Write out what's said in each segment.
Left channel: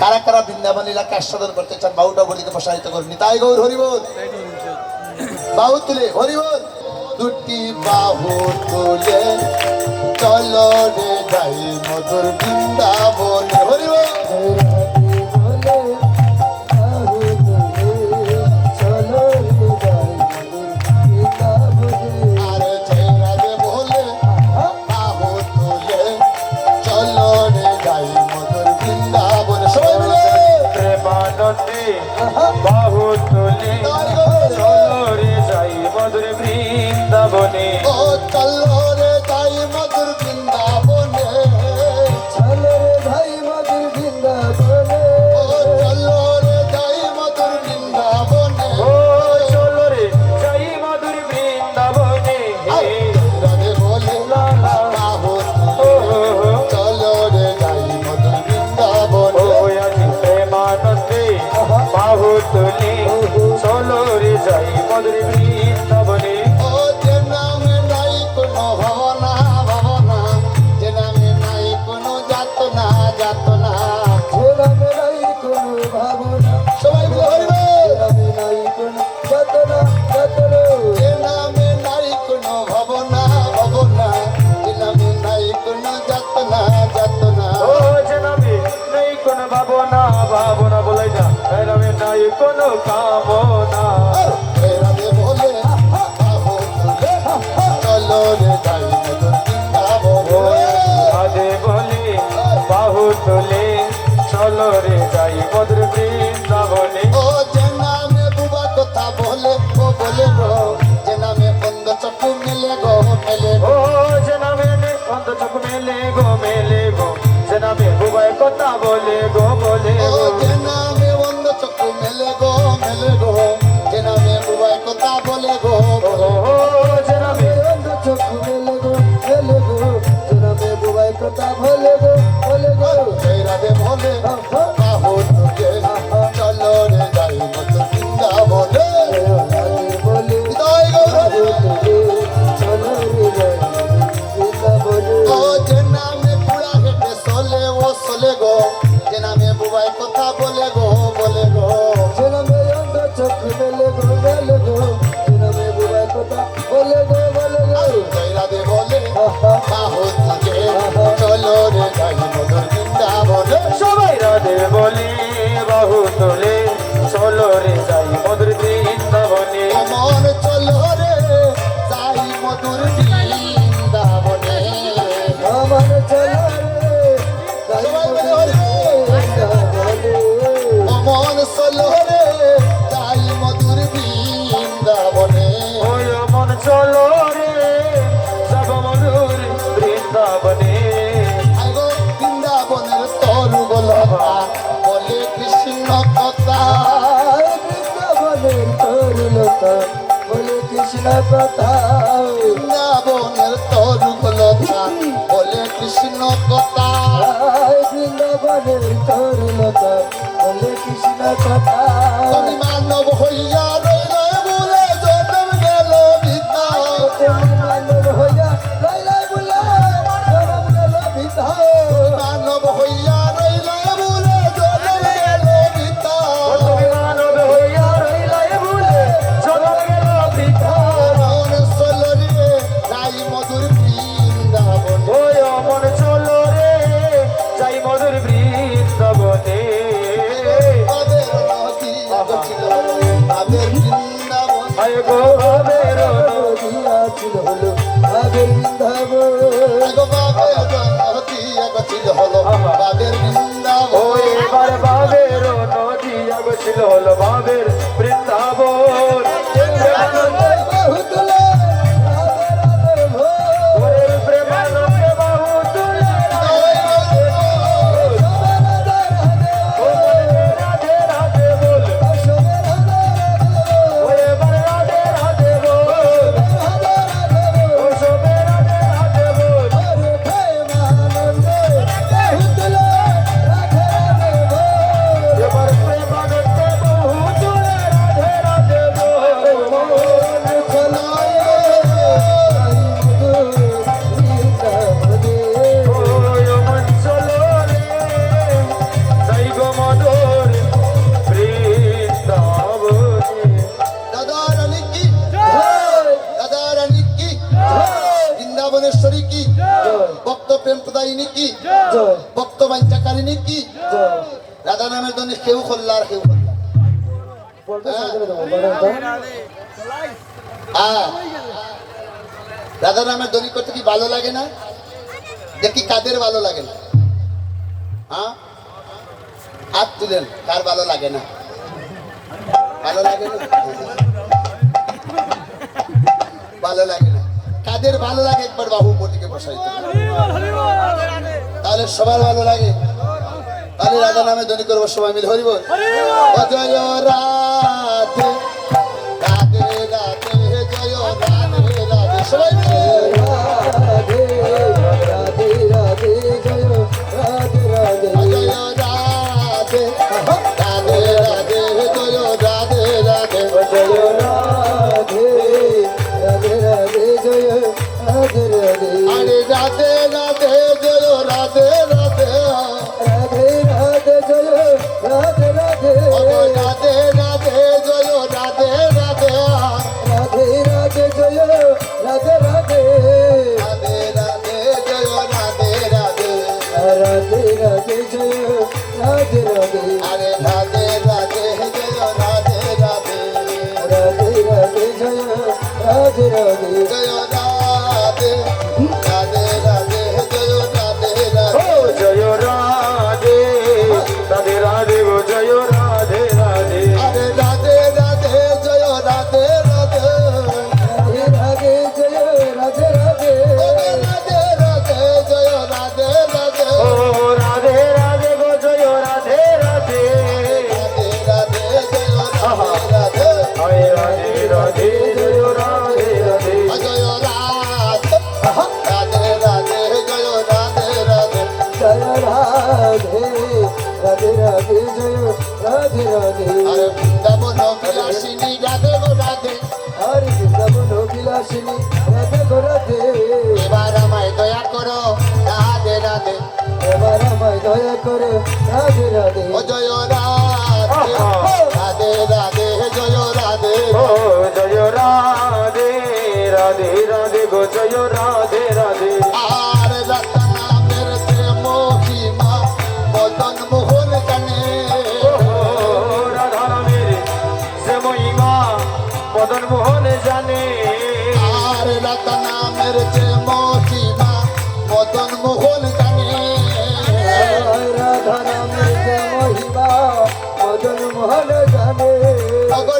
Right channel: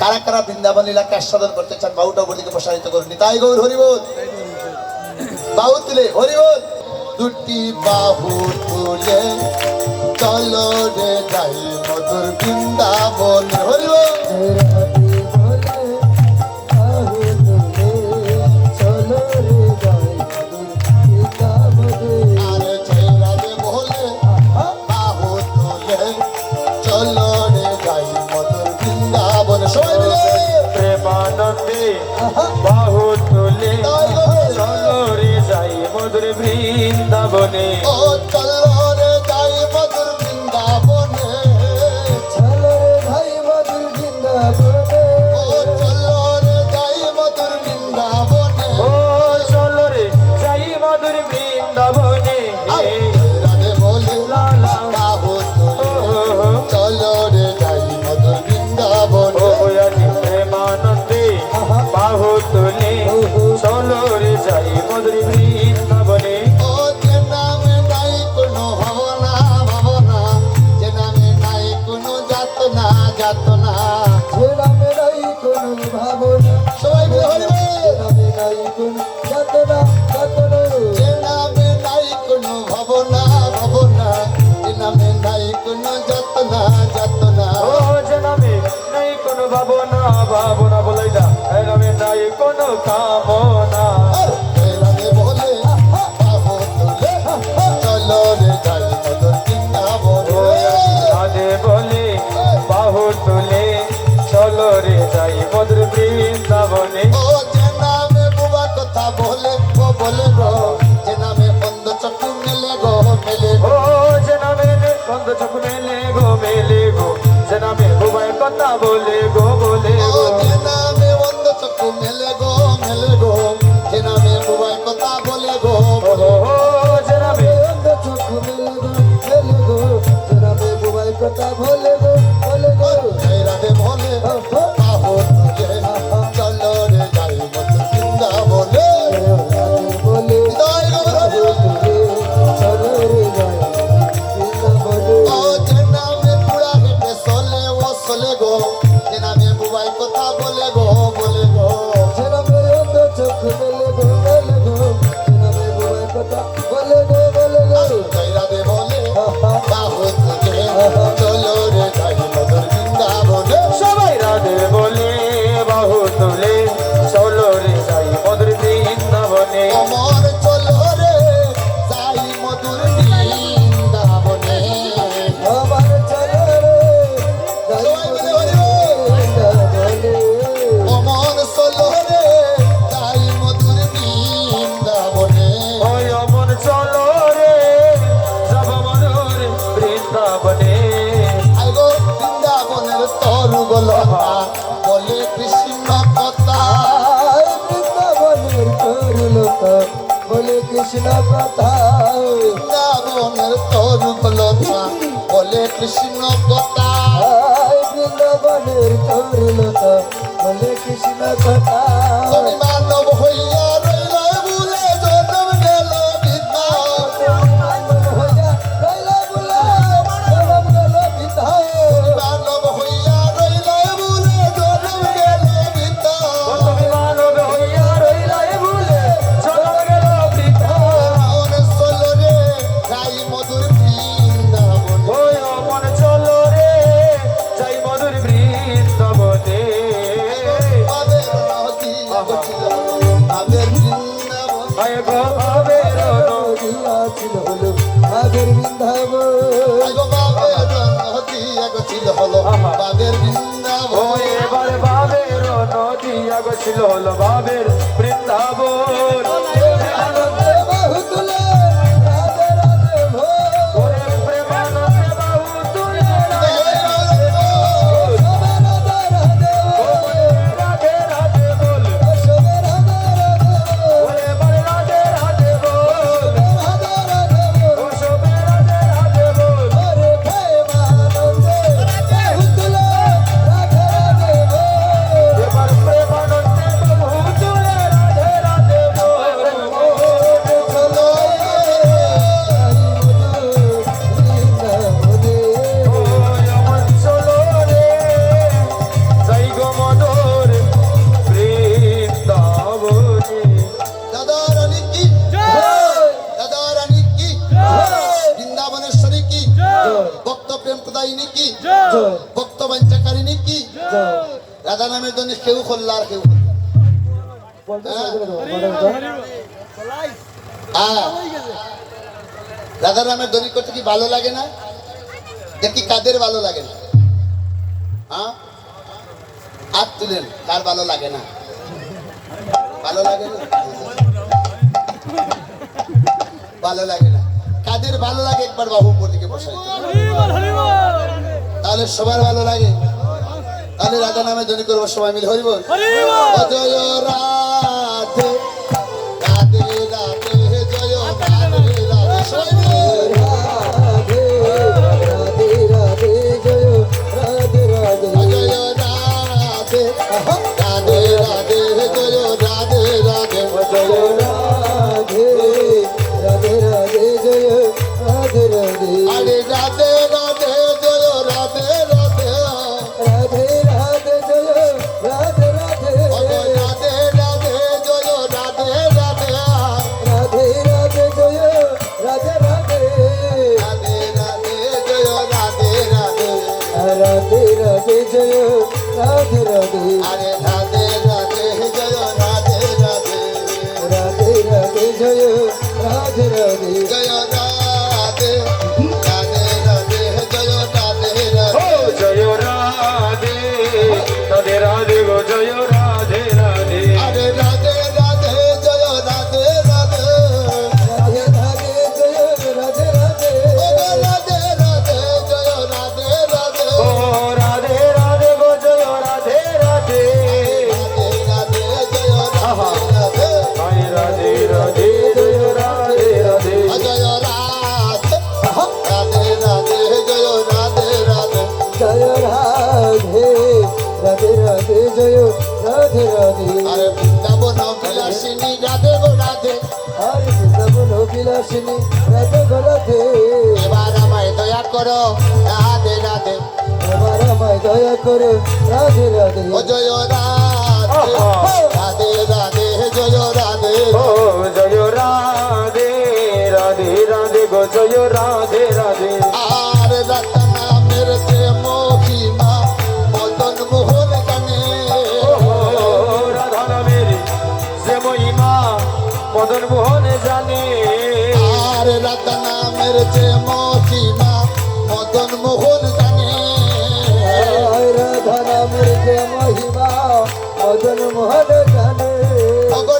কারা কারা বৃন্দাবন লীলাকে আস্বাদন করতে চান বাউটা গদিকে প্রসারিত করুন। নিতাই গৌর হরিবোল। বাহু তুলে হরিবোল। দুটি বাহু তুলে চলো রে যাই মধুর বৃন্দাবন হরিবোল। বাহু তুলে চলো রে যাই মধুর বৃন্দাবনে, ও চলো রে যাই মধুর বৃন্দাবনে, চলো রে যাই মধুর বৃন্দাবনে, ও চলো রে যাই মধুর বৃন্দাবনে, ও চলো রে যাই মধুর বৃন্দাবনে। রাধে বলে বাহু তুলে চলো রে যাই মধুর বৃন্দাবনে, ও আজি প্রেমানন্দে বাহু তুলে চলো রে যাই মধুর বৃন্দাবনে। ও যে নামে নাই কোনো ভাবনা ভাবনা, যে নামে নাই কোনো যাতনা যাতনা, যে নামে নাই কোনো ভাবনা, সবাই বলে হরিবোল। যে নামে নাই কোনো যাতনা যাতনা, যে নামে নাই কোনো ভাবনা ভাবনা, যে নামে নাই কোনো যাতনা যাতনা, ও যে নামে নাই কোনো ভাবনা ভাবনা বলে যা, এই নামে নাই কোনো কামনা। রাধে বলে বাহু তুলে চলো রে যাই মধুর বৃন্দাবনে, রাধে বলে বাহু তুলে চলো রে যাই মধুর বৃন্দাবনে। ও যে নামে বুবা কথা বলে গো বলে গো, যে নামে বন্ধ চক্ষু মেলে গো মেলে ও গো, যে নামে বন্ধ চোখ মেলে গো মেলে গো, যে নামে বুবাই কথা বলে গো বলে ও গো। যে নামে বন্ধ চক্ষু মেলে গো মেলে গো, যে নামে বুবাই কথা বলে গো ও যে নামে অন্ধ চক্ষু মেলে গো মেলে গো, যে নামে বুবাই কথা বলে গো বলে গো, সেই রাধে বলে বাহু তুলে চলো রে যাই মধুর বৃন্দাবনে, রাধে বলে নিতাই গৌর চলো রে যাই বৃন্দাবনে, ও যে নামে পুরা হেঁটে চলে ও চলে গো, যে নামে বুবাই কথা বলে গো বলে গো, যে নামে অন্ধ চক্ষু মেলে গো মেলে গো, যে নামে বুবাই কথা বলে গো বলে গো, সেই রাধে বলে বাহু তুলে চলো রে যাই মধুর বৃন্দাবনে, সবাই রাধে বলে বাহু তুলে চলো রে যাই মধুর বৃন্দাবনে। আমার চলো রে যাই মধুর বৃন্দাবনে, আমার চলো রে যাই বৃন্দাবনে, আমার চলো রে যাই মধুর বৃন্দাবনে, ওই অমন চলো রে যাব মধুর বৃন্দাবনে। আগো বৃন্দাবনের তরু গোলতা বলে কৃষ্ণ কথা, বৃন্দাবনের তরুলতা বলে কৃষ্ণ কথা, বৃন্দাবনের তরু গোলতা বলে কৃষ্ণ কথা, বৃন্দাবনের তরুলতা বলে কৃষ্ণ কথা, তুমি মানব হইয়া রইলে বলে জন্ম গেল বৃদ্ধা, মানব হইয়া রইলা বুলা জনম গেল বিধা, মানব হইয়া রইলে বলে জন্ম গেল বৃদ্ধা, ও তুমি মানব হইয়া রইলাই ভুলে জন্ম গেল বৃথা। মন চলো রে যাই মধুর বৃন্দাবনে, ওই অমন চলো রে যাই মধুর বৃন্দাবনে। তাদের নদী আগছিল তাদের বৃন্দাবন, আয় গো ভাবের দিয়াছিল হলো তাদের বৃন্দাবন, নদী আগছিল হলো তাদের বৃন্দাবন, ও এবার ভাবের নদী আগছিল হলো ভাবের বৃন্দাবন। বাহু তুলে রাধে রাধে ভোর, ওরে প্রেমানন্দে বাহু তুলে সবে রাধে রাধে রাধে রাধে বল, সবে রাধে রাধে ও এবার রাধে রাধে বল, রাধে রাধে ও সবে রাধে রাধে বল। হরে প্রেমানন্দে বাহু তুলে রাধে রাধে ভোর, এবার প্রেমানন্দে বাহু তুলে ভক্ত বাঞ্ছাকারিনী কি রাধা নামের জন্য কেউ করলা আর কেউ করলা রাধা নামের দড়ি করতে কি ভালো লাগে না? দেখি কাদের ভালো লাগে না? হ্যাঁ, হাত তুলেন, কার ভালো লাগে না? ভালো লাগে না? ভালো লাগে না? কাদের ভালো লাগে একবার বাহু উপর দিকে বসাই তাহলে সবার ভালো লাগে। তাহলে রাধা নামে দড়ি করবো সবাই মিলে হরিব জয় রাধে রাধে রাধে জয় রাধে রাধে সবাই মিলে রাধে রাধে রাধে জয় রাধে রাধে জয় রাধে রাধে রাধে জয় রাধে রাধে জয় রাধে রাধে রাধে জয় রাধে রাধে আরে রাধে রাধে জয় রাধে রাধে রাধে রাধে জয় রাধে রাধে রাধে রাধে জয় রাধে রাধে রাধে রাধে জয় রাধে রাধে রাধে রাধে জয় রাধে রাধে রাধে রাধে জয় রাধে রাধে আরে রাধে রাধে জয় রাধে রাধে রাধে রাধে জয় রাধে রাধে জয় রাধে রাধে রাধে জয় রাধে ও রাধে জয় রাধে রাধে রাধে গো জয় রাধে রাধে আরে রাধে রাধে জয় রাধে রাধে রাধে রাধে জয় রাধে রাধে রাধে রাধে জয় রাধে রাধে ও রাধে রাধে গো জয় রাধে রাধে রাধে রাধে জয় রাধে রাধে হায় রাধে রাধে জয় রাধে রাধে জয় রাধে রাধে রাধে জয় রাধে রাধে জয় রাধে রাধে রাধে জয় রাধে রাধে আরে বৃন্দাবন বিলাসিনী রাধে গো রাধে হরে বৃন্দাবন বিলাসিনী রাধে গো রাধে এবার আমায় দয়া করো রাধে রাধে আমার আমায় দয়া করো রাধে রাধে ও জয় রাধে রাধে রাধে জয় রাধে ও জয় রাধে রাধে রাধে গো জয় রাধে রাধে আরে রতনা মেরে প্রেম মহিমা মদন মোহন কানে রাধা মেরে সে মহিমা মদন মোহন জানে আরে রতনা মেরে প্রেম মহিমা মদন মোহন কানে রাধা নামের যে মহিমা মদন মোহন জানে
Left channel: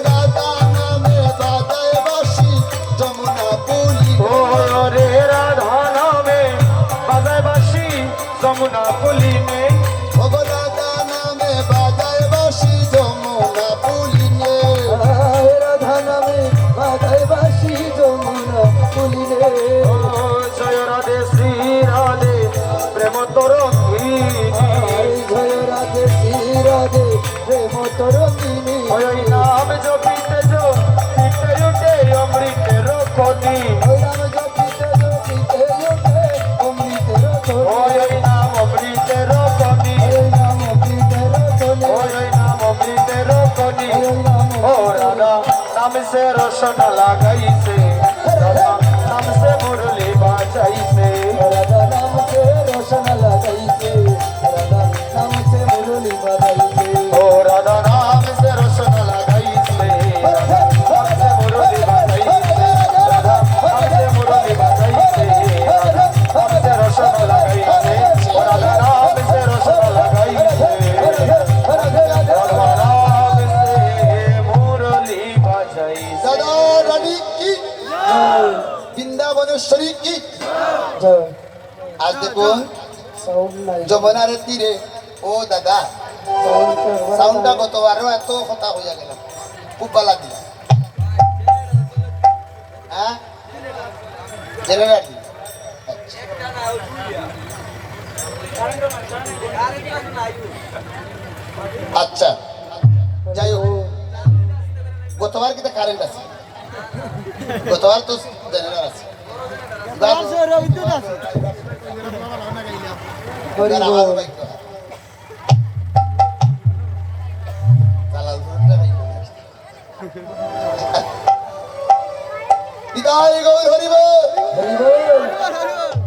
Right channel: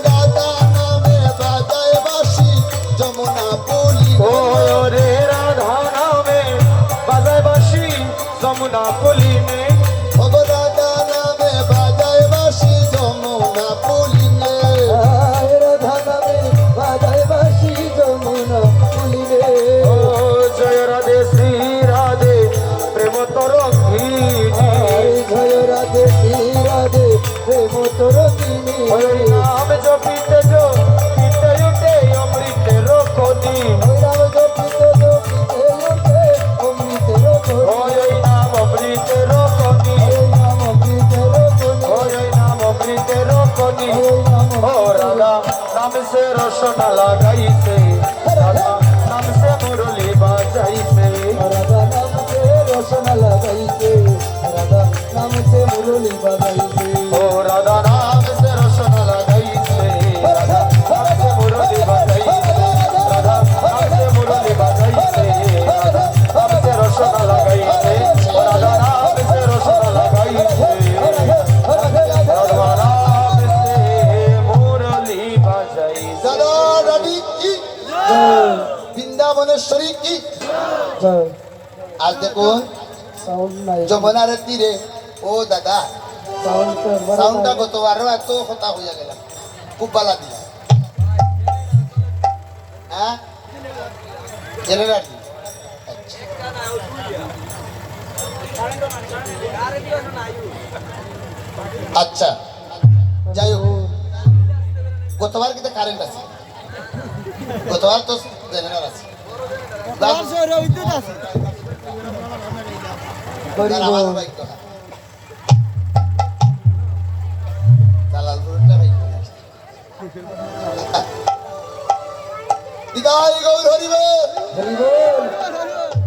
রাধা নামে বাজায় বাসি যমুনা পুলি ও রে রাধা নামে বাজায় বাঁশি যমুনা পুলিনে রাধা নামে বাজায় বাসি যমুনা পুলিনে রাধা নামে বাজায় বাঁশি যমুনা পুলিনে ও জয় রাধে শ্রী রাধে প্রেম তরঙ্গিনী জয় রাধে শ্রী রাধে প্রেম তরঙ্গিনী হরি নাম জপিতে জপিতে উঠে অমৃতের খনি রাম জপিতে জপিতে ওঠে অমৃতের খনি হরি নাম অমৃতের খনি নাম অমৃতের খনি হরি নাম অমৃতের খনি ও রাধা নাম সে রসন লাগাইছে রাধা নাম সে মুরলি বাজাইছে রাধা নাম সে রসন লাগাইছে রাধা নাম সে মুরলি বাজাইছে ও রাধা নাম সে রসন লাগাইছে নাম সে মুরলি বাজাইছে রাধা নাম সে মুরলি বাজাইছে নাম সে রসন লাগাইছে রাধা নাম সে রসন লাগাইছে রাধা নাম সে মুরলি বাজাইছে দাদা রানী কি বৃন্দাবনেশ্বরী কি জয় আজ দেখুন সাউন্ড নাই যমুনার তীরে ও দাদা সাউন্ড সাউন্ডটা কত আরো এত কথা হইয়া গেল খুব বালা দিয়া হ্যাঁ জেনারেটর আচ্ছা যাই হোক গতবার কিন্তু কারেন্ট আছে গতবার তো জেনারেটর আছে যার আওয়াজ পাইতে হয়। জালালপুরটা পাইতে হয়। দিদার গৌর হরিব হরি বল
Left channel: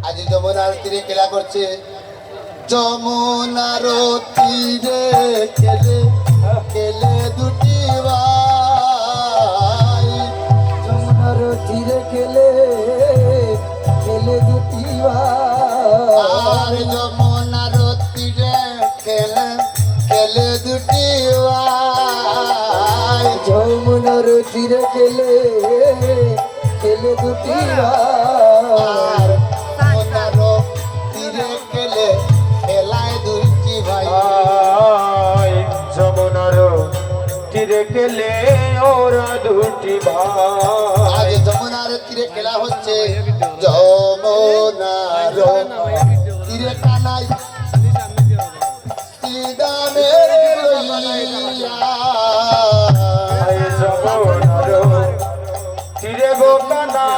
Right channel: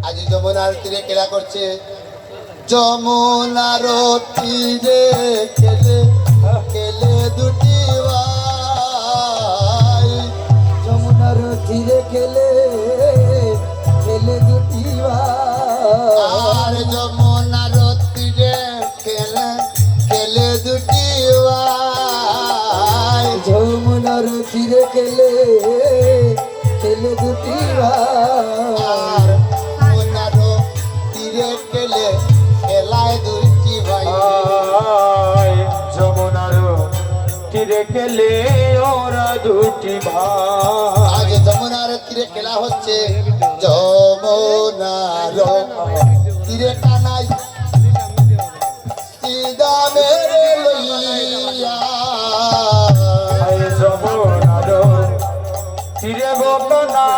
আজ যমুনার তীরে খেলা করছে যমুনার তীরে খেলে খেলে দুটি ভাই যমুনার তীরে খেলে খেলে দুটি ভাই আর যমুনার তীরে খেলে খেলে দুটি ভাই যমুনার তীরে খেলে খেলে দুটি ভাই আর যমুনার তীরে খেলে খেলায় দুটি ভাই যমুনার তীরে খেলে ওরা দুটি ভাই আজ যমুনার তীরে খেলা হচ্ছে যমুনার তীরে কানাই শ্রীদামের লইয়া। যমুনার তীরে গোকানাই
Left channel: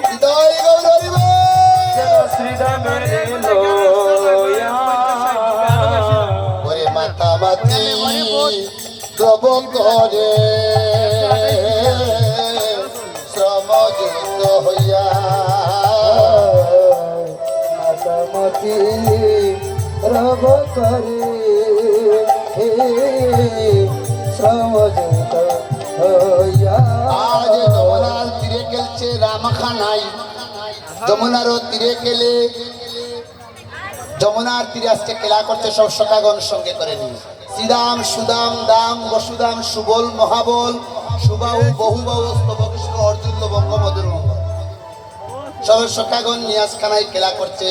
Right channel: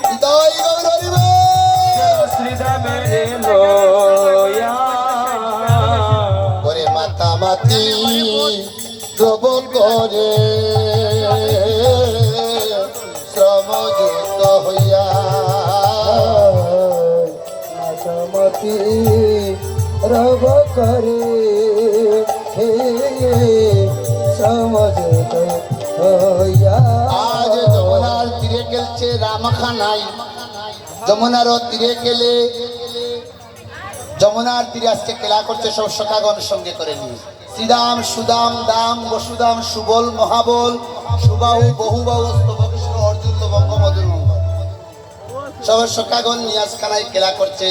হৃদয় গৌরব শ্রীদেবের লয়া ওরে মাতামাতি দ্রব করে শ্রমযুক্ত হইয়া মাতামাতি রব করে হে সমঝত হইয়া আজ যমুনার তীরে খেলছে রামখানাই যমুনার তীরে খেলে যমুনার তীরে আজকে খেলা করছে সব সখাগণ সঙ্গে করে নিয়ে শ্রীদাম সুদাম দাম বসুদাম সুবল মহাবল সুবাহু বহুবাহু স্তবকৃষ্ণ অর্জুন বঙ্গমধুর মঙ্গল সবের সখাগণ নিয়াজ খানায় খেলা করছে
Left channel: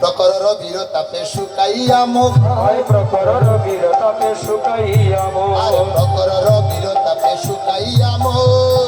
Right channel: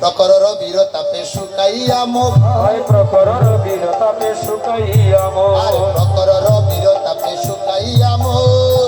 প্রকরর বীর তাপে শুকাইয়া মুখ হয় প্রকরর বীরতাপে শুকাইয়া আর মোর প্রকরর বীর তাপে শুকাইয়া মুখ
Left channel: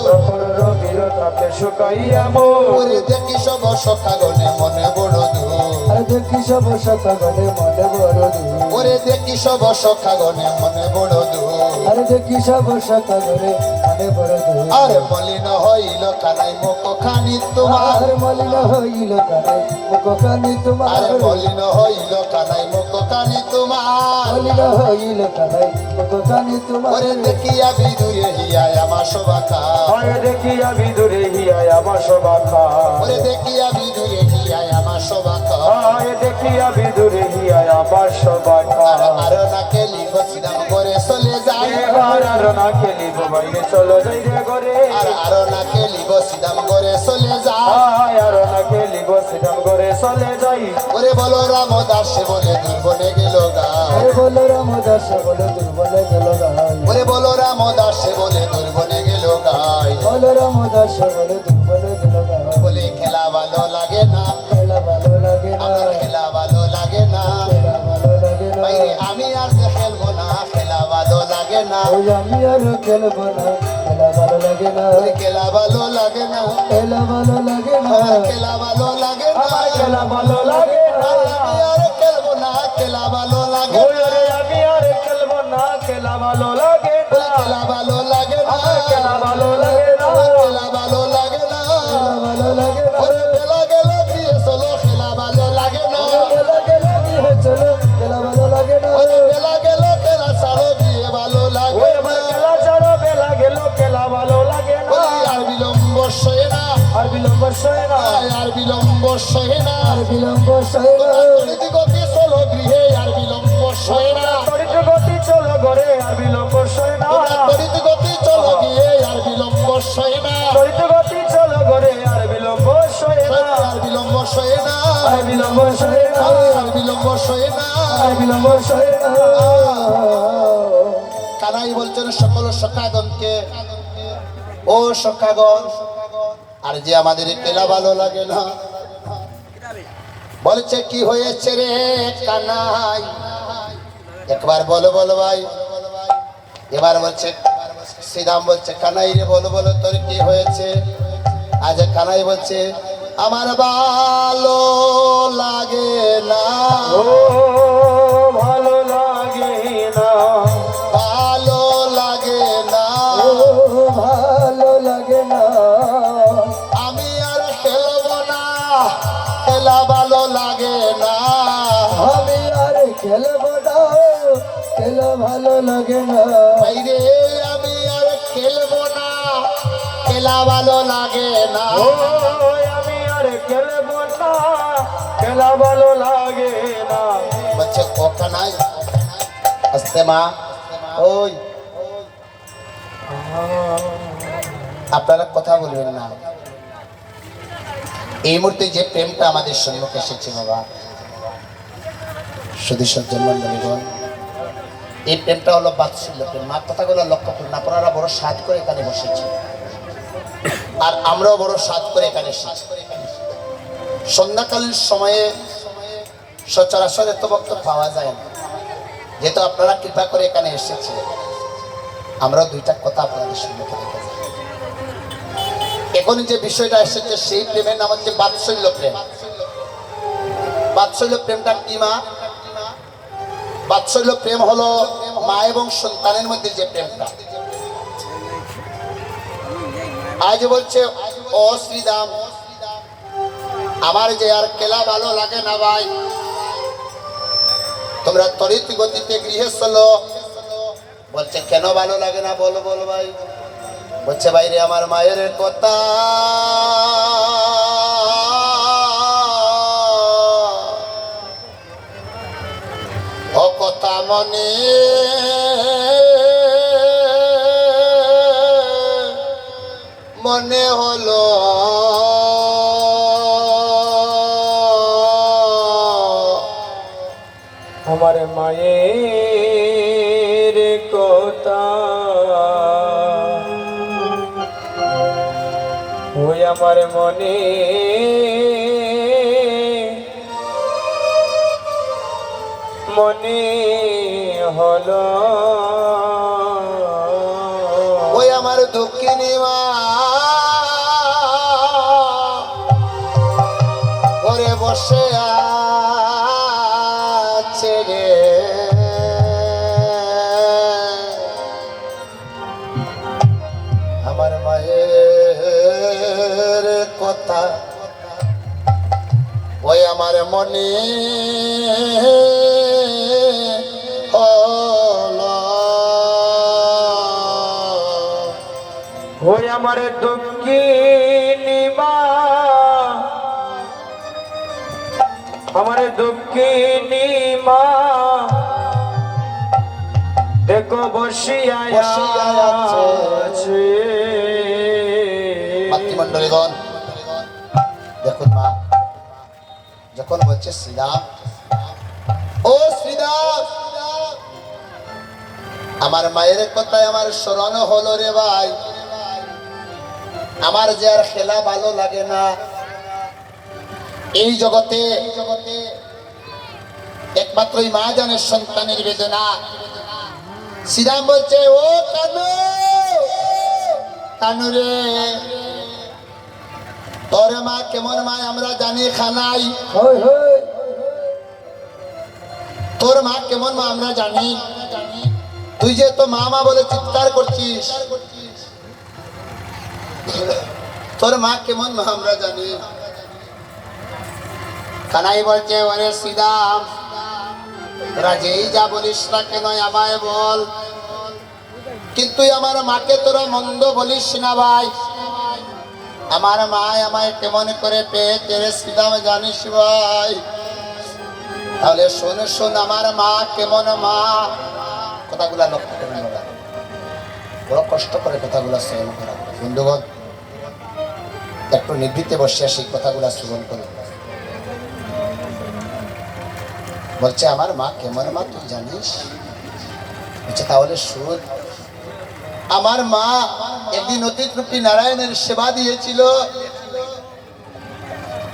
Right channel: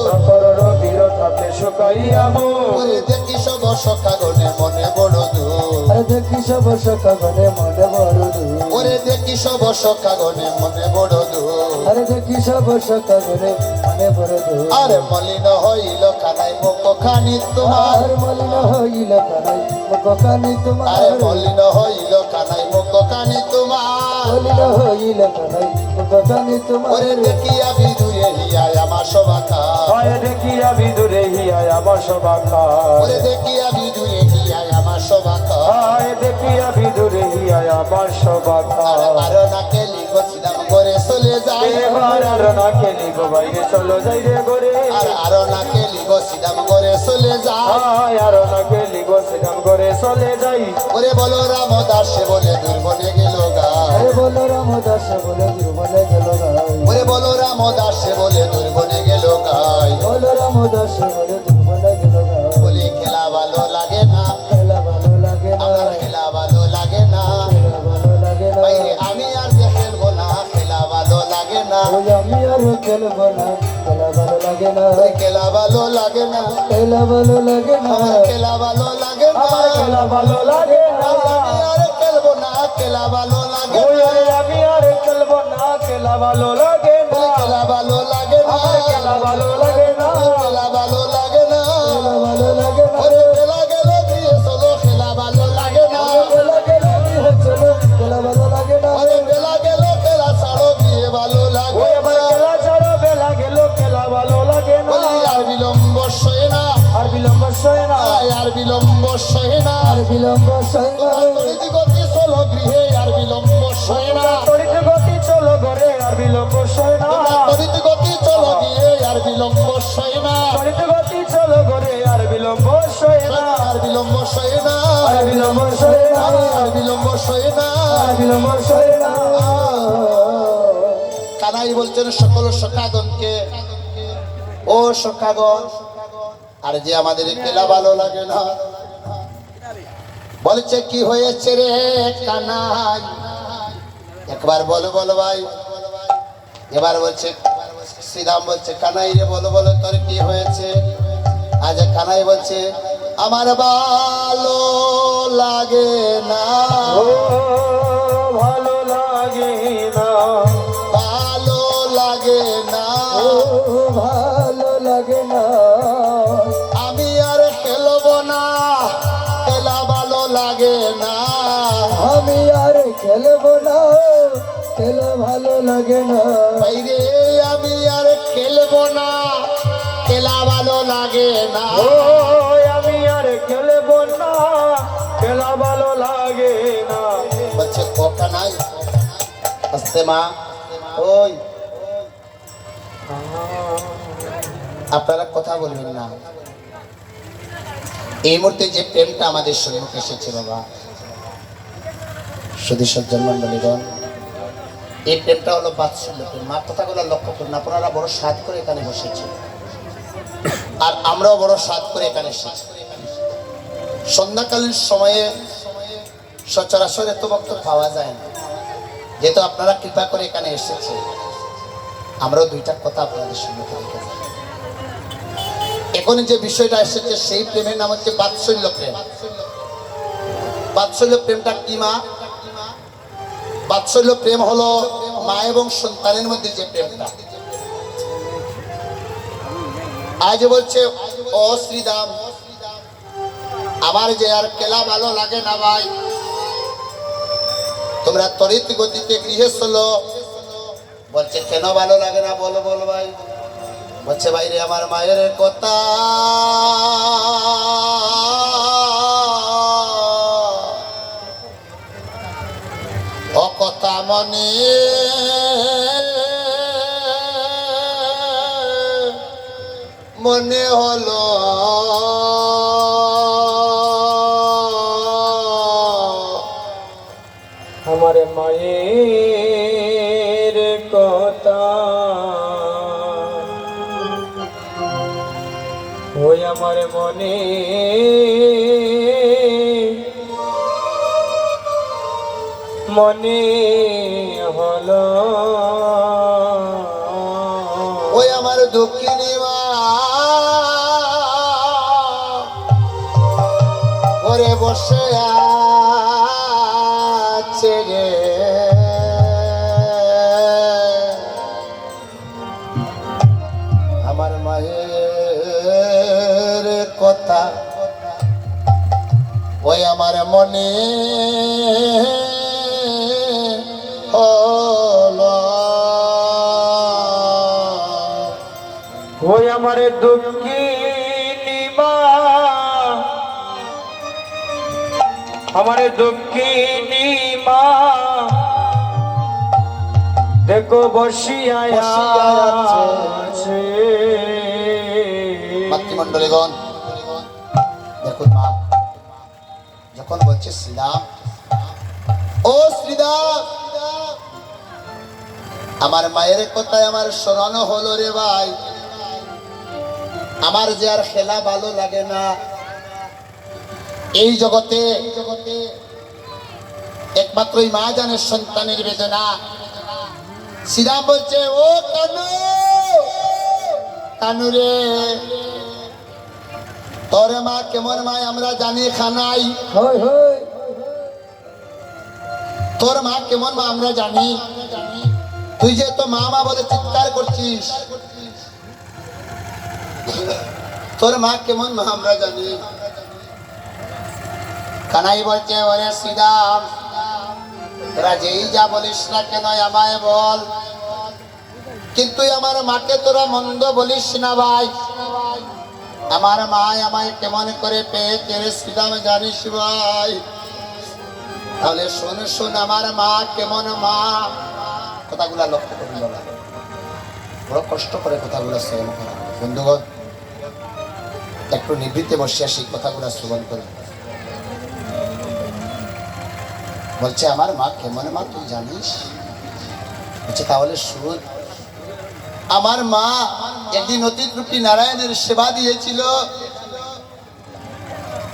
প্রকরর বীরতাপে শুকাইয়া মোর ওরে দেখি সব সখাগণে মনে বড় দুঃখ আর দেখি সব সখা গনে মনে বড় দুঃখ ওরে দেখি সব সখাগণে মনে বড় দুঃখ আর দেখি সব সখা গনে মনে বড় দুঃখ আরে মলিন হইল খানাই মুখ খানি তোমার আর মলিন হইল কানে মুখখানি আরে তোমার মলিন হইল কানাই মুখ কানি তোমার মলিন হইল কানে মুখখানি তোমার ওরে দেখিয়া বিদুরে হিয়ায় আমার সবাখা হয় দেখিয়া বিদুরে হিয়া বাসবাখা ওরে দেখিয়া বিদুরে হিয়ায় আমার সবাখা হয় দেখিয়া বিদুরে হিয়া বাসবাখা আর নাকে লিখো সিদাম করে চলে যায় এবার আর না খেলিব বাইরে চলো যাই রে ঘরে আর নাকে লিখো সিদাম করে চলে যায় হায় আর না খেলিব সেরম করে চলে যাই ওরে বলো রাম দাস বলে দুর্বলে গেল গা আরে বলো রামদাস বলে দুর্বলে গেল গাই ওরে বলো রাম দাস বলে দুর্বলে গেল গাই বলো রামদাস বলে দুর্বলে গেল গাই বলে খেলা ভালো লাগে না খেলা ভালো লাগে না আমার খেলা ভালো লাগে না খেলা ভালো লাগে না বাইরে আমি আর যে খেলবো না খেলা ভালো লাগে না ওই আমি আর খেলবো না খেলা ভালো লাগে না ওই খেলা ভালো লাগে না খেলা ভালো লাগে না আমার খেলা ভালো লাগে না আমার খেলা ভালো লাগে না আমি আর খেলবো না খেলা ভালো লাগে ওই আরে আমি আর খেলবো না খেলা ভালো লাগে না খেলা ভালো লাগে না আমার খেলা ভালো লাগে না খেলা ভালো লাগে না ভালো লাগে না ওরে বেলা গেল বিয়ে চলো খেলা ভালো লাগে না খেলা গেল কি হচ্ছিল খেলা ভালো লাগে না ওরে বেলা গেল খেলা ছাড়ো বিয়ে ভালো লাগে ওই আবার খেলা ছাড়া বেলা গেল খেলা ভালো লাগে না বলি আর বিলম্ব সয় না আর বিলম্ব সয় না আর বিলম্ব সয় না আর বিলম্ব সয় না গতি চলো গৃহে আর বিলম্ব সয় না তড়িৎ গতি চলো ঘরে আর বিলম্ব সয় না তড়িৎ গতি চলো গিয়ে আর বিলম্ব সয় না তড়িৎ গতি চলো ঘরে আর বিলম্ব সয় না আর বিলম্ব সয় না আর বিলম্ব সয় না আর বিলম্ব সয় না আর বিলম্ব সয় না কানাই বলছেন সকল সখাগণকে ও সখাগণ আর যে আমাদের খেলা ভালো লাগে না বলছে কি হয়েছে রে কানাই একবার বলো বলো ভাই এবার বলছে শ্রীরাম বলছে কানাই রে বলো বলো তোর কি হয়েছে আজ কানাই বলছে আমার ভালো লাগে না ও ভালো লাগে না ভালো লাগে না ও ভালো লাগে না আমি আর খেলবো না খেলা ভালো লাগে না আমি আর খেলবো না খেলা ভালো লাগে না বাইরে আমি আর খেলবো না খেলা ভালো লাগে না ও আমি আর খেলবো না খেলা ভালো লাগে না। বলছে কথা নাই, আস্তে মা। ওই আপনারা কথা বলবেন না। এই মুহূর্তে যে প্রেমটা আমাদের সম্মুখে এসেছে বাবা, শুধু সজ্জন মন্ডলীগণ, এই প্রেমটা হলো বাৎসল্য প্রেম। মা কথাগুলো লক্ষ্য করুন, আপনারা বড় সাধ করে এখানে বসেছেন, আর আমরাও বড় সাধ করে এখানে এসেছি। সন্ধ্যাকালীন সময়ে সচরাচর এত বক্তব্য পাওয়া যায় না, যেহেতু আপনারা কৃপা করে এখানে এসেছে, আমরাও দুইটা কথা আপনাদের সম্মুখে রেখে যাই। এখন যে বিষয়টা এসেছে সেই প্রেমের নাম হচ্ছে বাৎসল্য প্রেম। বাৎসল্য প্রেমটা কি মা? বাৎসল্য প্রেম হলো মা এবং সন্তানের মধ্যে যে প্রেমটা। আজ বলছে ও শ্রীদাম, আমার যে আর খেলা ভালো লাগে না ভাই, তোমরা তরিত গতিতে গৃহে চলো। বলছে কেন ভালো লাগে না বলো বলো ভাই। বলছে বাইরে আমার মায়ের কথা ও কথা মনে মনে হলো, আমার মায়ের কথা ওই আমার মনে মনে হলো, ওই আমার দুঃখিনী মা ঘরে বসে আছে রে। আমার মায়ের কথা ওই আমার মনে হলো, ওই আমার দুঃখিনী মা, আমার দুঃখিনী মা দেখো বসিয়া আছে। মাতৃমণ্ডলীগণ দেখুন মা যখন বলছে শ্রীরাম, ও শ্রীরাম, আমার মায়ের কথায় আমার স্মরণ হলো রে ভাই, আমার যে আর খেলা ভালো লাগে না। এই জগতে একমাত্রই মা জানে সন্তানের বেদনা। শ্রীরাম বলছে ও কানু, কানু রে, তোর মা কেমন মা আমরা জানি খানাই, তোর মা কেমন মা আমরা জানি। তুই যে তো মা মা বলে চিৎকার করছিস, তোর মা কেমন মা আমরা জানি। কানাই বলছে ওরে শ্রীরাম, তোরা যেই যা বলিস না কেন আমায় বল, কিন্তু আমার মাকে তোরা মন্দ বলিস না ভাই। আমার মা আমায় কেমন করে পেয়েছে শ্রীরাম জানিস ভাই? তাহলে শোন শোন আমার মা কেমন মা। কথাগুলা লক্ষ্য করে নেওয়া, বড় কষ্ট করে কথাগুলা শ্রবণ করা। বন্ধুগণ একটু নিবৃত্তে বসে সেই কথাগুলা শ্রবণ করি। বলছে আমার মা কেমন মা তুই জানিস? বলছে তাহলে শুন। আমার মা একদিন অতিথরূপী নারায়ণের সেবা দিয়েছিল।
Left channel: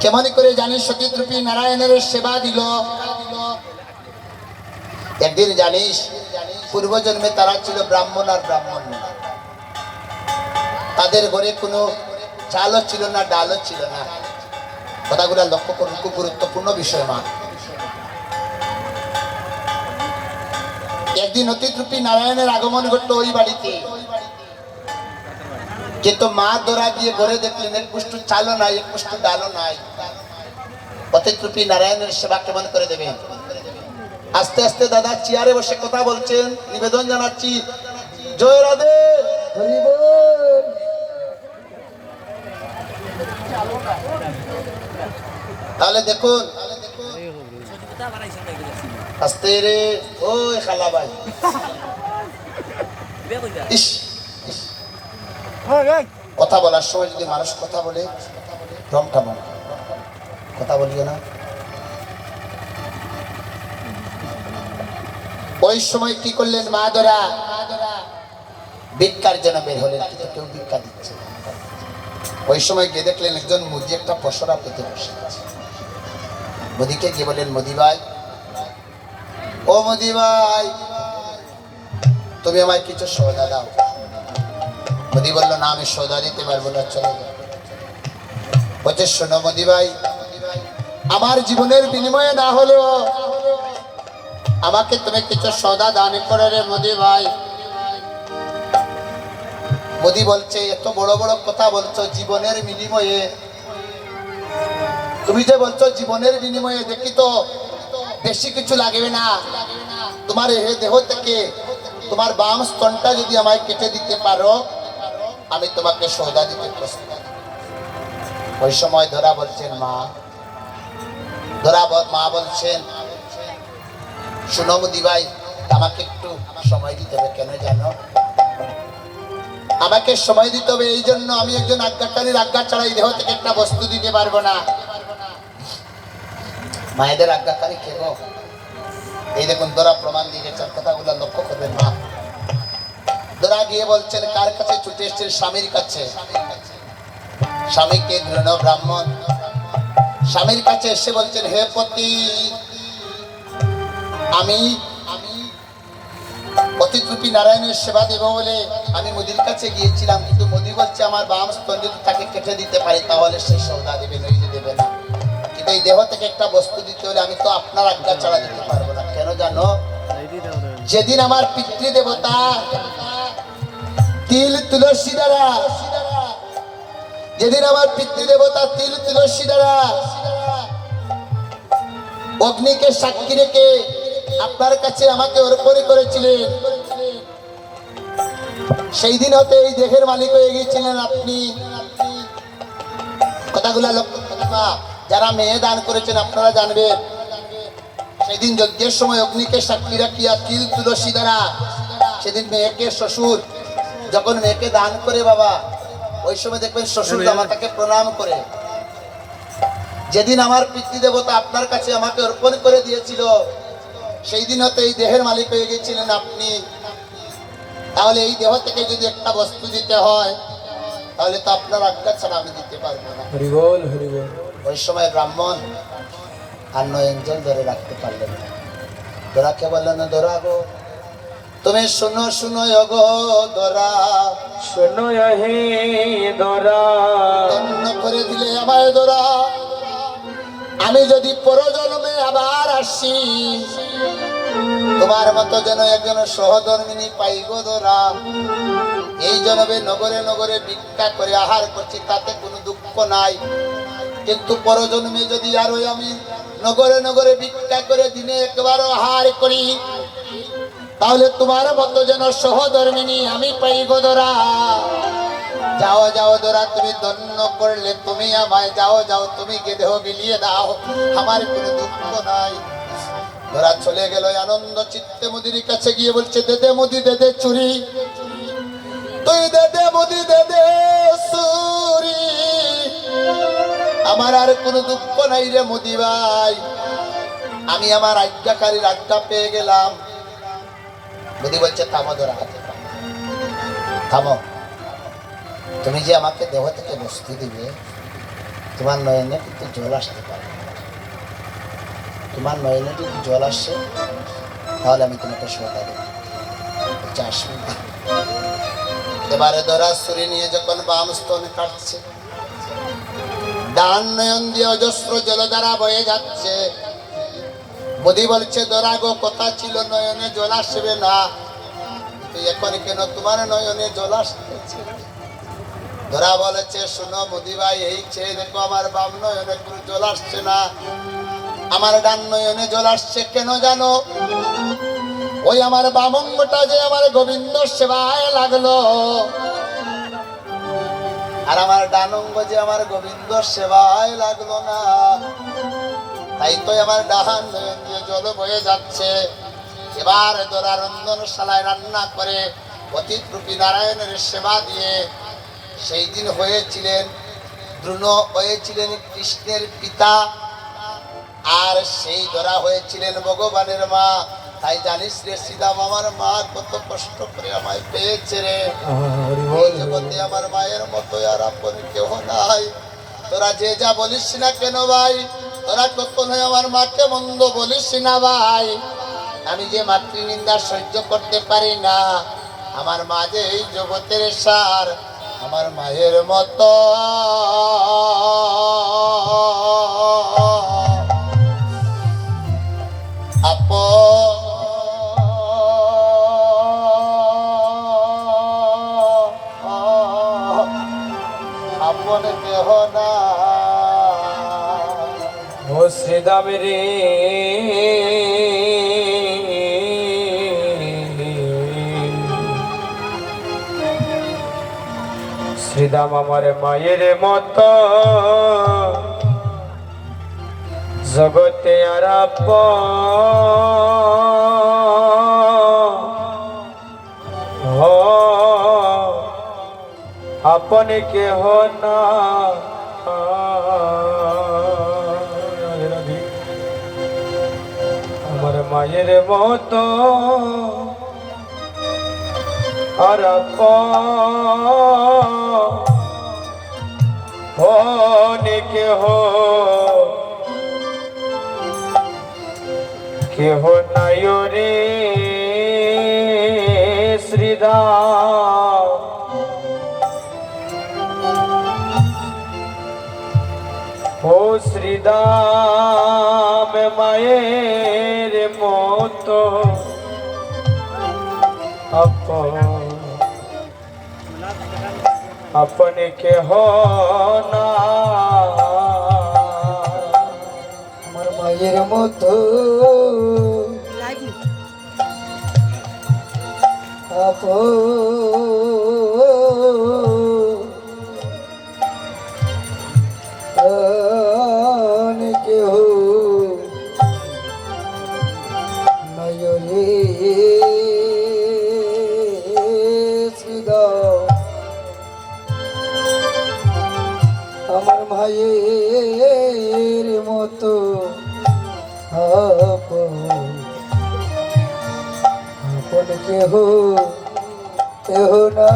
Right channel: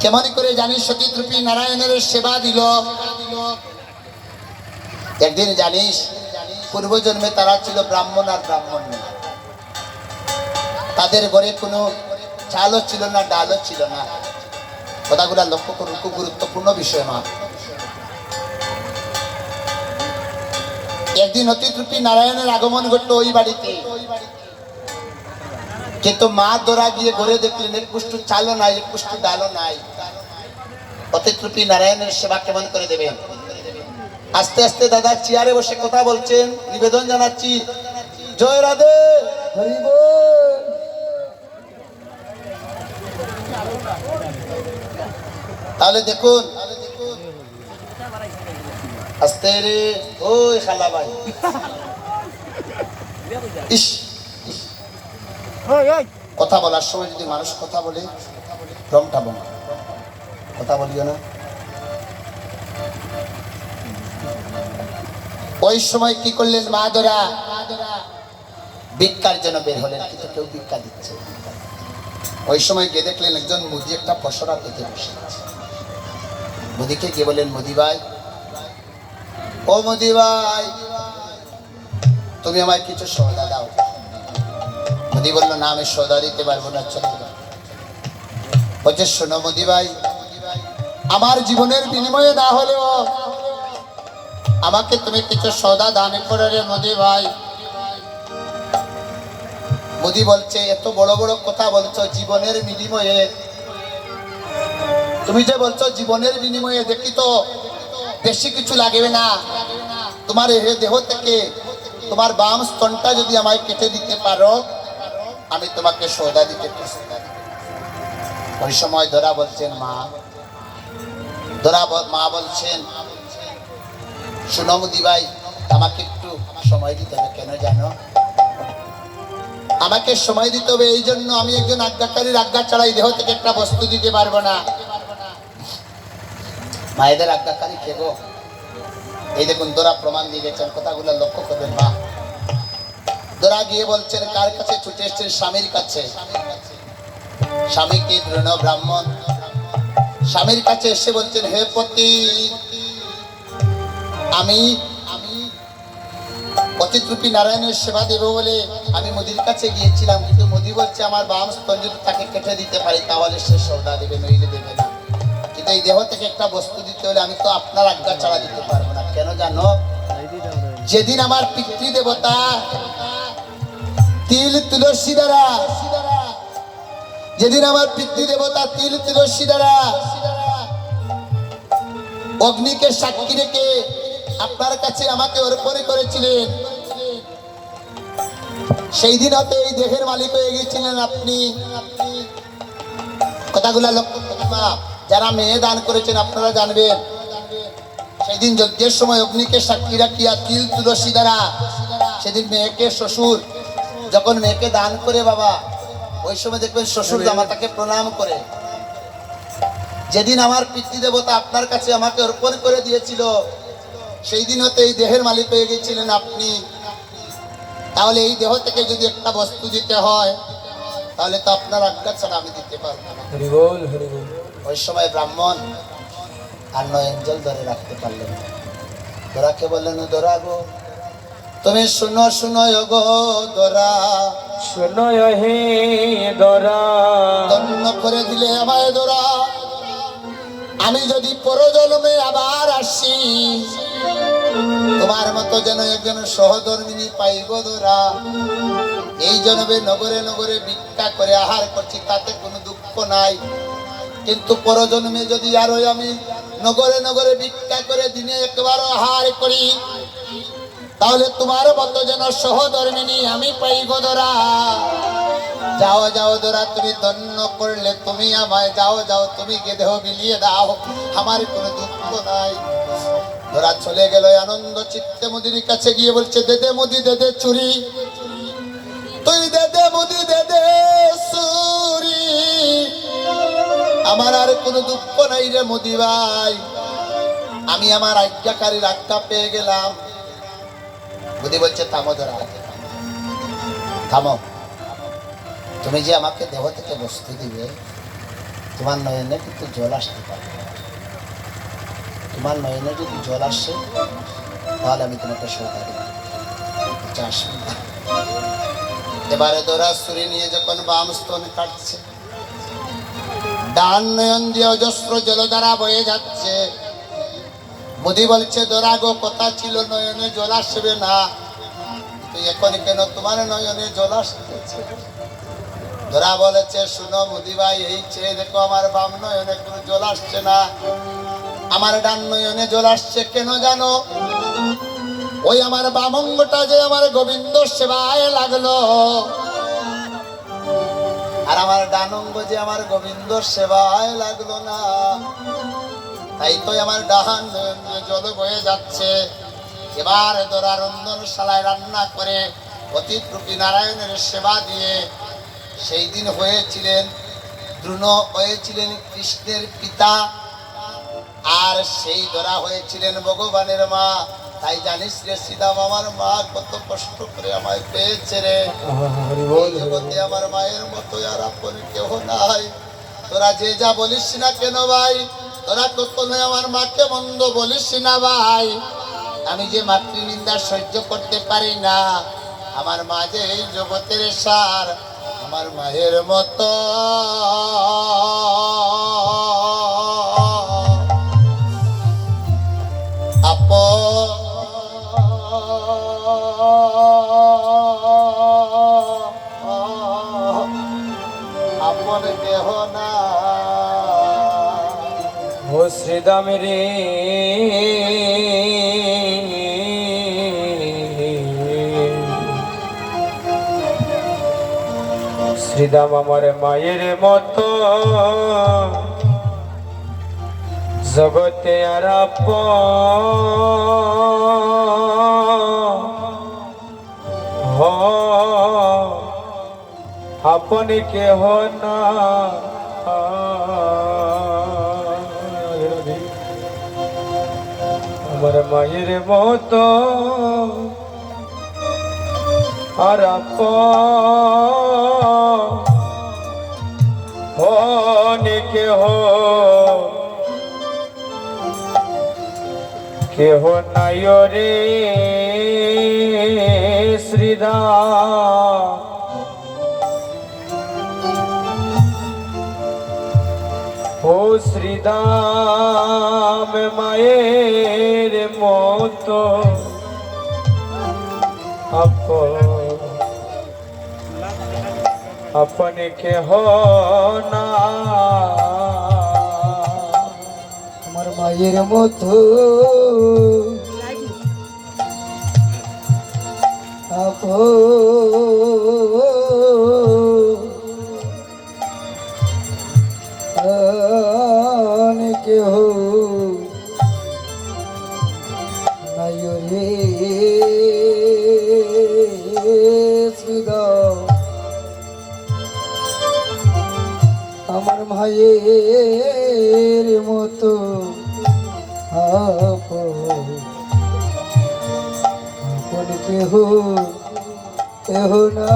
কেমন করে জানিস অতিথরূপী নারায়ণের সেবা দিল? একদিন জানিস পূর্বজন্মে তারা ছিল ব্রাহ্মণ আর ব্রাহ্মণ, তাদের ঘরে কোনো চালও ছিল না, ডালও ছিল না। কথাগুলা লক্ষ্য করুন, খুব গুরুত্বপূর্ণ বিষয় মা। একদিন অতিথরূপী নারায়ণের আগমন ঘটলো ওই বাড়িতে, কিন্তু মা দৌড়া গিয়ে ঘরে দেখলেন এক কুষ্ঠ চালও নাই, এক কুষ্ঠ ডালও নাই। অতিথরূপী নারায়ণের সেবা কেমন করে দেবেন? আস্তে আস্তে দাদা চেয়ারে বসে কথা বলছেন। নিবেদন জানাচ্ছি, জয় রাধে। তাহলে দেখুন আস্তে রে ওই খালা ভাই ইস ইস। কথা বলার সময় যদি মানুষ কথা বলে দমটা বন্ধ, কথা বলিও না। ওই সময় কি করলেন মা ধরা ভিক্ষার জন্য বের হলেন, কিন্তু কেউ ভিক্ষা দিচ্ছে। ওই সময় গিয়ে দেখলেন একজন মুদি একটা পসরা পেতে বসে আছে। মুদিকে গিয়ে বললেন, মুদি ভাই, ও মুদি ভাই, তুমি আমায় কিছু সওদা দাও। মুদি বললো, না আমি সওদা দিতে পারবো না, চলে যাও। বলছে, শোনো মুদি ভাই, আমার জীবনের বিনিময়ে না হলেও আমাকে তুমি কিছু সওদা দান করে রে মুদি ভাই। মোদি বলছে, এত বড় বড় কথা বলছো জীবনের বিনিময়ে, তুমি যে বলছো জীবনের বিনিময়ে, দেখি তো বেশি কিছু লাগবে না, তোমার এই দেহ থেকে তোমার বাম স্তনটা যদি আমায় কেটে দিতে পারো, আমি তোমাকে সওদা দিতে প্রস্তুত। ওই সময় ধরা বলছেন মা বলছেন, শোনো মুদি ভাই, আমাকে একটু সময় দিতে হবে। কেন জানো? আমাকে সময় দিতে হবে এই জন্য, আমি একজন আজ্ঞাকারীর আজ্ঞা ছাড়াই দেহ থেকে একটা বস্তু দিতে পারবো না। মায়েদের আজ্ঞাকারী কে গো? এই দেখুন দোরা প্রমাণ দিয়ে গেছেন, কথাগুলো লক্ষ্য করবেন। মা দোরা গিয়ে বলছেন, কার কাছে ছুটে এসছেন? স্বামীর কাছে। স্বামীকে দৃঢ় ব্রাহ্মণ, স্বামীর কাছে এসে বলছেন, হে পতি, আমি অতিথ্রুপী নারায়ণের সেবা দেব বলে আমি মুদির কাছে গিয়েছিলাম, কিন্তু মুদি বলছে আমার বাম স্তন যদি তাকে কেটে দিতে পারি তাহলে সে সওদা দেবে, নইলে দেবে না। কিন্তু এই দেহ থেকে একটা বস্তু দিতে হলে আমি তো আপনার আজ্ঞা ছাড়া দিতে পারবো না। কেন জানো? যেদিন আমার পিতৃদেবতা তিল তুলসী দ্বারা, যেদিন আমার পিতৃদেবতা তিল তুলসী দ্বারা অগ্নিকে সাক্ষী রেখে আপনার কাছে আমাকে অর্পণ করেছিলেন, সেই দিন হতে এই দেহের মালিক হয়ে গিয়েছিলেন আপনি। কথাগুলা লক্ষ্য করবেন। যারা মেয়ে দান করেছেন আপনারা জানবেন, সেই দিন যজ্ঞের সময় অগ্নিকে সাক্ষী রাখিয়া তিল তুলসী দ্বারা সেদিন মেয়েকে শ্বশুর যখন মেয়েকে দান করে বাবা, ওই সময় দেখবেন শ্বশুর জামাতাকে প্রণাম করে। যেদিন আমার পিতৃদেবতা আপনার কাছে আমাকে অর্পণ করে দিয়েছিল, সেই দিন হতে এই দেহের মালিক হয়ে গিয়েছিলেন আপনি। তাহলে এই দেহ থেকে যদি একটা বস্তু দিতে হয়, তাহলে তো আপনার আজ্ঞা ছাড়া আমি দিতে পারবো না। ওই সময় ব্রাহ্মণ আর নয়ন জল ধরে রাখতে পারলেন না। দোরাকে বললেন, দোরা গো, তুমি শুনো শুনো গো দোরা, শোনো হে দোরা, ধন্য করে দিলে আমায় দোরা। আমি যদি পরজন্মে আবার আসি, তোমার মতো যেন একজন সহধর্মিনী পাই গো দোরা। এই জন্মে নগরে নগরে ভিক্ষা করে আহার করছি, তাতে কোনো দুঃখ নাই, কিন্তু পরজন্মে যদি আরো আমি নগরে নগরে ভিক্ষা করে দিনে একবার আহার করি, তাহলে তোমার মতো যেন সহধর্মিনী আমি পাই গো দোরা। যাও যাও দোরা, তুমি ধন্য করলে তুমি আমায়, যাও যাও তুমি কে দেহ বিলিয়ে দাও, আমার কোনো দুঃখ নাই। দোরা চলে গেল আনন্দ চিত্তে মুদির কাছে গিয়ে বলছে, দেদে মুদি দেদে চুরি, তুই দেদে মুদি দেদে চুরি, আমার আর কোনো দুঃখ নাই রে মুদি ভাই, আমি আমার আজ্ঞাকারীর আজ্ঞা পেয়ে গেলাম। মুদি বলছে, থামো দোরা, থামো, তুমি যে আমাকে দেহ থেকে বস্তু দিবে, তোমার নয়নে কিন্তু জল আসতে পারে। তোমার নয়নে যদি জল আসে, তাহলে আমি তোমাকে সওদা দেব। এবারে দোরা ছুরি নিয়ে যখন বাম স্তন কাটছে, ডান নয়ন দিয়ে অজস্র জলধারা বয়ে যাচ্ছে। মুদি বলছে, দোরা গো, কথা ছিল নয়নে জল আসবে না, এখন কেন তোমার নয়নে জল আসতেছে? ধরা বলেছে, শুনো মুদি ভাই, এই চেয়ে দেখো আমার বাম নয়নে কোনো জল আসছে না, আমার ডান নয়নে জল আসছে। কেন জানো? ওই আমার বাম অঙ্গটা যে আমার গোবিন্দ সেবায় লাগলো, আর আমার ডান অঙ্গ যে আমার গোবিন্দ সেবায় লাগলো না, তাই তো আমার ডান নয়নে জল বয়ে যাচ্ছে। এবার দোরা রন্ধনশালায় রান্না করে অতিথরূপী নারায়ণের সেবা দিয়ে সেই দিন হয়েছিলেন দ্রুণ, হয়েছিলেন কৃষ্ণের পিতা, আর সেই দোরা হয়েছিলেন ভগবানের মা। তাই জানিস রে সীতা, আমার মা কত কষ্ট করে আমায় পেয়েছে রে। এই জগতে আমার মায়ের মতো আর আপন কেহ নাই। তোরা যে যা বলিস না কেন ভাই, তোরা কখনোই আমার মাকে মন্দ বলিস না ভাই। আমি যে মাতৃনিন্দা সহ্য করতে পারি না। আমার মা যে এই জগতের সার, আমার মায়ের মতো আপন কেহ না। ও শ্রীদাম রে শ্রীদাম আমার মায়ের মতো জগতে আর আপন কেহ না। আমার মায়ের মতো আর আপন কেহ নাই রে শ্রীদাম। ও শ্রীদাম মায়ের মতো আপন কেহ না। আমার মায়ের মতো আপন কেহ নাই রে শ্রীদাম। আমার মায়ের মতো আপন কেহ কেহ না।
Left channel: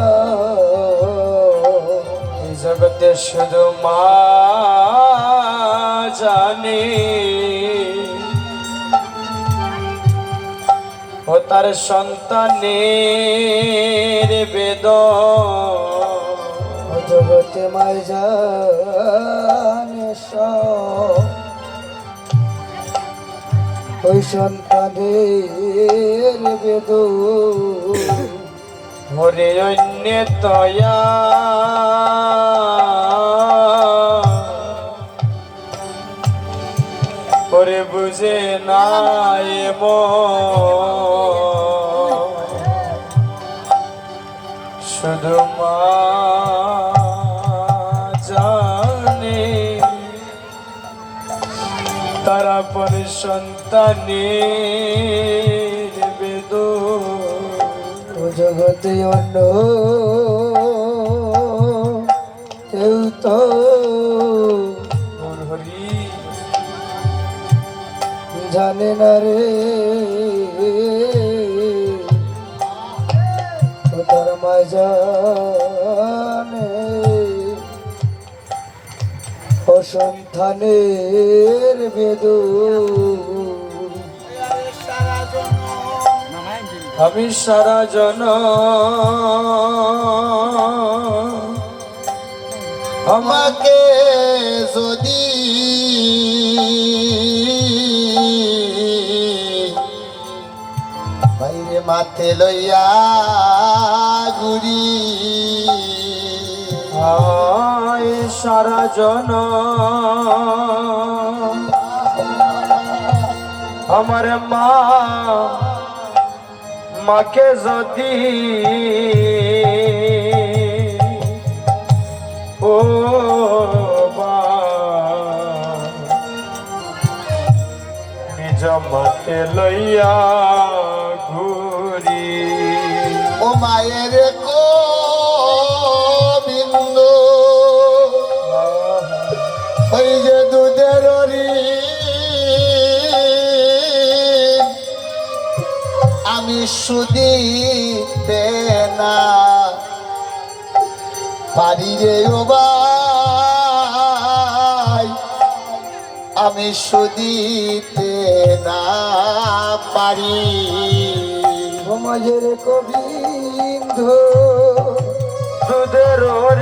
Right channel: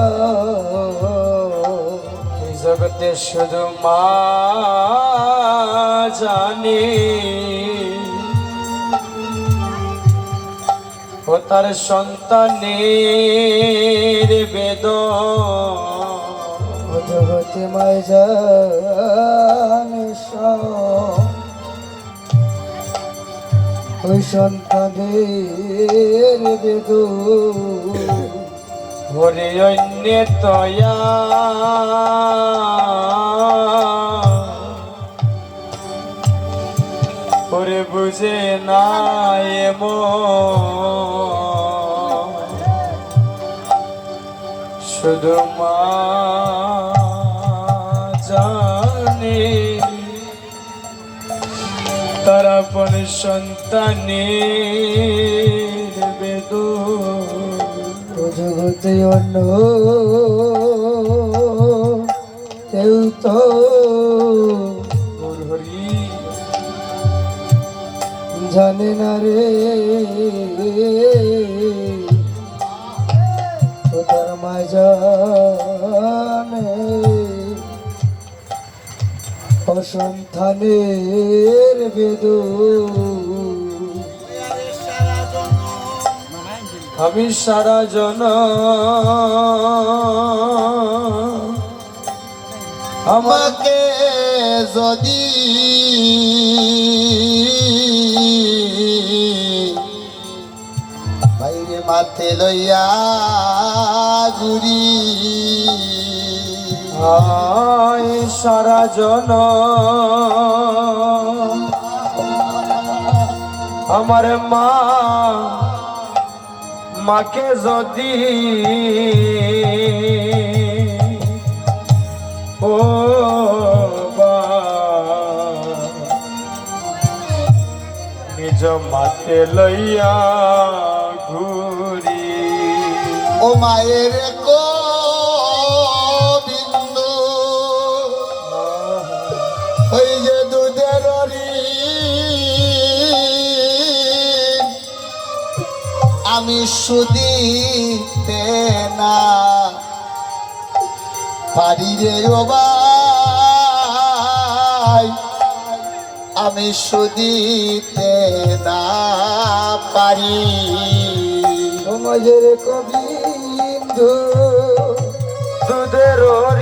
এই জগতে শুধু মা জানে ও তার সন্তানের বেদন। ও জগতে মায় জানে ওই সন্তানের বেদন। ওরে অন্য তয়া ওরে বুঝে না শুধু মা জানে তারা পর সন্তানের বেদন। ও জগতে অন্য কেউ তো হরি জানে না রে। ও তার মায় জানে অসন্তানের বেদন। আমি সারা আমাকে যদি বাইরে মাথে লইয়া ঘুরি, সারা আমার মাকে যদি ও নিজ মাতে লইয়া ঘুরি। ও মায়ের কো বিন্দু ওই যে দুধের ঋণ আমি সুদিতে না পারি রে ও ভাই, আমি সুদিতে না পারি। সমাজের গোবিন্দ দুধের ঋণ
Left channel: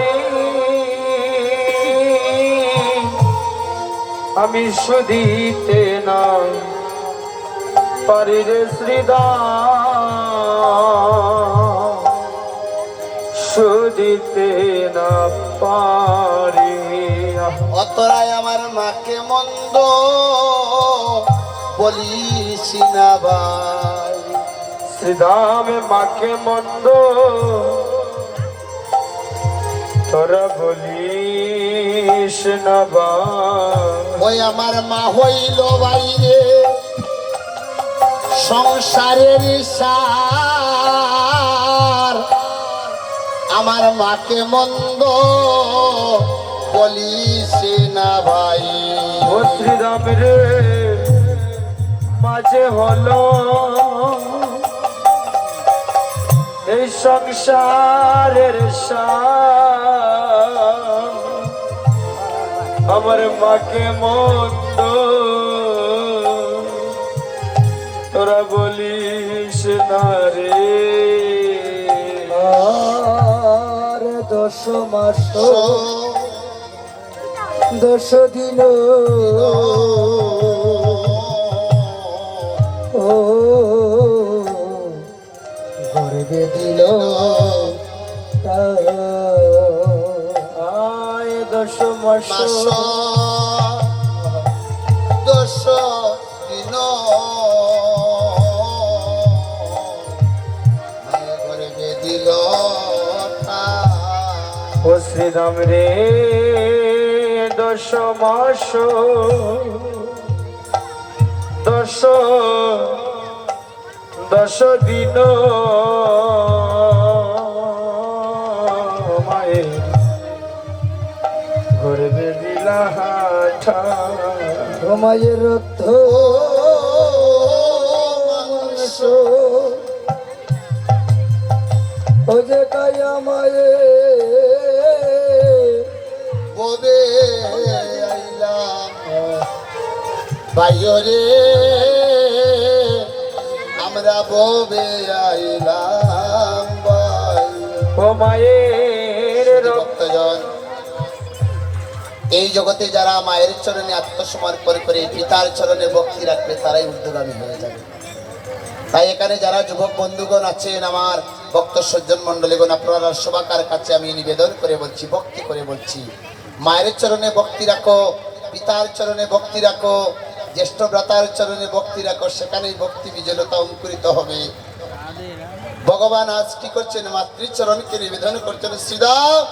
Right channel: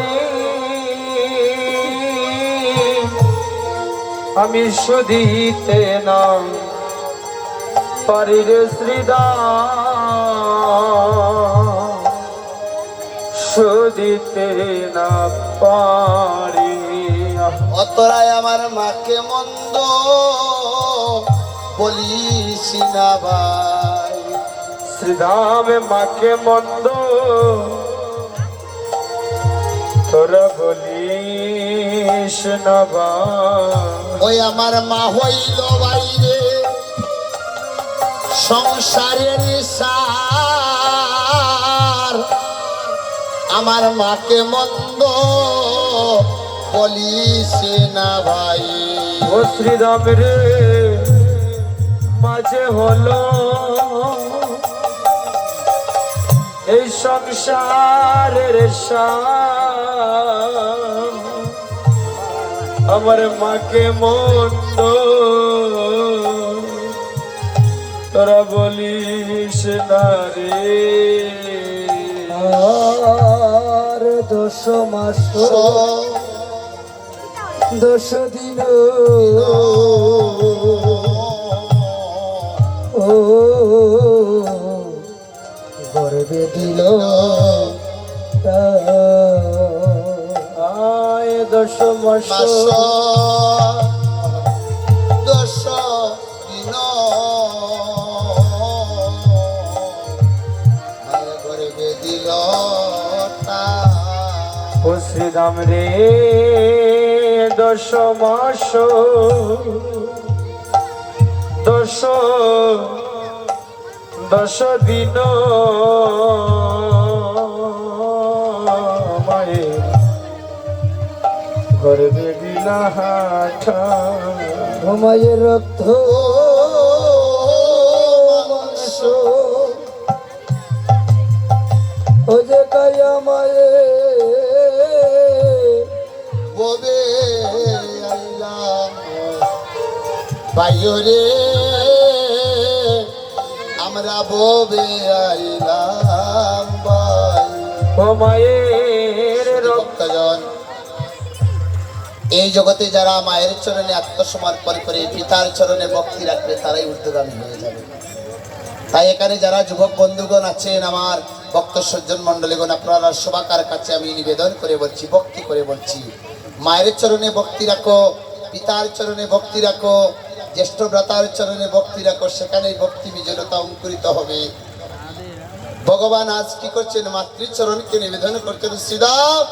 আমি শুধিতে না পারি রে শ্রীদাম, শুধিতে না পারি। অতরায় আমার মাকে মন্দ বলিস না ভাই, শ্রীধামে মাকে মন্দ তোরা বলিস না ভাই। ওই আমার মা হইল বাইরে সংসারের সার, আমার মাকে মন্দ বলিস না ভাই। ও শ্রীরাম রে মাঝে হলো এই সংসারের সার, আমার মাকে মন্দ তোরা বলিস না রে। আর 10 মাস 10 দিন ও গর্বে দিল আয় 10 মাস 10 দিন গর্বে দিল ও শ্রীরাম রে 10 মাস 10 দিন মায়ের গর্বে দিলা হাঠা। সময়ের রক্ত মাংস ও যে গায়া মায়ে ববে আইলা বাইরে আমরা ববে আইলাম ভাই। ও মায়ের রক্ত ভক্তজন, এই জগতে যারা মায়ের চরণে আত্মসমর্পণ করে পিতার চরণে ভক্তি রাখবে তারাই ঊর্ধ্বগামী হয়ে যাবে। তাই এখানে যারা যুবক বন্ধুগণ আছেন, আমার ভক্ত সজ্জন মন্ডলীগণ, আপনারা সবাকার কাছে আমি নিবেদন করে বলছি, ভক্তি করে বলছি, মায়ের চরণে ভক্তি রাখো, পিতার চরণে ভক্তি রাখো, জ্যেষ্ঠ ভ্রাতার চরণে ভক্তি রাখো, সেখানেই ভক্তি বিজলতা অঙ্কুরিত হবে। ভগবান আজ কি করছেন? মাতৃচরণকে নিবেদন করছেন, শ্রীদাম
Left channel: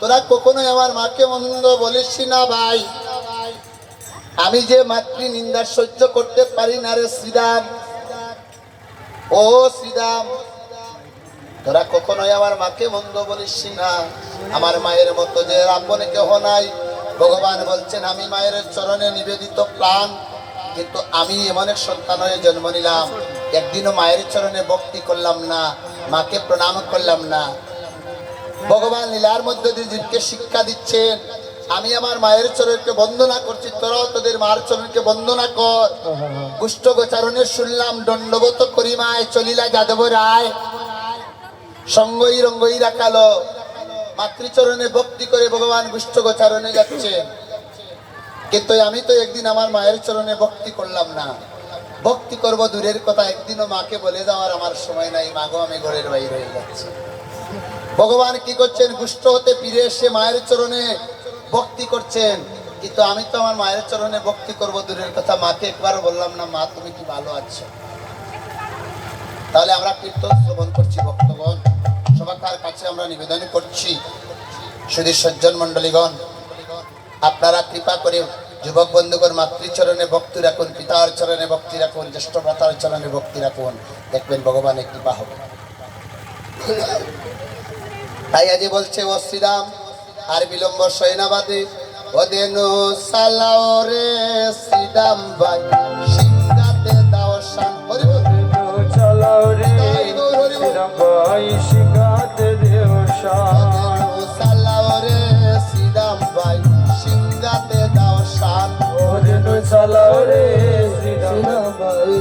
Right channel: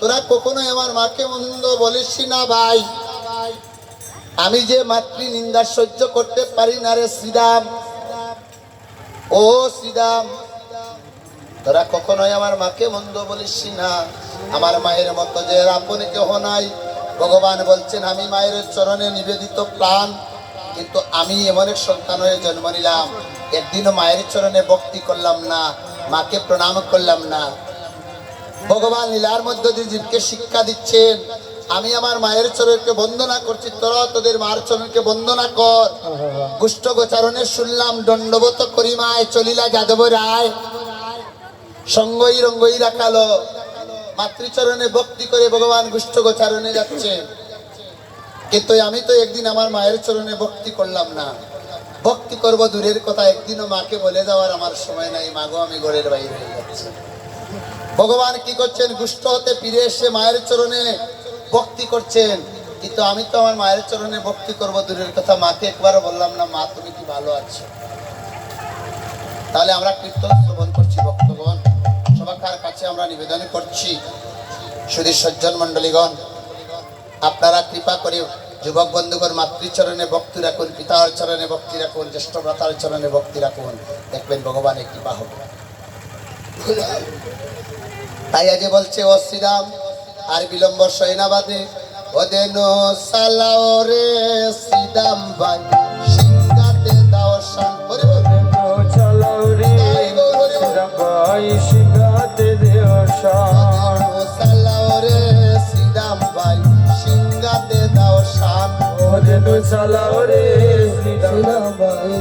তোরা কখনোই আমার মাকে মন্দ বলিস না ভাই, আমি যে মাতৃ নিন্দা সহ্য করতে পারি না রে শ্রীদাম। ও শ্রীদাম তোরা কখনোই আমার মাকে মন্দ বলিস না, আমার মায়ের মতো যে আপন কেহ নাই। ভগবান বলছেন আমি মায়ের চরণে নিবেদিত প্রাণ, কিন্তু আমি এমন এক সন্তান হয়ে জন্ম নিলাম, একদিনও মায়ের চরণে ভক্তি করলাম না, মাকে প্রণাম করলাম না। ভগবান লীলার মধ্য দিয়ে জীবকে শিক্ষা দিচ্ছেন, আমি আমার মায়ের চরণকে বন্দনা করছি, তোরা তোদের মায়ের চরণকে বন্দনা কর। কুষ্ঠ গোচারণে শুনলাম দণ্ডবত করিমায় চলিলা যাদব রায়, সঙ্গই রঙ্গই রাখালো। মাতৃচরণে ভক্তি করে ভগবান কুষ্ঠ গোচারণে যাচ্ছে, কিন্তু আমি তো একদিন আমার মায়ের চরণে ভক্তি করলাম না। ভক্তি করব দূরের কথা, একদিনও মাকে বলে যাওয়ার আমার সময় নাই, মাগো আমি ঘরের বাইরে হয়ে যাচ্ছি। ভগবান কি করছেন? কুষ্ঠ হতে ফিরে এসে মায়ের চরণে ভক্তি করছেন, কিন্তু আমি তো আমার মায়ের চরণে ভক্তি করব দূরের কথা, মাকে একবারও বললাম না মা তুমি কি ভালো আছো। তাহলে আমরা কীর্তন শ্রবণ করছি, ভক্তগণ সবাকার কাছে আমরা নিবেদন করছি, শুধু সজ্জন মন্ডলীগণ আপনারা কৃপা করে যুবক বন্ধুগণ, মাতৃচরণে ভক্তি রাখুন, পিতার চরণে ভক্তি রাখুন, জ্যেষ্ঠ ভ্রাতার চরণে ভক্তি রাখুন, দেখবেন ভগবানের কৃপা হবে। তাই আজ বলছে ও শ্রীরাম, আর বিলম্ব সৈনাবাদে ওদেনো সালাও রে শ্রীরাম ভাই, সিংহাতে দাও শান। হরি বল। চালাও রে শ্রীরাম ভাই, সিংহাতে দেও শান। ওদেনো সালাও রে শ্রীরাম ভাই, সিংহাতে দাও শান। ওদেনো চালাও রে শ্রীরাম সিনাবাই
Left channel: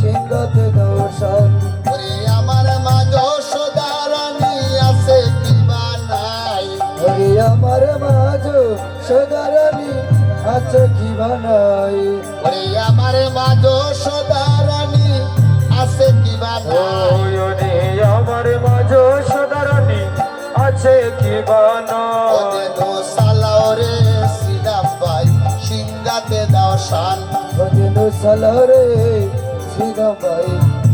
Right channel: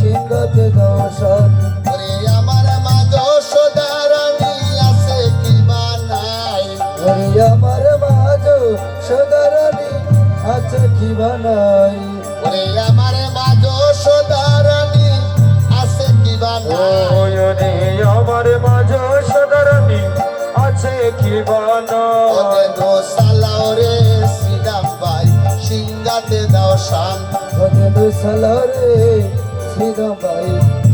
সিংহাতে দাও শান। ওরে আমার মা যশোদারানী আছে কি বা নাই, ওরে আমার মাঝ সদারানী আছে কি বানাই। ওরে আমার মা যশোদারানী আছে কি বা নাই। ওরে আমার মাঝ সদারানী আছে কি বানো। ওদেনো সালাও রে শ্রীরাম ভাই, সিংহাতে দাও শান। ওদেনো সালারে সিনাবাই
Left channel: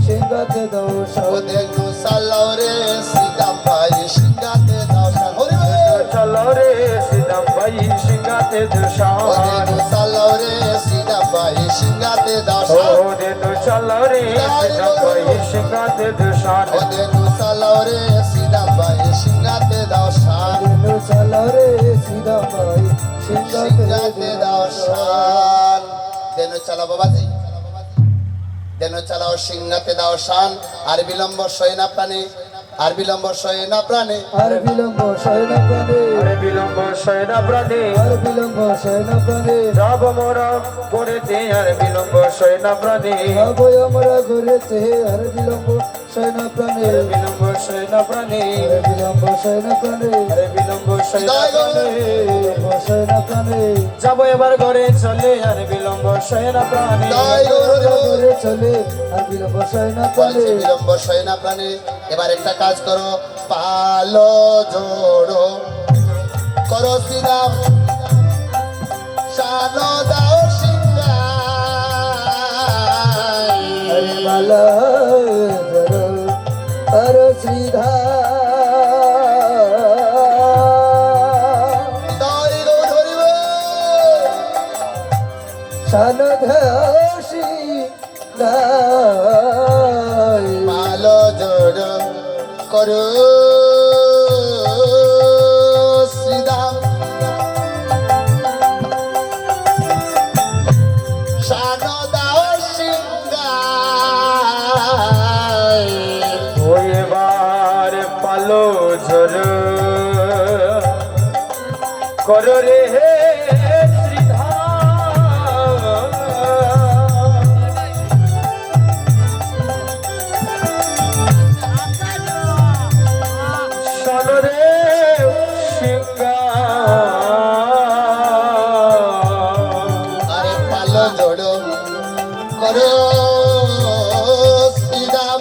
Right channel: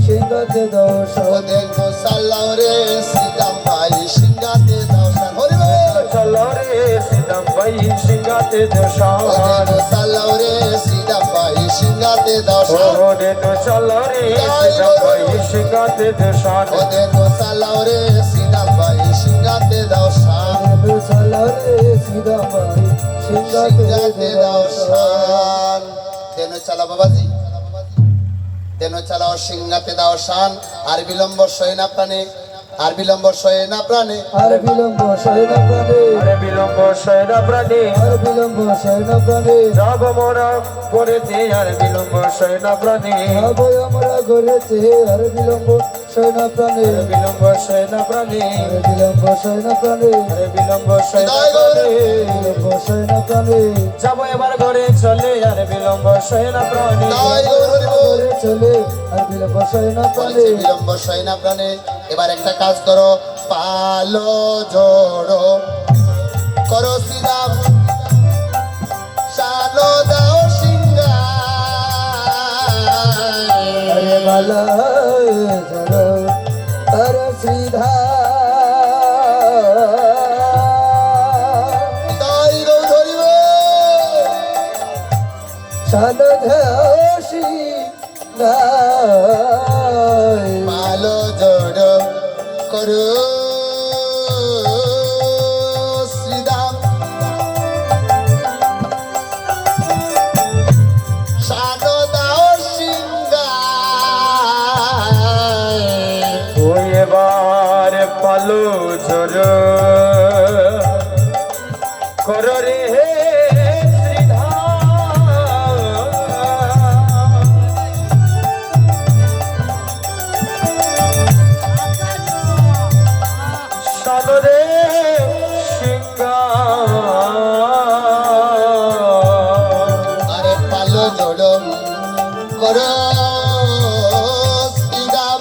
সিংহাতে দাও শান। ওদেনো সালাও রে শ্রীরাম ভাই, সিংহাতে দাও শান। হরি বল। চালাও রে শ্রীরাম ভাই, সিংহাতে দেও শান। ওদেনো সালাও রে শ্রীরাম ভাই, সিংহাতে দাও শান। ওদেনো চালাও রে শ্রীরাম ভাই, সিংহাতে দেও শান। ওদেনো সালাও রে শ্রীরাম ভাই, সিংহাতে দাও শান। ওদেনো সালারে সিনাবাই সিংহাতে সিংহাতে দাও দাও শান। শান। দেনো চালা বাবাজি, দেনো চালাও সিংহাতে দাও শান। আর বিলম্ব সয় না প্রাণে, আর বিলম্ব সয় না প্রাণে। আর বিলম্ব সয় না প্রাণে, আরে বিলম্ব সয়না প্রাণী, আর বিলম্ব সয় না প্রাণে। যাব মোরা করেতে আর বিলম্ব সয়না প্রাণী। যাবো আমরা ঘরেতে আর বিলম্ব সয় না প্রাণে। বিলম্ব সয়না প্রাণী, আর বিলম্ব সয় না প্রাণে, আরে বিলম্ব সয়না প্রাণী। বিলম্ব সয় না প্রাণে। যাব এবার ঘরে চলে আর বিলম্ব সয়না প্রাণী। ঘরে চলে আর বিলম্ব সয় না প্রাণে। বলছে বিলম্ব সয় না প্রাণে। এবার একটা কাজ করো, পালো জোড়ো করো শ্রীরাম, শানো দাও সিংহায়। আরে মালা জড়ো আর শ্রীধা তাই গো ধরিব। সানঘাসি গায়। পালো জোড়ো করো শ্রীরাম, শানো দাও সিংহায়। ওই এবার পালো জোর করো রে শ্রীধা। শোনো রে সিংহা, আরে পালো জোড়ো করো শ্রীরাম,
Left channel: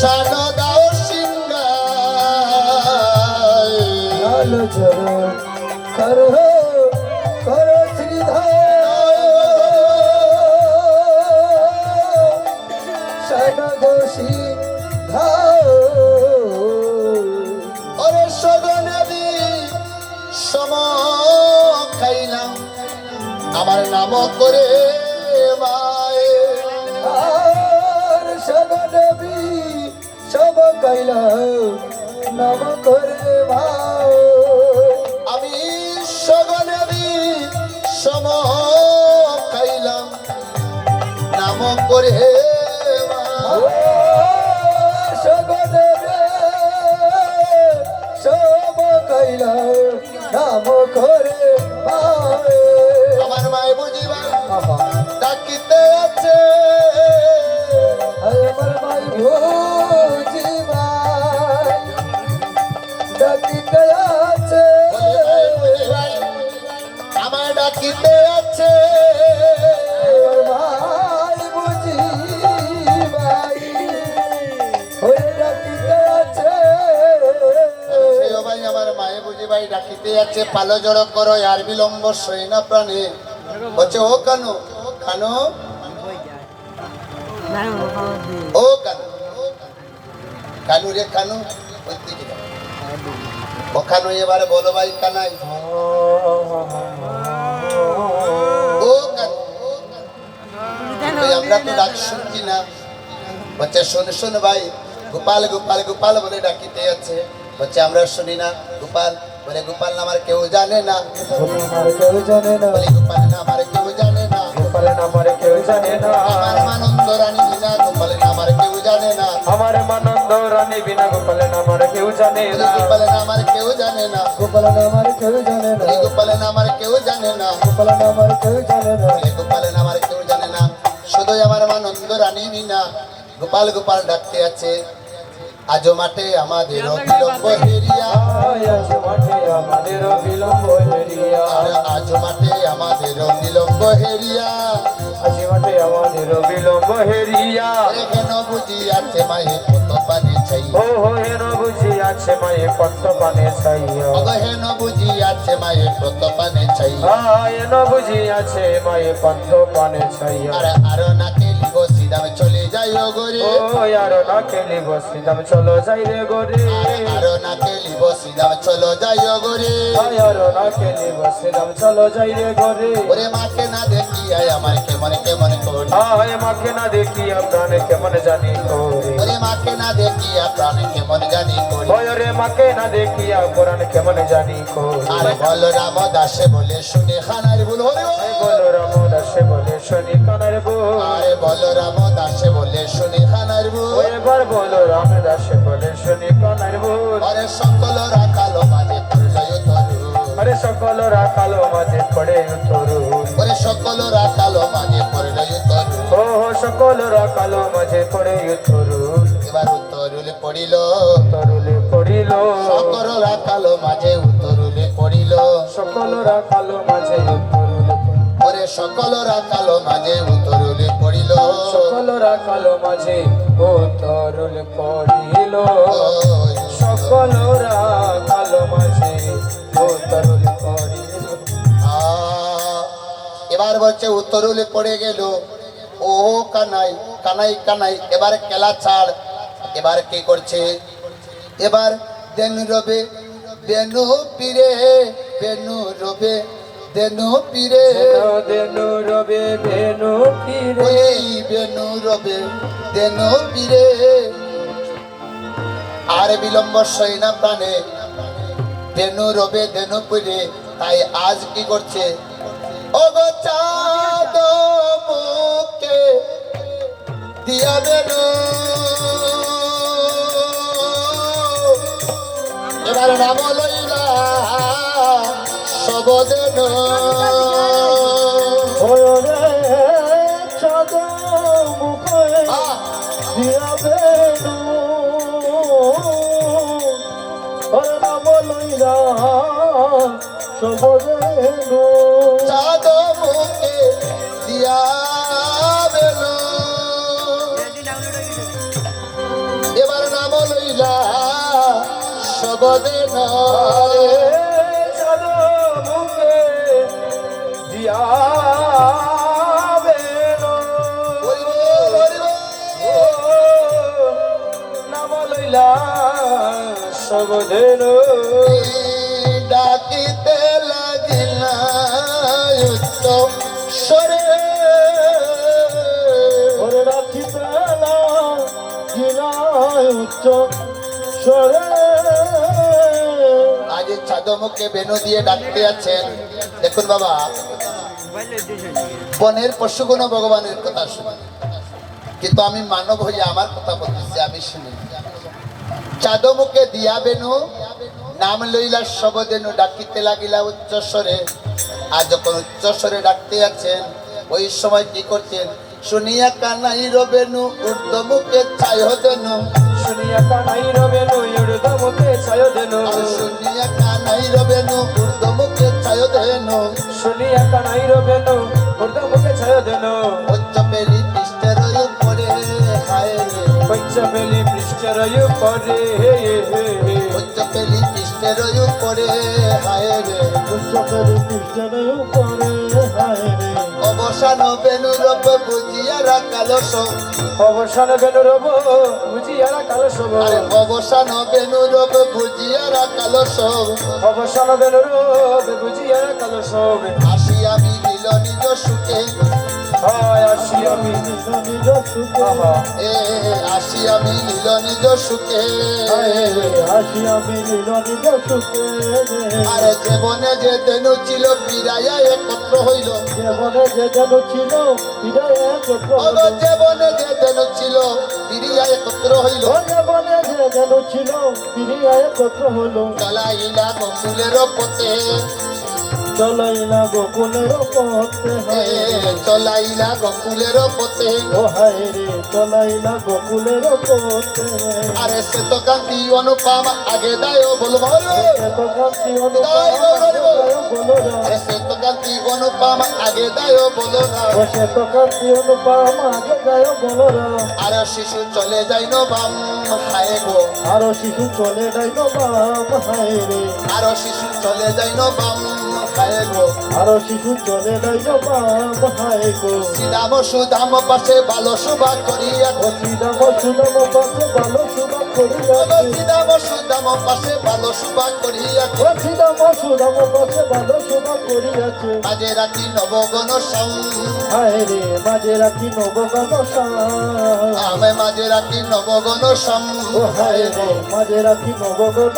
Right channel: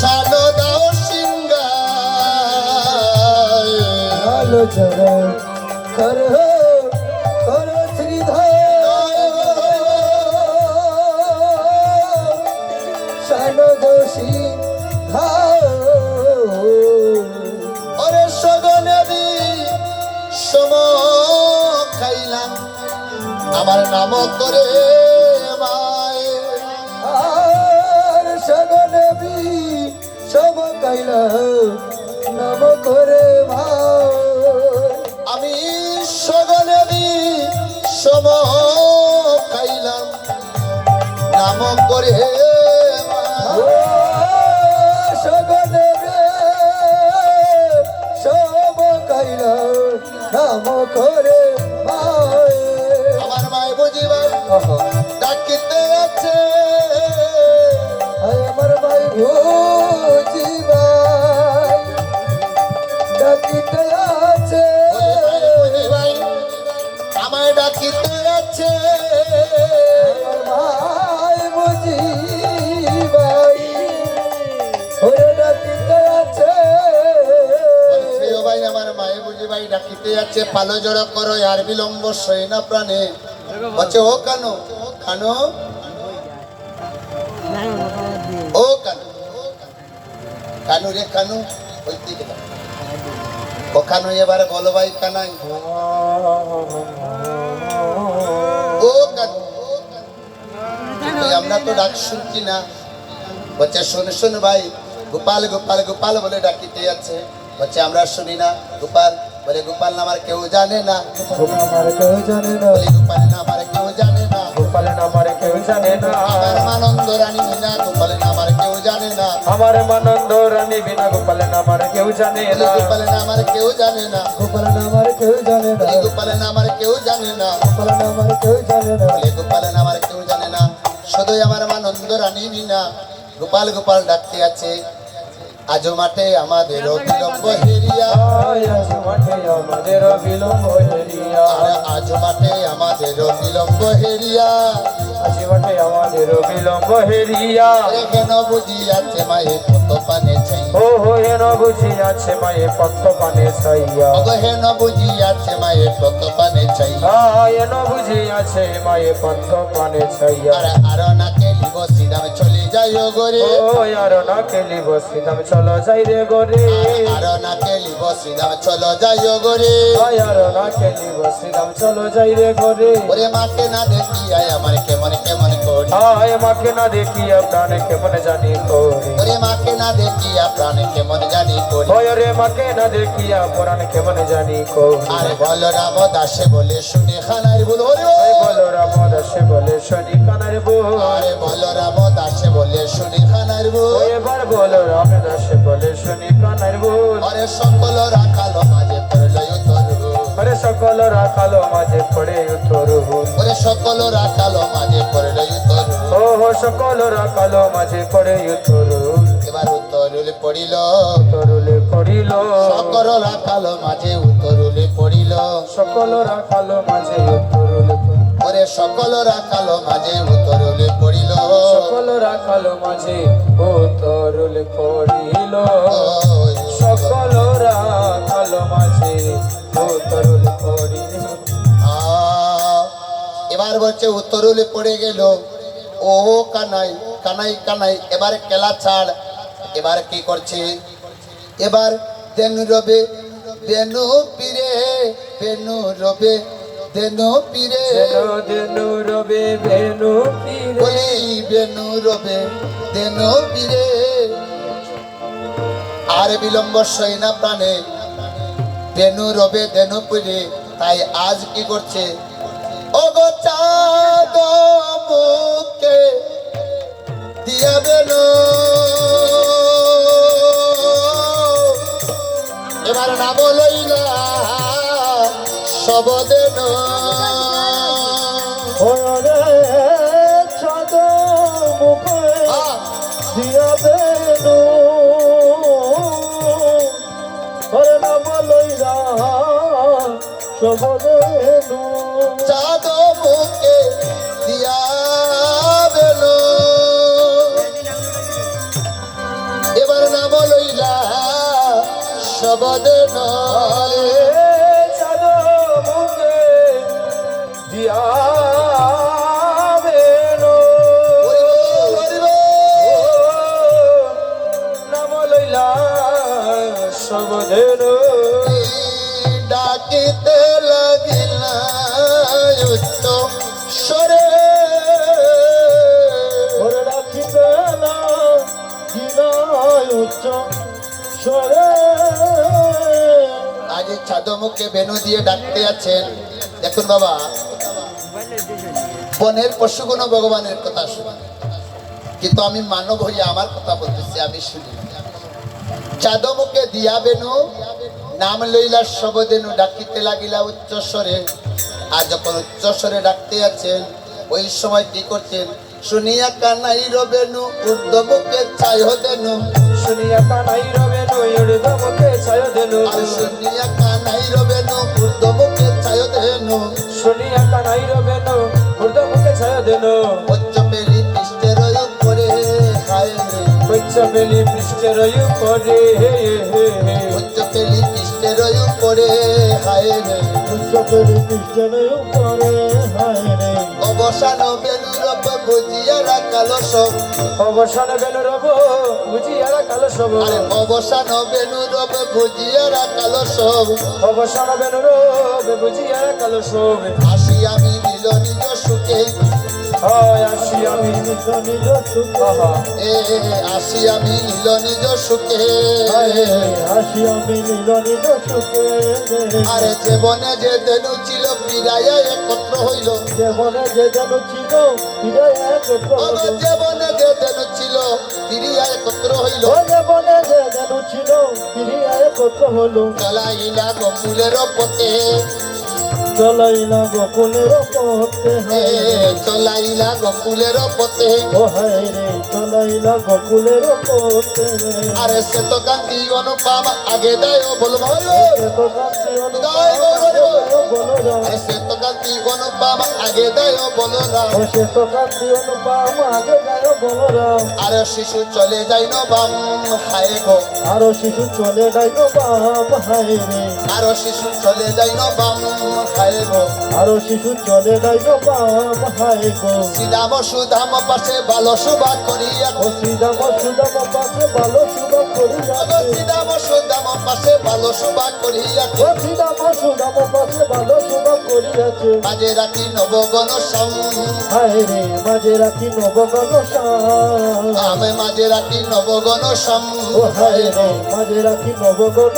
শানো দাও সিংহায়। আলো জড়ো করো করো শ্রীধা। সানঘাসি গায়। ওরে সগনেবি সম খাইলাম, আমার নাম করে মায়ে। আর সগনবী সব কাইল নব করে ভাই। আমি সগনেবি সম খাইলাম, নাম করে সগনবে সব কাইল নাম করে ভাই। আমার মায় বুঝিবা ডাকিতে আছে। আমার ভাই বুঝি ভাই ডাকিতে আছে। আমায় ডাকিতে আছে। ভাই বুঝি ভাই ওরে ডাকিতে আছে। সেও ভাই আমার মায়ে বুঝি ভাই ডাকিতে আছে। পালো জড়ো করো আর বিলম্ব সই না প্রাণে। বলছে ও কানু, কানু ও কানু, কানু রে কানু বলতে গেল। ও কানু এবারে বলো ভাই কানাই। আমরা তো ডাক শুনছি না। বলছে শুন শুন ভাই, গোপাল গোপাল গোপাল বলে ডাকিতে আছে। বলছে আমরা শুনি না। গোপাল বলে গোপাল নাম আর কেউ জানে না। গোপাল নামারে কেউ জানে না, বলি গোপাল নাম আর কেউ জানে না। গোপাল নামারে কেউ জানে না, আমার আনন্দ রানী বিনা গোপাল নাম আর কেউ জানে না। আমার মানন্দ রানী বিনা গোপাল নামারে কেউ জানে বলি না, গোপাল নাম আর কেউ জানে না। গোপাল নামার কেউ জানে না, বলি গোপাল নাম আর কেউ জানে না। গোপাল নামার কেউ জানে না, বলে গোপাল নাম আর কেউ জানে না, শুধুই আমার আনন্দ রানী বিনা গোপাল গোপাল ডাকতে আছে। আজও মাঠে আমাদের বিলম্ব হেরিয়া, আজ মাঠে আমাদের বিলম্ব হেরিয়া, আর আজও মাঠে আমাদের বিলম্ব হেরিয়া। আজ মাঠে আমাদের বিলম্ব হেরিয়া। আরে হেন বুঝি আছে মায়ে পুত পানে ছাই, ও হেন বুঝি আছে মায়ে পত্ত পানে ছাইয়া, অগ হেন বুঝি আছে মায়ে পুত পানে ছাই। হেন বুঝি আছে মায়ে পত্ত পানে ছাইয়া। আর নাকে লিব সিদাম চলে যাই গরে, ও আর না খেলি বসি দাম চলো যাই রে গরে, আর নাকে লিব সিদাম চলো যাই গরে। আর না খেলি বসি দাম চলো যাই রে গরে। ওরে মাকে না দেখি আয় আমার কেমন কেমন করি, আয় মাকে না দেখিয়া প্রাণে কেমন জানি করি, ওরে মাকে না দেখি প্রাণে কেমন জানি করি। ওই রে মাকে না দেখিয়া প্রাণে কেমন জানি করি। আরে বল রাম দাসে বলে শুনে খানার ভুল হরি বল। এই বলো রাম দাসে বলে শুনি কানার বল, আরে বল রাম দাসে বলে শুনে খানার ভুল। ওই এবার বলো রাম দাসে বলে শুনি কানার বল। আরে সকল রাখালো মাঝে পড়ল তরু, আরে সকল রাখালো মাঝে পড়ে তরু, ওরে সকল রাখালো মাঝে পড়ল তরু। ও সকল রাখালো মাঝে পড়ে তরু, এবার উত্তরুলে পড়িল, তরুলে পড়িল, সকল রাখালো মাঝে উত্তরুলে পড়িল। সকল রাখালো মাঝে তরুলে পড়িল, ওরে সকল রাখালো মাঝে উত্তরুলে পড়িল। সকল রাখালো মাঝে ও তরুলে পড়িল, ওই সকল রাখালো মাঝে ও তরুলে পড়িল। এবার বলছে উত্তরুলে পড়ে গেল। ও কানাই কানাই কানাই, এবার খেলা ছাড়। এবার কি করছে? এবার দেনু রবে বেনু পীরে, বেনু রবে দেনু পীরে, দেনু রবে বেনু পীরে, বলি বেনু রবে দেনু পীরে। আর বিলম্ব সই না প্রাণে, বেনু রবে দেনু পীরে। তাই আজ কি করছে? অগচাদ মুখে দিয়া বেনু, এবার নাম লইলা সবদেন। ওরে চাঁদ মুখে দিয়া বেনু, ওরে নাম লইলা সবদেনু, চাঁদ মুখে দিয়া বেনু, এবার নাম লইলা সবদেন। চাঁদ মুখে দিয়া বেনু, নাম লইলা সবদেনু, ডাকিতে লাগিলা উত্তম স্বরে, ওরে রাখিতে না গিনায় উচ্চ স্বরে। আজ ছাদমুখে বেনু দিয়ে ডাকতে আছেন। দেখুন বাবা, বনের পশুগুণ ভগবানের কথা শুনে, কিন্তু আমি মানব হইয়া আমার কথা বলতেছি, আমি শুনি। চাঁদমুখে দিয়া বেনু, নাম লইলা সবদেনু, ডাকিতে লাগিলা উচ্চস্বরে। আজ যখন উচ্চস্বরে ডাকতে আছেন, ওই সময় কি করছেন? শুনিয়া কানাই রবেনু, ঊর্ধ্বমুখে ছায় দেনু, শুনিয়া কানাই রবে নয়ুর ধমকে ছায় দেনু, আর শুনিয়া কানাই রবেনু, ঊর্ধ্বমুখে ছায় দেনু। শুনিয়া কানাই রবে নয়ুর ধমকে ছায় দেনু, উচ্চ পেলি পৃষ্ঠের উপরে হায় রে, কইচা বেলি পৃষ্ঠের উপরে, হে হে হে, উচ্চ পেলি পৃষ্ঠের উপরে হায় রে। উচ্চপের কৃষ্ণ করে হায় রে, অবসান বেনু রব বুঝিয়া রাখালো সব, অবসান বেনু রব বুঝিয়ারা কালো সব, আরে অবসান বেনু রব বুঝিয়া রাখালো সব। অবসান বেনু রব বুঝিয়ারা কালো সব, আসিয়া মিলিল নিজ সুখে, হায় আসি আমি নিজ সুখে আহা এ আসি আমি নীল নিজ সুখে আসি আমি নিজ সুখে আরে জীবনে যে দেনু ছিল বিদায় একত্র হইল জীবনে যে যেন ছিল ফিরে একত্র হলো জীবনে যে দেনু ছিল বিদায় একত্র হইল জীবনে যে যেন ছিল ফিরে একত্র হলো চলাইলা গকুলের পথে চলাই না গোকুলের পথে এ চলাইলা গকুলের পথে ও হায় রে চলাই না গোকুলের পথে আরে সে তো কান্তি অনুপম আগে দায় বলবো তো কান্তি বলো সে তো কান্তি অনুপম আগে দায় বলো না ও সে তো কান্তি অনুপম আগে গায় বলো আর শিশু চলে যাই নবাম হায় গো আরো শিশু চলে যাই বাবা হায় রে আর শিশু চলে যাই নবাম হায় গো আরো শিশু চলে যাই বাবা হায় গো শ্রীরাম সুধাম পাশে ভালো শোভা করিয়া ও শ্রীরাম সুদাম পাশে ভালো সুদাম করি শ্রীরাম সুধাম পাশে ভালো শোভা করিয়া ও শ্রীরাম সুদাম পাশে ভালো সুদাম করিয়াছে মাঝে রাখি নবগণ সং হায় রে মাঝে রাখি নবগান আমি মাঝে রাখি নবগণ সং ও হায় রে মাঝে রাখি নবগান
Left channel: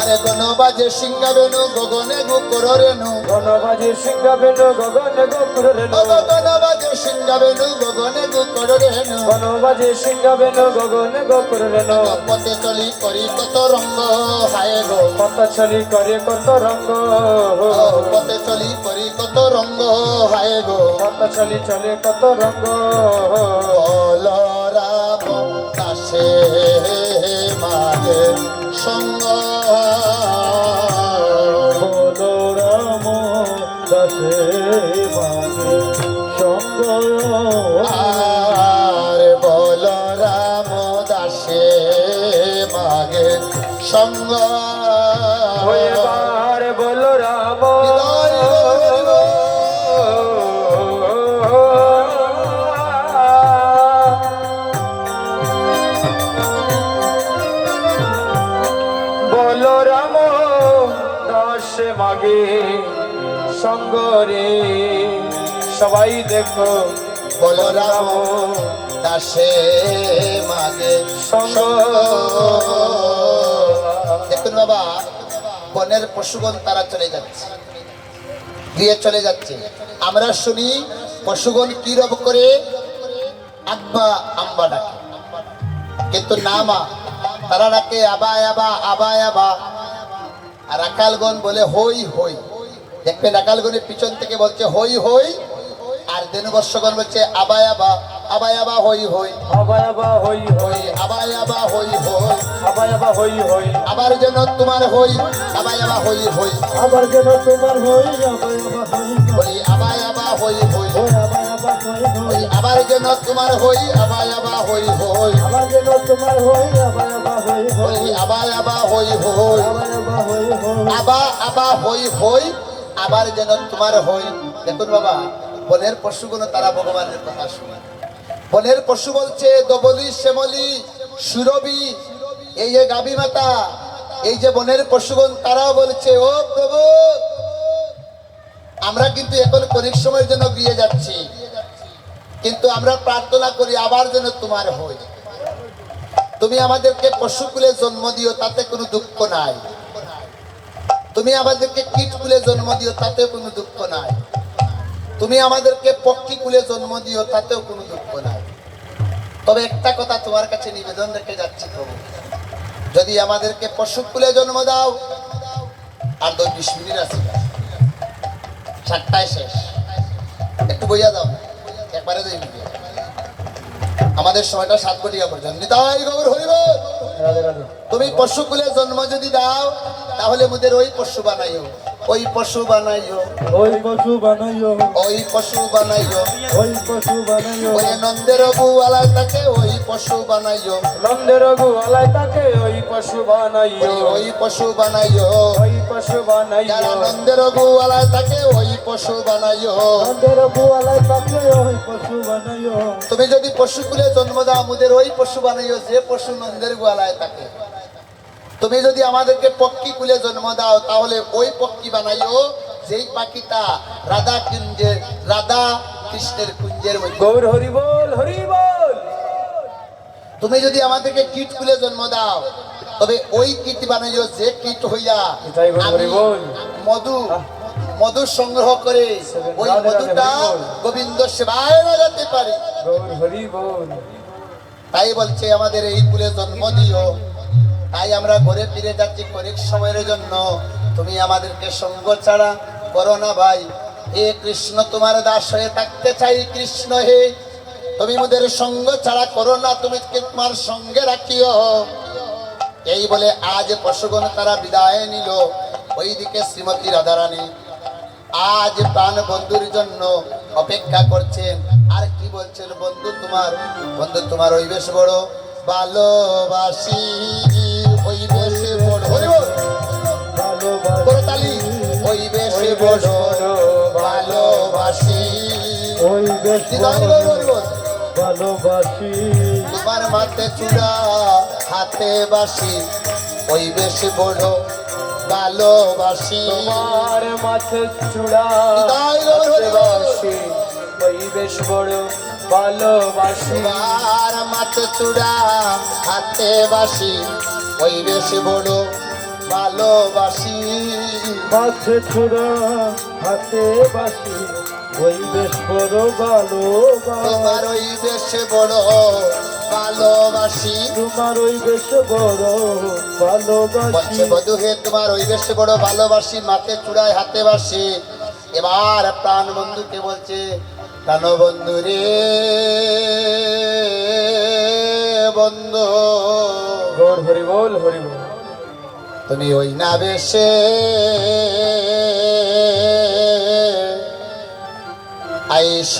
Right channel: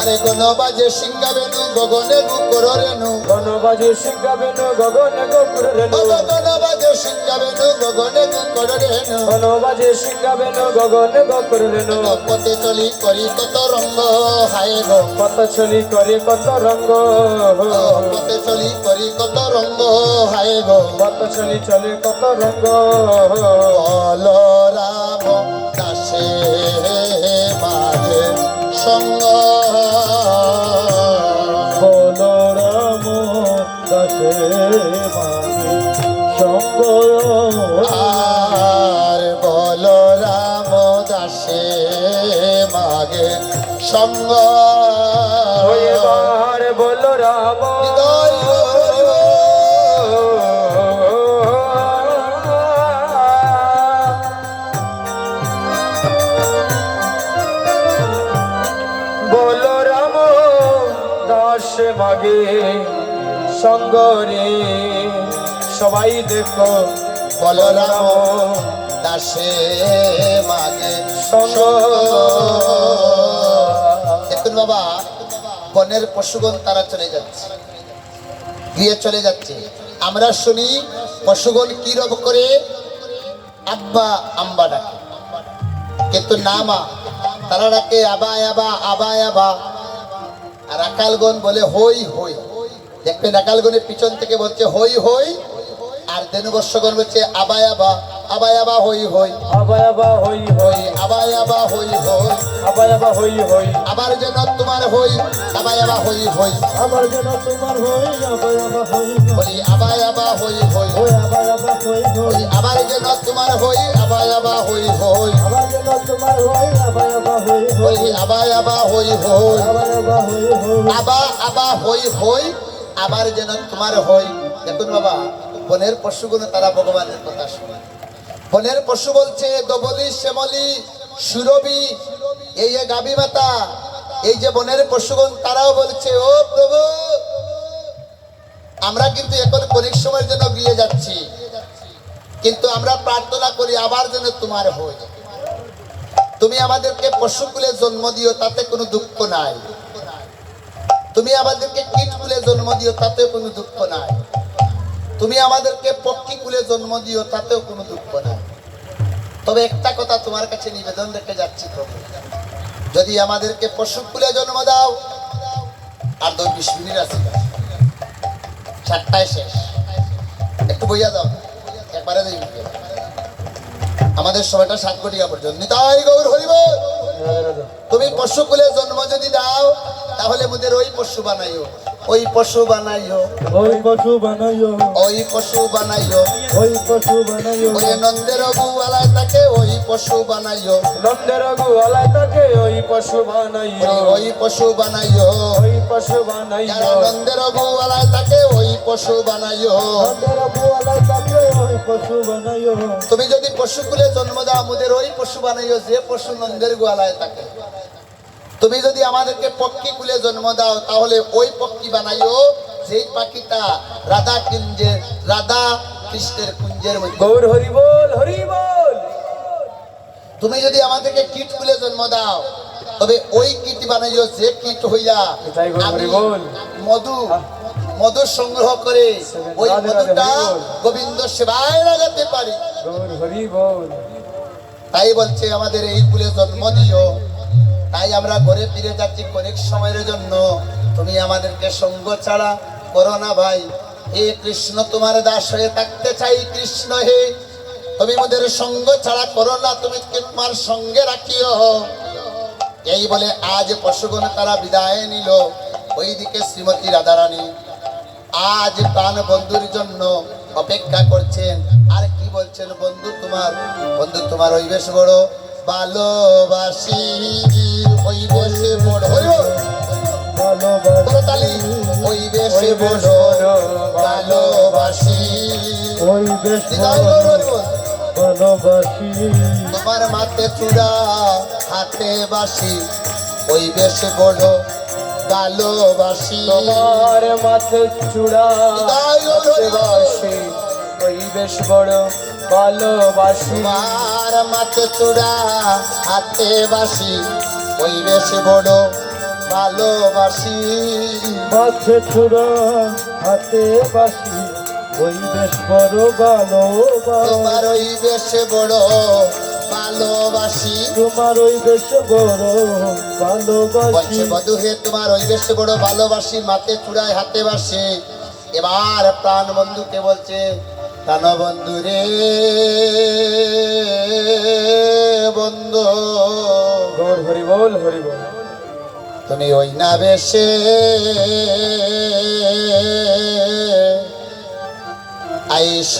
আরে গণ বাজে সিংহা বেনু গগনে গুকর রেণু গণবাজে শিখাবেন গগনে গোপুর রেণু গণ বাজে সিংহা বেনু গগনে গুকর রেণু গণবাজে শিখাবেন গগনে গোপুর রেণু পথে চলি করি কত রঙ্গ হায় গো কত ছলি করে কত রঙ্গ পথে চলি করি কত রঙ্গ হায় গো কত ছলি চলে কত রঙ্গ বলরাম দাসে মাঝে সঙ্গ বলরাম দাসে মাঝে সঙ্গ আর বলরাম দাসে মাগে সঙ্গ এবার বল রাম হৃদয় বল রাম দাস মাগে সঙ্গ রে সবাই দেখো বলরাম দাসে মাগে সঙ্গ দেখুন বাবা বনের পশুগণ তারা চলে যাচ্ছে গিয়ে চলে যাচ্ছে আমরা শুনি পশুগণ কি রব করে আব্বা আম্বা ডাকে কিন্তু না মা তারা ডাকে আবা আবা আবা আবা আর আকালগণ বলে হই হই দেখবেন আকালগণের পিছন থেকে বলছে হই হই আর দেনুবর্ষগণ বলছে আবা আবা আবা আবা হই হই আবার আবার হই হই আবা আবা হই হই আবার আবার হই হই আবার যেন তোমার হই আবা আবা হই হই আবার যেন তোমার হই আবার আবার হই বলি আবা আবা হই হই ওই আবার আবার হই হই আবার যেন তোমার হই আবা আবা হই হই আবার যেন তোমার হই আবার আবার হই হই বলি আবা আবা হই হই আবার আবার হই হই আবা আবা হই হই আবার যেন তোমার হই দেখুন বাবা বনের পশুগুলো তারা ভগবানের কথা শুনে বনের পশু বলছে দবলি শ্যামলি সুরবি এই যে গাবি মাতা এই যে বনের পশুগণ তারাও বলছে ও প্রভু আমরা কিন্তু এখন অনেক সময়ের জন্য গিয়ে যাচ্ছি কিন্তু আমরা প্রার্থনা করি আবার যেন তোমার হই তুমি আমাদেরকে পশুকুলে জন্ম দিও তাতে কোনো দুঃখ নাই তুমি আমাদেরকে কীট কুলে জন্ম দিও তাতেও কোনো দুঃখ নাই তুমি আমাদেরকে পক্ষী কুলে জন্ম দিও তাতেও কোনো দুঃখ নাই তবে একটা কথা তোমার কাছে নিবেদন রেখে যাচ্ছি তবে যদি আমাদেরকে পশু কুলে জন্ম দাও আর ২-২০ মিনিট আছে ৭টায় শেষ একটু বইয়া দাও একবারে দিই আমাদের সময়টা ৭ ঘটিকা পর্যন্ত নিতাই গৌর হরিবল তুমি পশু কুলে জন্ম যদি দাও তাহলে মোদের ওই পশু বানাইও ওই পশু বানাইও ওই পশু বানাইও ওই পশু বানাইও ওই পশু বানাইও ওই নন্দের গুয়ালায় তাকে ওই পশু বানাইও নন্দের গুয়ালায় তাকে ওই পশু বানাইও ওই পশু বানাইও ওই পশু বানাইও যারা নন্দের গুয়ালায় তাকে ওই পশু বানাইও নন্দের বুয়ালায় তাকে ওই পশু বানাইও তুমি যদি পশু কুলে জন্ম দাও আমাদের ওই পশু বানাইও যে পশু নন্দের গোয়ালায় থাকে তুমি যদি আমাদেরকে পক্ষী কুলে জন্ম দাও তাহলে ওই পক্ষী বানাইও যেই পাখিটা রাধা কুঞ্জের রাধা কৃষ্ণের কুঞ্জের মধ্যে। গৌর হরি বল, হরি বল। তুমি যদি আমাদেরকে কীট কুলে জন্ম দাও, তবে ওই কীট বানাইও যে কীট হইয়া এটাই গৌর হরি বল। মধু সংগ্রহ করে ওই মধুটা গোবিন্দ সেবায় লাগাতে পারি। গৌর হরি বল। তাই বলছে আমাদের এই কুলে জন্ম দিও। তাই আমরা ঘুরে ফিরে যাচ্ছি অনেক সময়ের জন্য। তুমি আমাদেরকে সঙ্গ ছাড়া করো না ভাই। হে কৃষ্ণ, তোমার দাস হয়ে থাকতে চাই। কৃষ্ণ হে, তুমি আমাদের সঙ্গ ছাড়া করো না, তুমি তোমার সঙ্গে রাখিও। এই বলে আজ পশুগণ তারা বিদায় নিল। ওইদিকে শ্রীমতী রাধারানী আজ প্রাণ বন্ধুর জন্য অপেক্ষা করছেন। আর কি বলছেন, বন্ধু তোমার ওই বেশ বড় ভালোবাসি, ওই বেশে বড় তালি, ওই বেশে বড় ভালোবাসি, ওই বেশ ভালোবাসি, তোমার মাথে চূড়া হাতে বাসি, ওই বেশ বড় ভালোবাসি, তোমার মাথে চূড়া হৃদয় গৌর বাসি, ওই বেশ বড় ভালোবাসি। তোমার মাথে চূড়া হাতে বাসি, ওই বেশ বড় ভালোবাসি, মাঝে চূড়া হাতে বাসি, ওই বেশ বড় ভালোবাসি, তোমার ওই বেশ বড় ভালোবাসি। তোমার ওই বেশ বড় বলছে ভালোবাসি, বধূ হে, তোমার ওই বেশ বড় ভালোবাসি, মাথে চূড়ায় হাতে বাসে। এবার প্রাণ বন্ধুকে বলছে, প্রাণ বন্ধু রে বন্ধু, গৌর হরি বল, হরি বল। তুমি ওই না বেশে আইস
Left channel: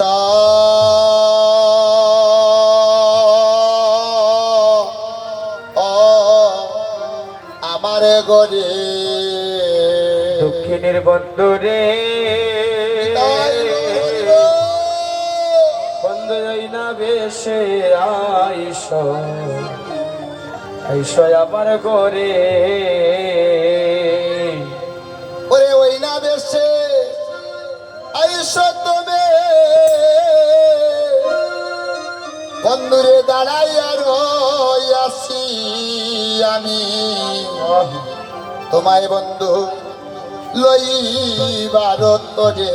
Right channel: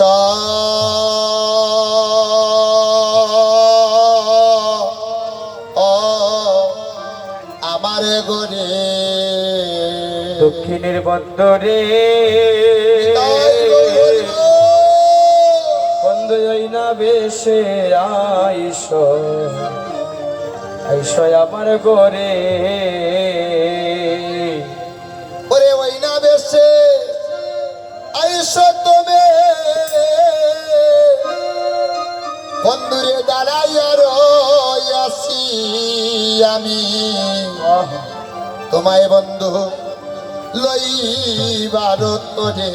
আমার গরে, দক্ষিণের বন্দরে বন্ধ যাই না বেশে আইস, আইস আমার ঘরে। ওরে ওই না বেশে আইস তুমি, বন্ধুরে দাঁড়াইয়া রইয়াছি আমি, তোমায় বন্ধু লইবার তোরে।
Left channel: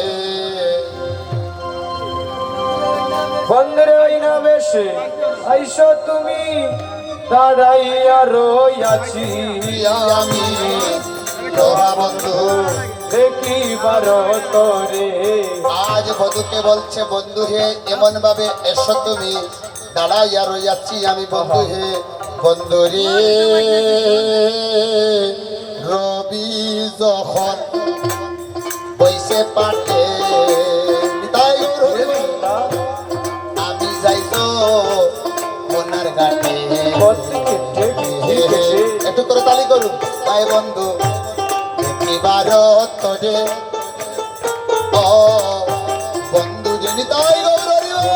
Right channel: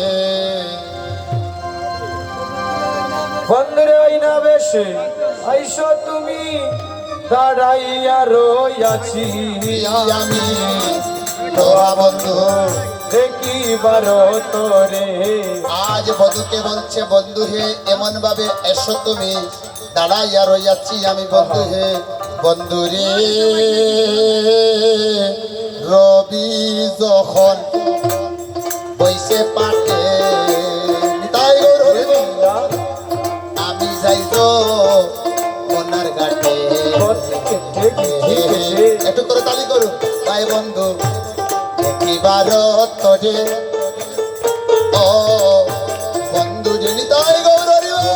বন্দরে আই না বেশে আইস তুমি, দাঁড়াইয়া রইয়াছি আমি তোরা বন্ধু দেখিবার তোরে। আজ বধুকে বলছে, বন্ধু হে এমন ভাবে এসো তুমি, দাঁড়াইয়া রইয়াছি আমি বন্ধু হে। বন্ধু রে রবি যখন বইসে পাঠে, তাই আমি যাইব মনার ঘাটে। একটু করে তালি করুন। তাই বন্ধু দেখিবার তোরে, ও বন্ধু জেনি তাই গৌর হরি বল।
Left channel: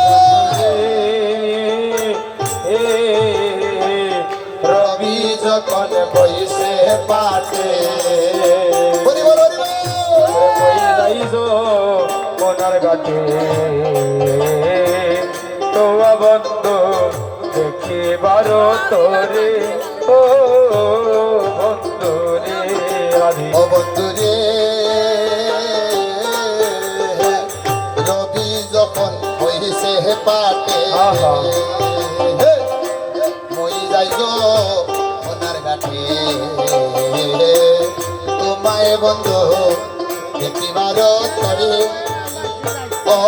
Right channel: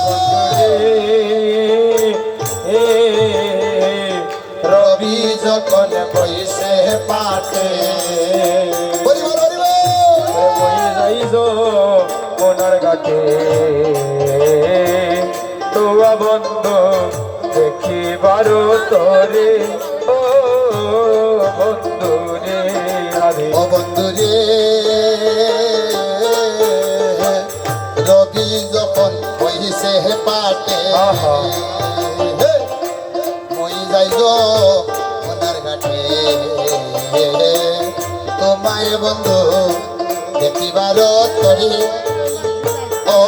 রবি যখন বইসে পাটে, হরি বল, হরি বল। যাইজ মনার ঘাটে, তোয়া বন্ধু দেখিবার তোরে। ও বন্ধু রে আমি ও বন্ধু রে রবি যখন বইসে পাটে, আহা। মই যাইজ মনার ঘাটে, তোমায় বন্ধু দেখিবার তোরে, ও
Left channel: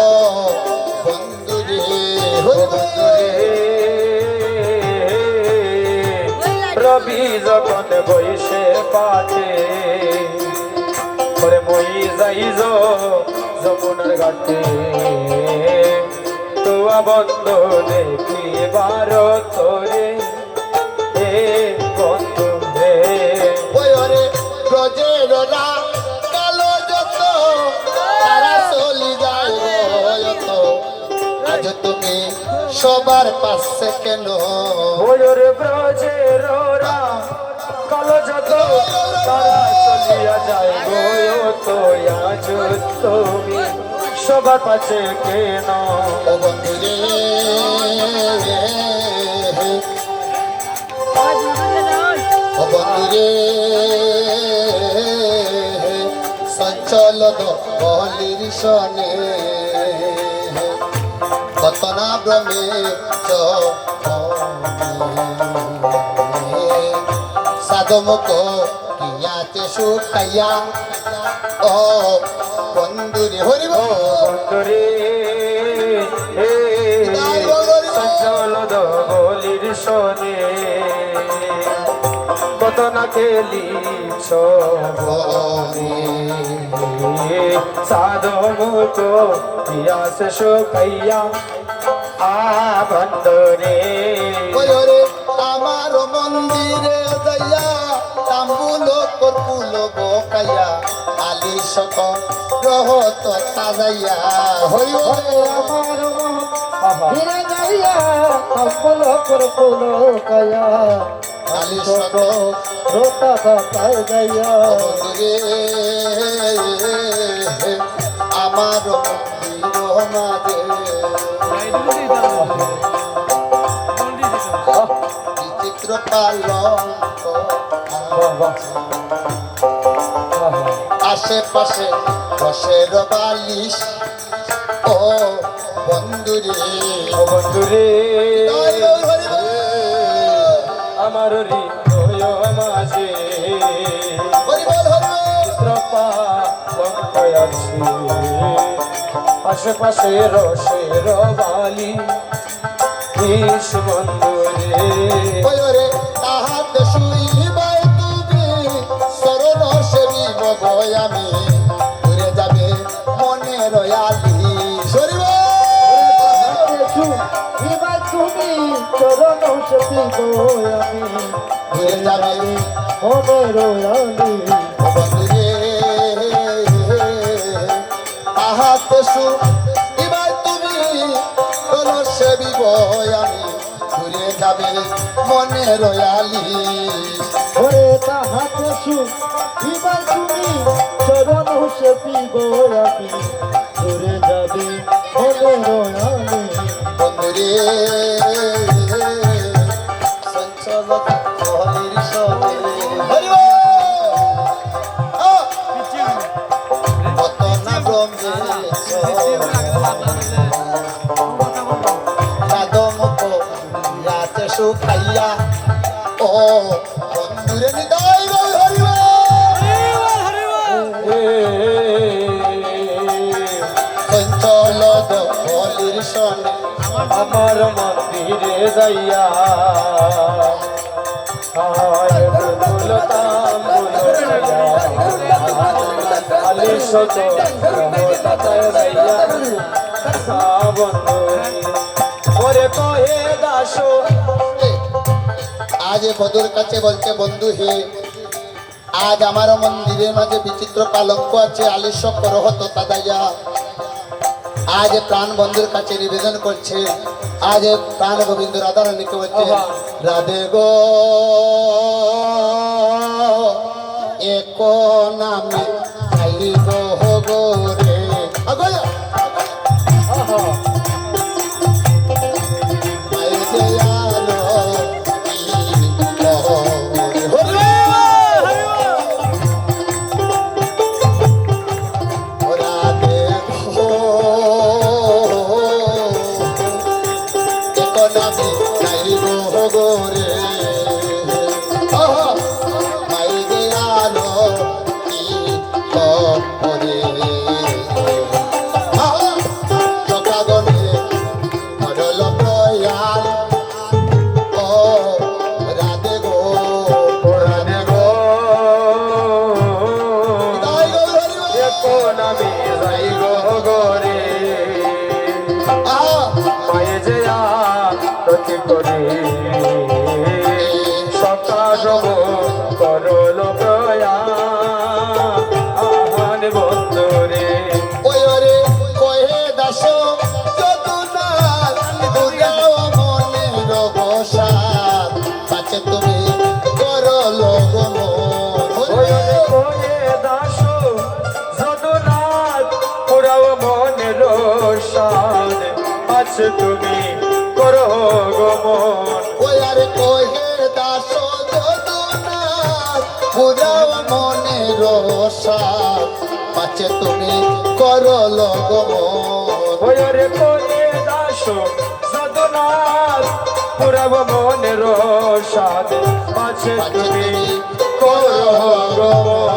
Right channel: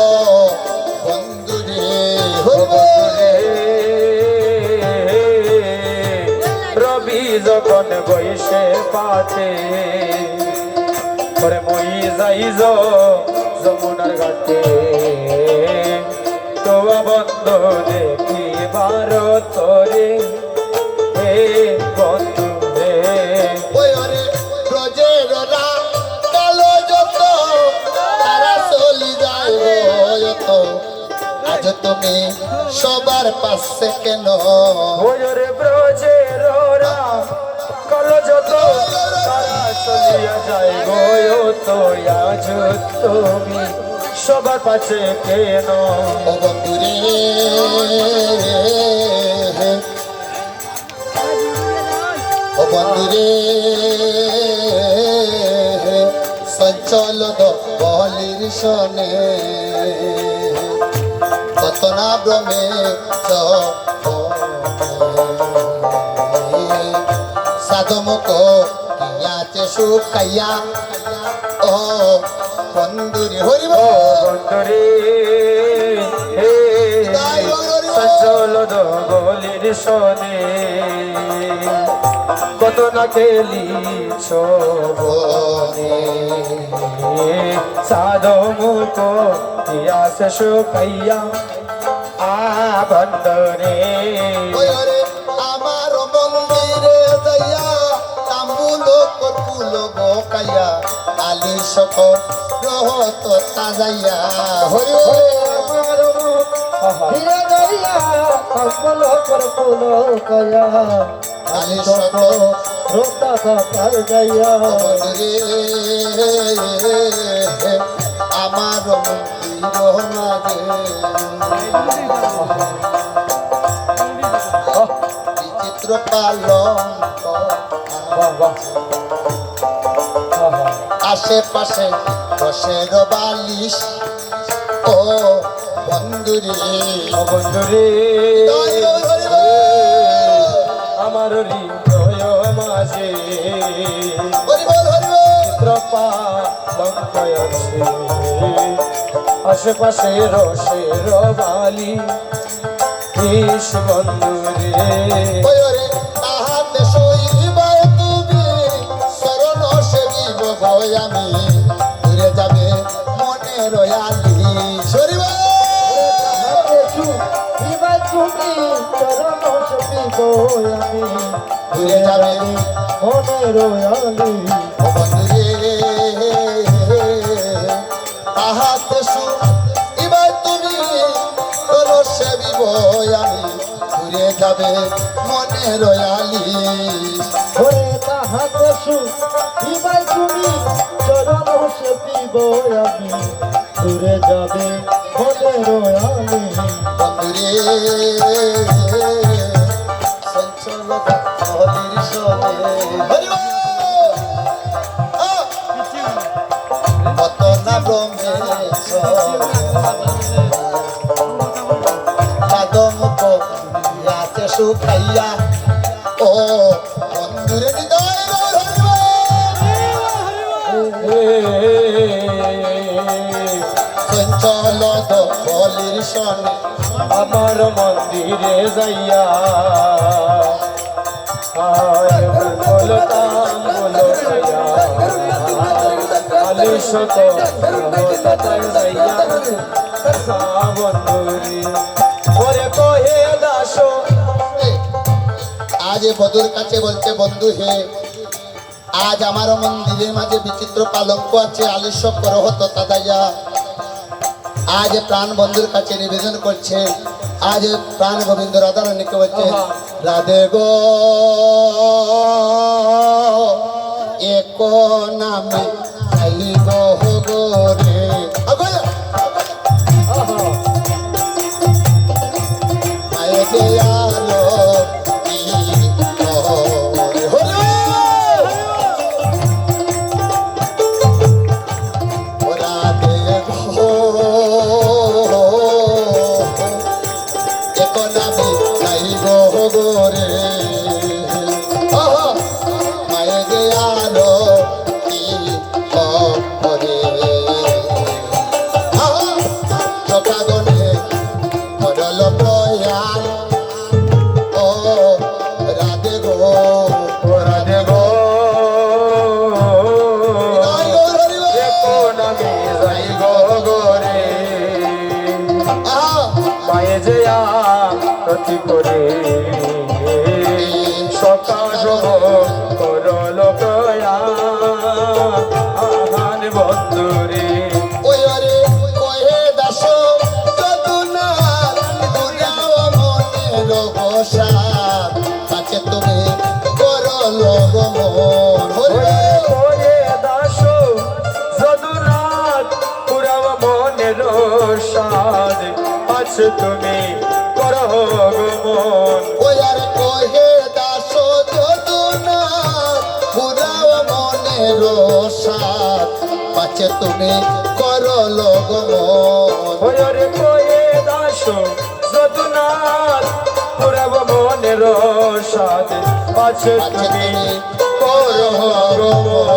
বন্ধু রে হরি বল। রবি যখন বইসে পাটে, করে মই যাইজ যমুনার ঘাটে, তোয়া বন্ধ দেখিবার তোরে। হে বন্ধু রে ওই ওরে ব্রজের কালো যত তারা চলি যায় তো, আজ তুমি সবার পাশে কেন? ওরে ব্রজের কালো যত তারা চলিয়া যায় গো, তো আজ তুমি সবার পাশে কেন ও বন্ধু রে ও বন্ধু রে সঞ্চল বলির শনে কত না ভ্রমে সাধমুখ ইয়াতে সুখাইয়া ও বন্ধুরে হরিব বন্ধুরে সঞ্চল দলির শনে কত না খেলিছ বনে সাধমুখ ইয়াসে সুখাইয়া বন্ধুরে আমার মন্দিরে যাইয়া তাম্বুল কর্পুল বকাইয়া আলি শত রহত সাজাইয়া হরি আমার ধীরে যাইয়া কম্বল করপুল কয়া আলি শত শত রোটা বাতাই যাইয়া রে আমার মন্দির মাঝে বিচিত্র পালঙ্ক আশেপাশে রসের বালিশ ও বন্ধুরে বন্ধুরে আমার হৃদয় মাঝে চিত্রপালঙ্ক আছে আশেপাশে রসের বালি বিষ বন্ধুরে কয়রে তাহাতে শুইবা তুমি শরণ সেবিব গয় আমি ঘুরে যাবে মনে রয়ালি সরিব তুমি চরণ সপিব আমি ঘুরে যাবে মনে রয়ালি বন্ধুরে তাহাতে শুইবা তুমি শরণ সেবিব আমি ঘুরে যাবে মনে রয়ালি ওরে তাহাতে শুইবাই তুমি চরণ সপিব আমি দূরে যাবে মনে রয়ালি বন্ধুরে সঞ্চল হলির সনে হরিব কত না ব্রহ্মেশ সাধমুখ রাতে সুখাইয়া ও বন্ধুরে নিতাই হরিব সঞ্চল হলির সনে আমার মন্দিরে যাইয়া বলতাম আলি শত যাইয়া বন্ধুরে ওরে কহে দাস আজ বধুর কাছে বলছে বন্ধু হে আজ আমার মন্দিরের মাঝে বিচিত্র কালঙ্ক আছে আলিস্য করহত তাজাইয়া আজ প্রাণ বন্ধুর কাছে নিবেদন করছে আজ প্রাণ গোবিন্দ রাধা রানীকে বলছে রাধে গো এক নামে আই গো গো রে আগয়া আয় যে আলো পাচ্ছে তুমি করো গমন ওই আর কহে দাস যদুনা পুরাও মনের সাথ পাচ্ছে তুমি করো লগমন ওরে কয়ে দাস যদুনাথ পুরাব মনের সাথে পাচ্ছে তুমি করো গমন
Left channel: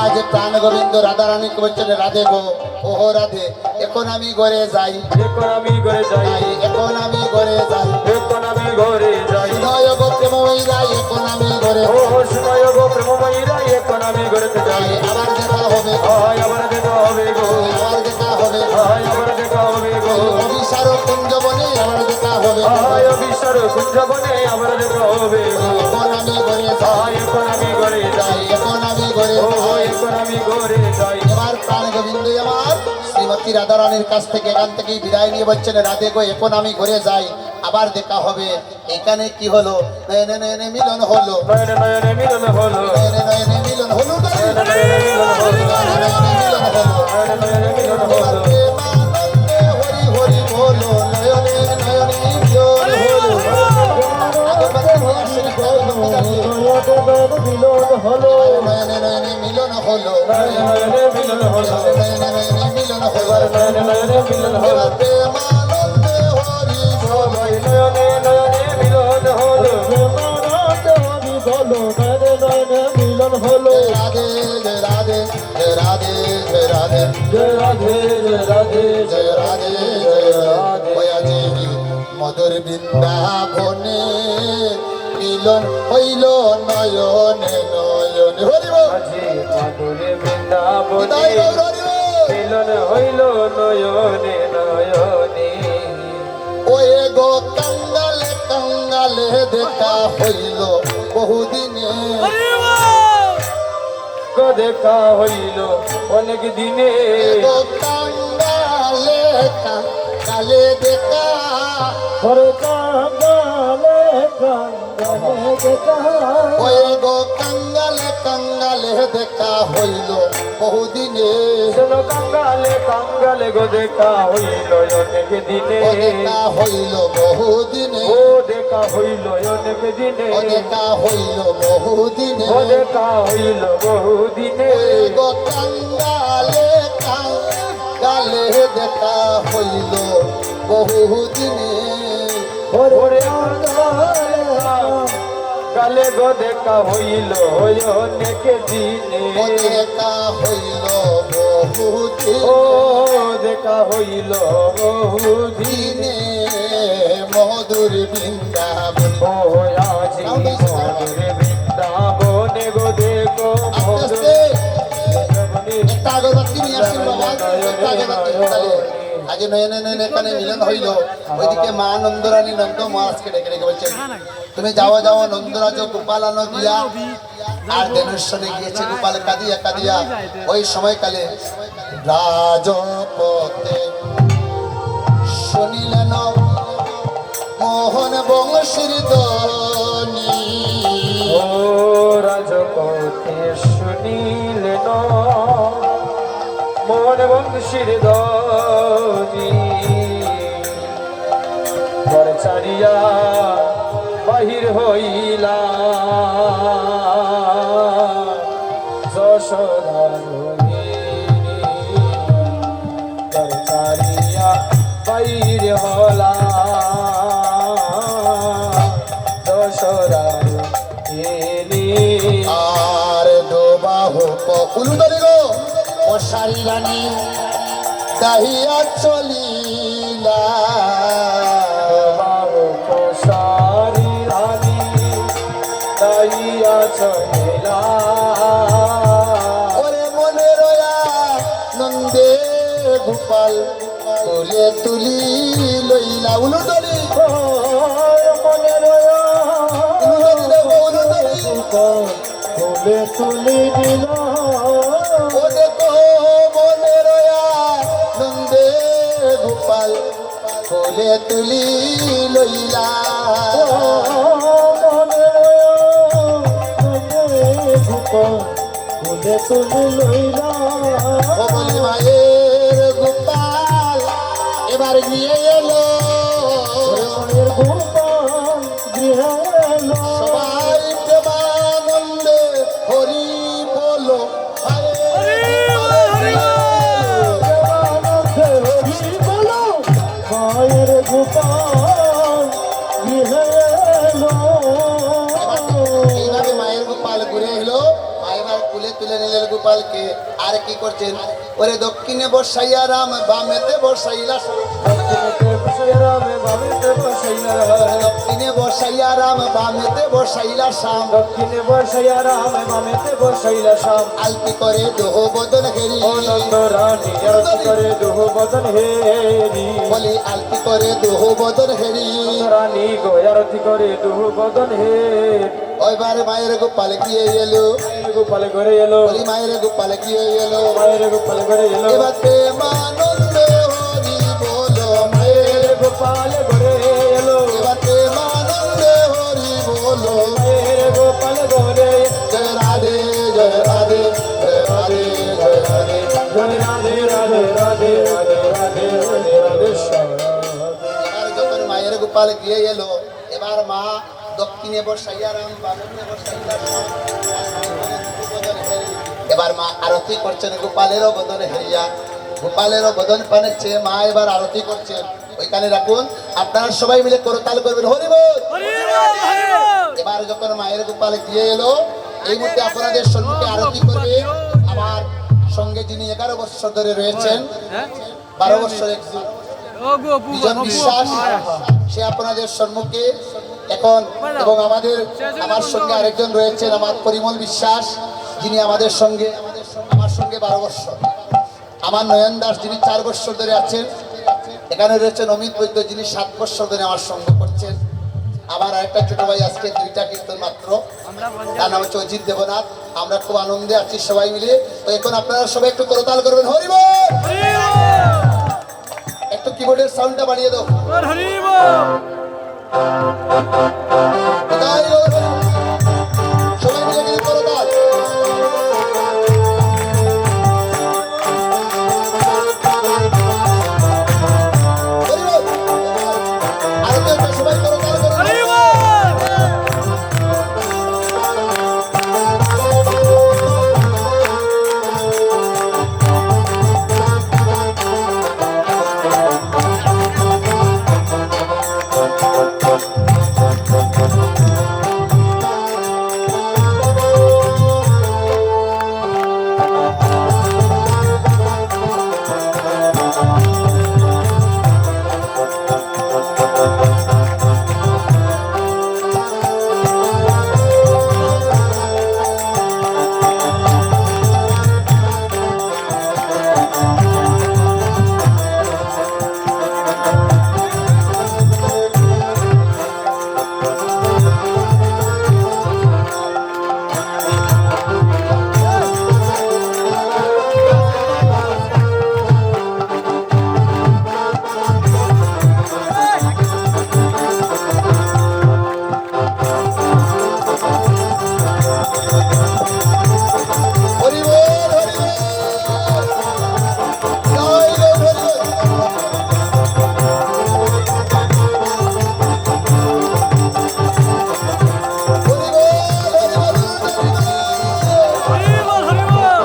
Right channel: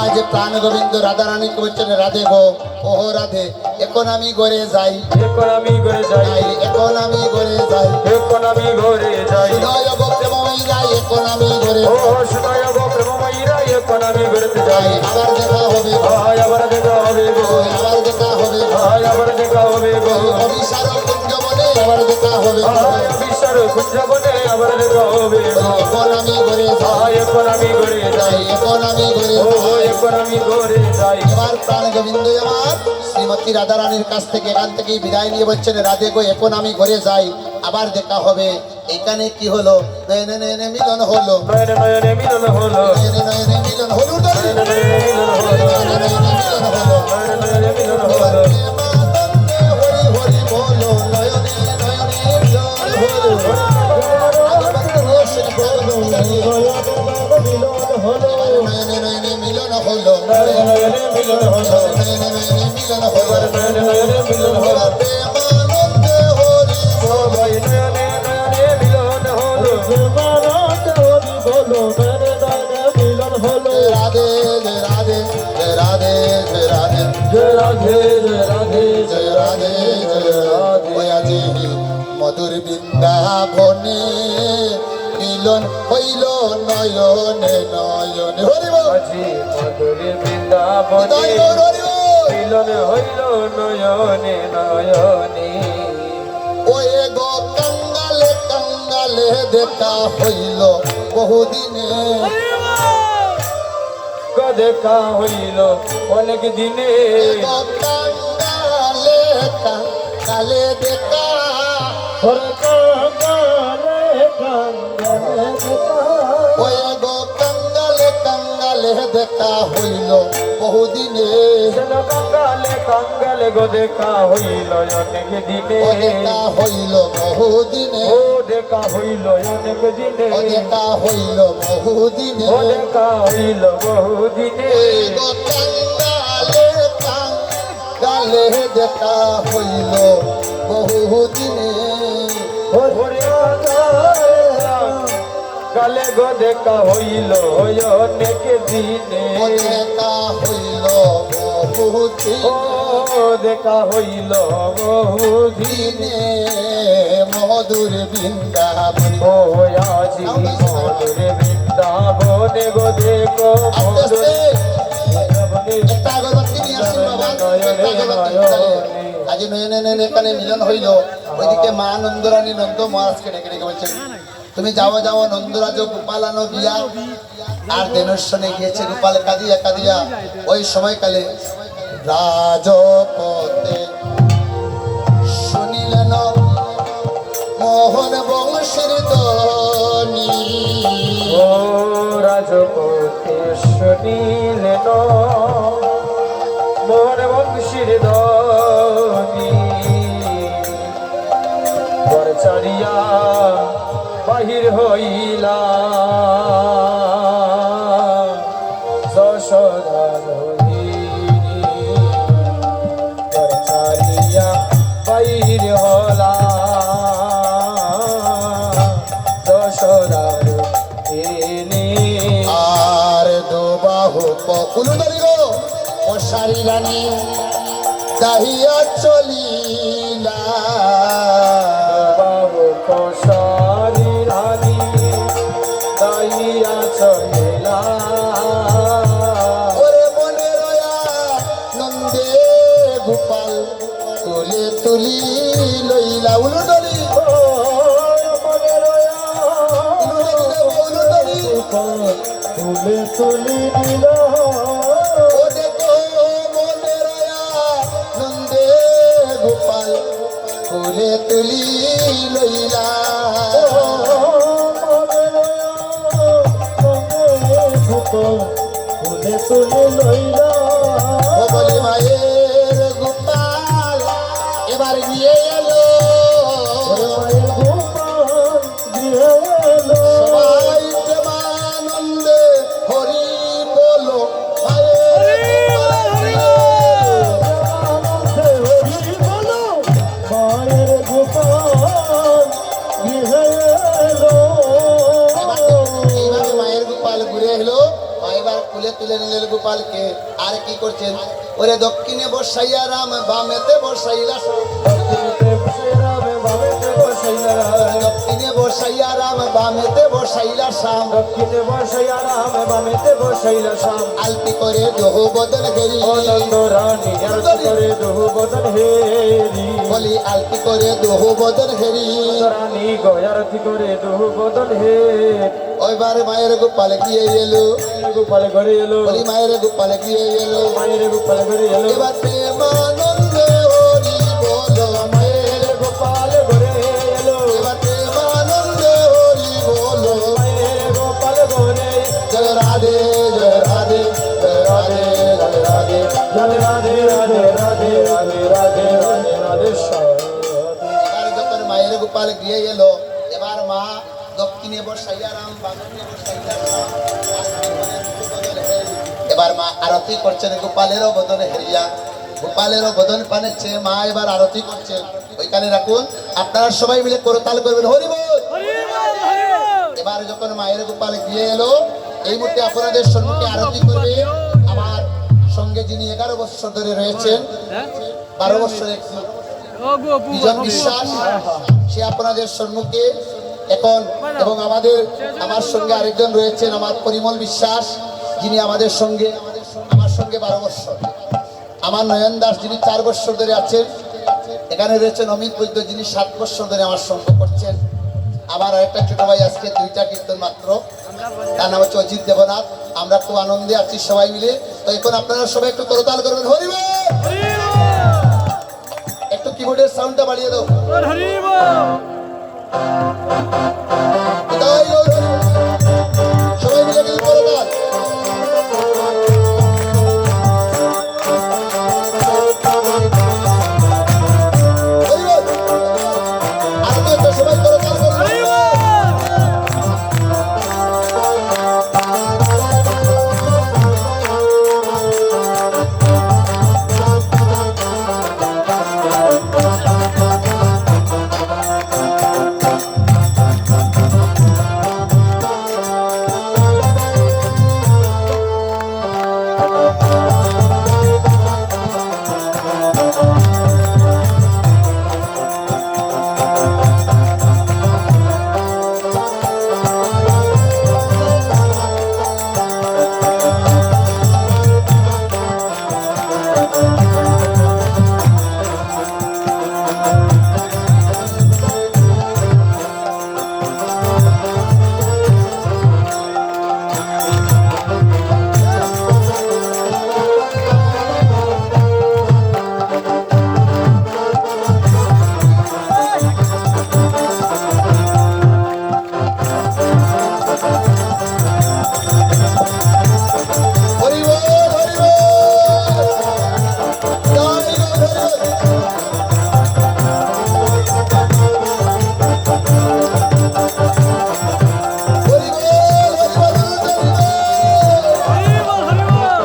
আজ প্রাণ গোবিন্দ রাধা রানী বলছেন রাধে গো ওহ রাধে এখন আমি ঘরে যাই এখন আমি ঘরে যাই এখন আমি ঘরে যাই এখন আমি ঘরে যাই হৃদয় গো প্রেমময়ী যাই এখন আমি ঘরে ও শুনয় গো প্রেমময়ীরা এখন আমি ঘরেতে যাই আবার দেখা হবে আয় আবার দেখা হবে গো আবার দেখা হবে আয় আবার দেখা হবে গো অভিসার কুঞ্জ বনে আবার দেখা হবে আয় বিশ্বর কুঞ্জবনে আবার দেখা হবে গো এখন আমি ঘরে যাই আয় এখন আমি ঘরে যাই এখন আমি ঘরে ও যাই এখন আমি ঘরে যাই এবার প্রাণ গোবিন্দ আমার শ্রীমতী রাধা রানীর কাছ থেকে এখান থেকে বিদায় নিয়ে বলছেন রাধে গো এখন আমি ঘরে যাই আবার দেখা হবে এখানে কি হলো নয়নে নয়নে মিলন হলো নয়নে নয়নে মিলন হলো নয়নে নয়নে মিলন হলো নয়নে নয়নে মিলন হলো নয়নে নয়নে মিলন হলো নয়নে নয়নে মিলন হলো হরি হরি বলো নয়নে নয়নে মিলন হলো নয়নে নয়নে মিলন হলো নয়নে নয়নে মিলন হলো নয়নে নয়নে মিলন হলো নয়নে নয়নে মিলন হলো প্রেমানন্দ হরি সবাই নয়নে নয়নে মিলন হলো রাধে রাধে রাধে রাধে জয় রাধে জয় রাধে জয় রাধে জয় রাধে আজি মধুর বৃন্দাবনে মিলন হইল নয়নে নয়নে হরি বল আজি মাধুরী বৃন্দাবনে হৃদয় গৌর হরি বল মিলন হইল নয়নে নয়নে ওয়ে গো কাঙ্গালে কাঙ্গালে দেখা হইল বহুদিনে দেখা হইল অনেক দিনে গো কাঙ্গালে কাঙ্গালে দেখা ওয়ে গো কাঙ্গালে কাঙ্গালে দেখা হইল বহুদিনে যেন কাঙ্গালে গো দেখা হইল অনেক দিনে ও দেখা হইল বহুদিনে ও দেখা হইল অনেক দিনে ও দেখা হইল বহুদিনে ও দেখা হইল বহুদিনে গো কাঙ্গালে কাঙ্গালে দেখা হইল বহুদিনে ওরে কালে গো দেখা হইল অনেক দিনে ও দেখা হইল বহুদিনে ও দেখা হইল বহুদিনে দিনে মধুর বৃন্দাবন ও আজি মধুর বৃন্দাবনে গো দেখো মধুর একটা আগরবাতি নিয়ে আসুন বাবা একটা আগরবাতি তাহলে আজ নয়নে নয়নে এখানে মিলন হইল ওইদিকে মা নন্দরানী নন্দ মহারাজকে ডেকে ডেকে বলছেন তুমি যাও যাও নন্দরাজ গোপাল আনো দিয়া আর দিনেশ্বরে গিয়েছে গোপাল কাঁদিয়া কাঁদিয়া ওই সময়কালে রাজপথে শুনিলেন মোহন বংশের ধ্বনি ও রাজপথে শুনিলেন মোহন বংশীর ধ্বনি চারিয়া বাহির হইলা যশোদা চারিয়া বাহির হলা যশোদার আর দোবাহু ককুল ধরিল মশারি রানী দাহিয়া চলিলা বাবু কসারি রানী দাইয়া চলিলা ওরে মনে রয়া নন্দে গোপাল তুলে তুলি লইলা উলুদরি মনে রয়া উলুদরি দেব উলুদরি তুলে তুলি দিল ওরে তো মনে রয়া নন্দে গোপাল তুলে তুলি লইলা তুলে তুলি লইলা ও বলি মায়ের গোপাল আমার গিয়ে এলো মায়ের গোপাল গৃহে এলো সবাই প্রেমানন্দে হরি বলো মায়ের গোপাল গৃহে এলো এইভাবে মায়ের গোপাল ঘুরে এলো মা এবার তুলে তুলে নিলেন গোপালকে আর কি করছেন ওরে দক্ষিণে বসাইয়া রাম বামেতে বসাইলা দক্ষিণে বসাইয়া রাম বামেতে বসাইলা শ্যাম দক্ষিণে বসাইয়া রাম বামেতে বসাইলা শ্যাম আলতি করে দোহ বদল ঘেরি আনন্দ রানী আরতি করে দোহ বদন হেরি বলি আলতি করে দোহ বদল ঘেরি রানী গয়ারতি করে দোহ বদন হেরি ওইবার মায়ের গোপাল গিয়ে এলো গোপাল ঘরে এলো বলি মায়ের গোপাল গিয়ে এলো মায়ের গোপাল ঘরে এলো এবার প্রেমানন্দ হরি বলো মায়ের গোপাল ঘরে এলো এবার প্রেমানন্দ হরি বলো মায়ের গোপাল ঘরে জয় রাধে জয় রাধে জয় রাধে জয় রাধে জয় রাধে রাধে রাধে রাধে রাধে রাধে রাধে এবার যখন মায়ের গোপাল গিয়ে এলো এবার মা দক্ষিণে বসাইয়া রাম বামে বসাইয়া রাম, আর ভগবানের বদন হেরি। এবার মা আরতি করছেন গোপালেরও বদন হেরিয়া গোপালেরও বদন পানেছে মা এবার আরতি করছেন ওইখানে রাখুন আপনারা সবাই মিলে করতাল করবেন হরি বল এবার যখন মায়ের গোপাল গিয়ে এলো এই মুহূর্তে আপনাদের সম্মুখে আরতি করবে আমার সঙ্গে যিনি 11 বছর ধরে রয়েছেন 12 বছর এক বিজন বিশ্বাস সে আপনাদের সম্মুখে এখন এবং আমার সঙ্গে আরেকজন রয়েছেন আমার পরিমল বিশ্বাস যিনি আমার সঙ্গে 12 বছর আমার নয়ন দাস যিনি 4 বছর ধরে আছেন এখানে রয়েছেন অমিত বৈদ্য যিনি 7 বছর ধরে আমার সঙ্গে করছেন আবার আরেকটা ছোট ভাই আজকে 2টা কীর্তন মাত্র তার নাম হচ্ছে অজিত দেবনাথ আমরা খুব আনন্দে আছি সবাই মিলে তো এখন আপনারা সবাই একটু করতাল করবেন হরি বল একটু কিবোর্ডের সাউন্ডটা বাড়িয়ে দাও বিদায় গো হরি। সবাই মিলে কিন্তু করতাল হরি বল। আর তো একটু সবাই করতাল করবেন হরি বল হরি বল বিদায় গো হরি বল। হরি বল হরি বল হরি বল।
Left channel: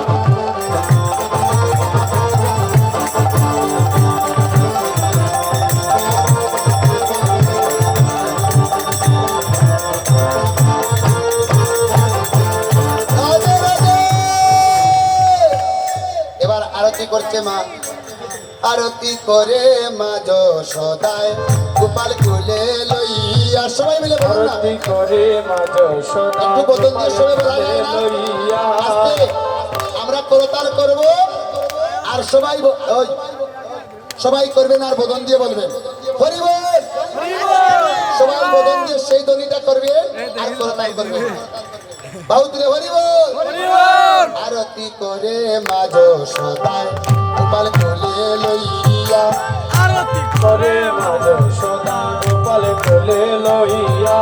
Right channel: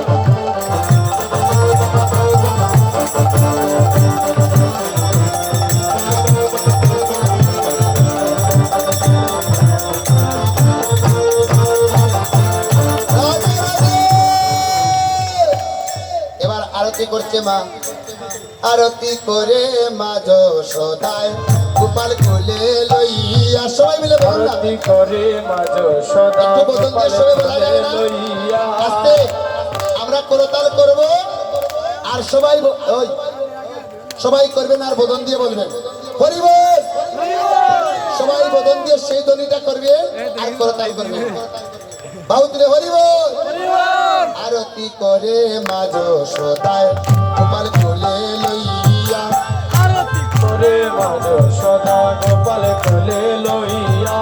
রাধে রাধে। এবার আরতি করছে মা আরতি করে মা যশোদায় গোপাল কুলে লইয়া সবাই মিলে ভালো আরতি করে মাঝ সদা একটু বদন দিয়ে সবাই বলা যাবে না? লইয়া আস্তে আমরা করতাল করব আর সবাই ওই সবাই করবেন আর বদন দিয়ে বলবেন হরি বল সবাই বদন দিয়ে সেই ধ্বনিটা করবেন আর করতাল করবেন বাহু তুলে হরি বল আরতি করে মা যশোদায় গোপাল কোলে লইয়া করে মাঝ সদা গোপাল কোলে লইয়া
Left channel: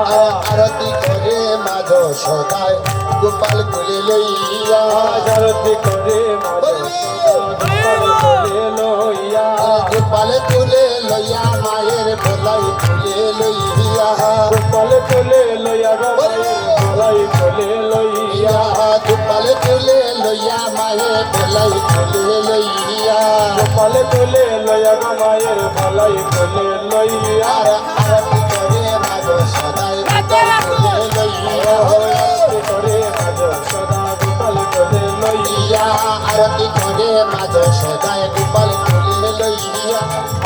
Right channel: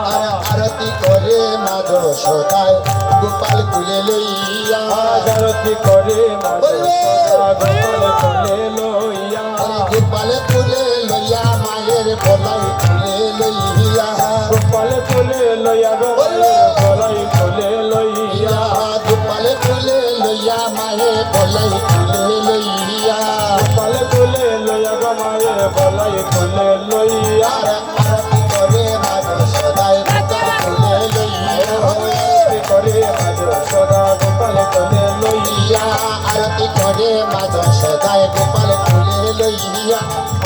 আরতি করে মা যশোদায় গোপাল কোলে লইয়া আরতি করে মাঝ সদা গোপাল কোলে লইয়া গোপাল কোলে লইয়া লইয়া মায়ের গলাই খুলে লইয়া গোপাল কোলে লইয়া গো মায়ের গলাই কোলে লইয়া গোপাল কোলে লইয়া মায়ের গলাই খুলে লইয়া গোপাল কোলে লইয়া গো মায়ের গলাই কোলে লইয়া আর আরতি করে মাগ সদাই গোপাল কোলে লইয়া আরতি করে মাঝ সদা গোপাল কোলে লইয়া আরতি করে মাগ সদাই গোপাল কোলে লইয়া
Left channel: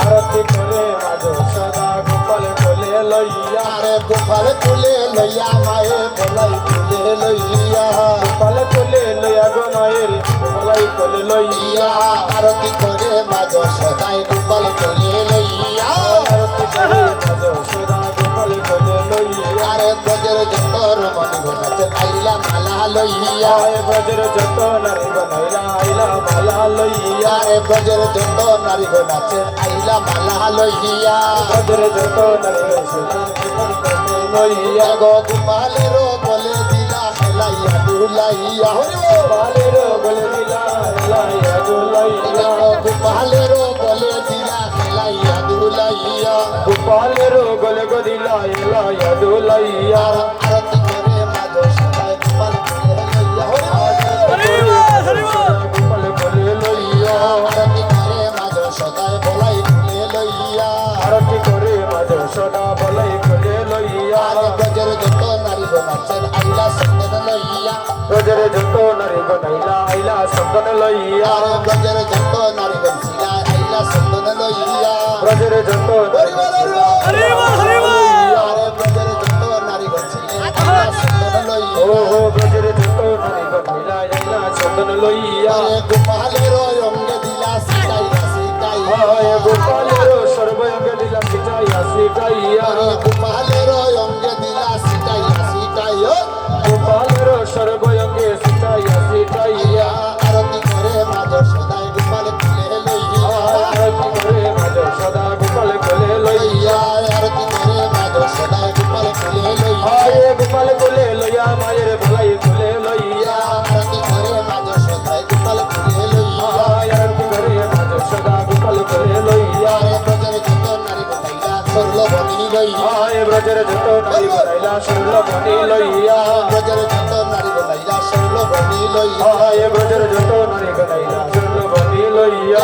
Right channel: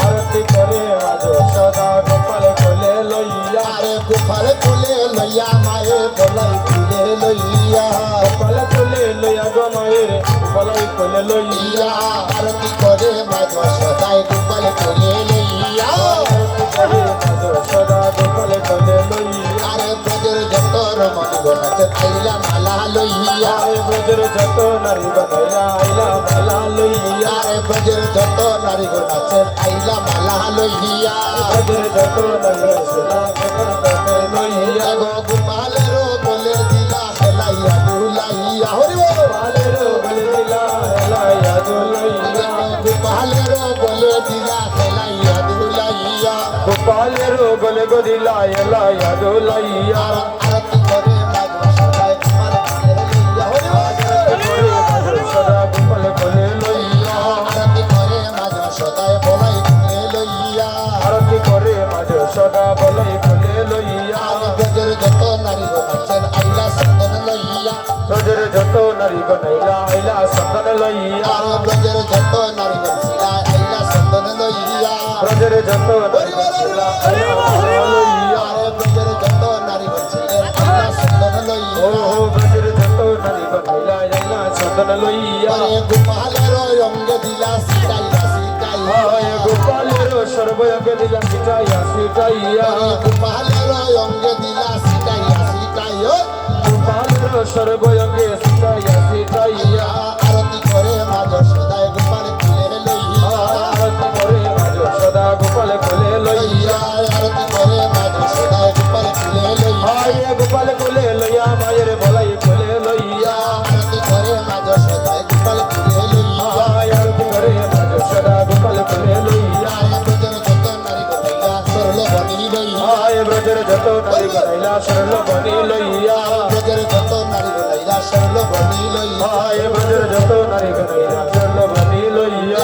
আরতি করে মাঝ সদা গোপাল কোলে লইয়া আরে গোপাল কোলে লইয়া মায়ের গলাই খুলে লইয়া গোপাল কোলে লইয়া গো মায়ের গলাই কোলে লইয়া আরতি করে মাগ সদাই গোপাল কোলে লইয়া আরতি করে মাঝ সদা গোপাল কোলে লইয়া আরে গজের যতর মনি গনাতে আইলা মালা লইয়া আয় বজ্র যত নারী গনাইলা আইলা মালা লইয়া আরে গজের যত নারী গনাতে আইলা মালা লইয়া বজ্র যত নারী সোনা কোলে লইয়া গো গোপালের বলে দিলা হেলাইয়া দুলাইয়া হরি বল গোপালের গলে দিলা এলাইয়া দুলাইয়া গোপালের বলে দিলা হেলাইয়া দুলাইয়া গোপালের গলে গদিলা এলাইয়া দুলাইয়া আরতি করে মাগ সদাই গোপাল কোলে লইয়া সদা গোপাল কোলে লইয়া আরতি করে মাগ সদাই বলাই কোলে লইয়া আরতি করে মাঝ সদা বলাই কোলে লইয়া গজের যত নারী গনাতে আইলা সন্দন লইয়া বজ্র যত নারী গনাইলা আইলা সন্দন লইয়া গজের যত নারী গনছিলা আইলা সন্দন লইয়া বজ্র যত আরে গজের যত নারী গনছিলে আইলা সন্দন লইয়া ও বজ্র যত নারী গনাইলা আইলা সন্দন লইয়া গোপালের অঙ্গে দিলা সিটাইলা সিটাইয়া আয় গোপালের সর্বয়ঙ্গে দিলা সিটাইয়া সিটাইয়া গোপালের অঙ্গে দিলা সিটাইলা সিটাইয়া গোপালের সর্বয়ঙ্গে সিটাইয়া সিটাইয়া আরতি করে মাগ সদাই গোপাল কোলে লইয়া আরতি করে মাঝ সদা গোপাল কোলে লইয়া আরতি করে মাগ সদাই গোপাল কোলে লইয়া আয় গোপাল কোলে লইয়া মায়ের গলাই কোলে লইয়া আরতি করে মাগ সদাই গোপাল কোলে লইয়া আয় আরতি করে মাঝ সদা গোপাল কোলে লইয়া গজের যত নারী গনাইলা সরল বনি লইয়া আয় ব্রজের যত নারী গনাইলা সরল বনি লইয়া গজের যত নারী গনাইলা সরল বনি লইয়া আয় ব্রজের যত নারী গনাইলা সরল বনি লইয়া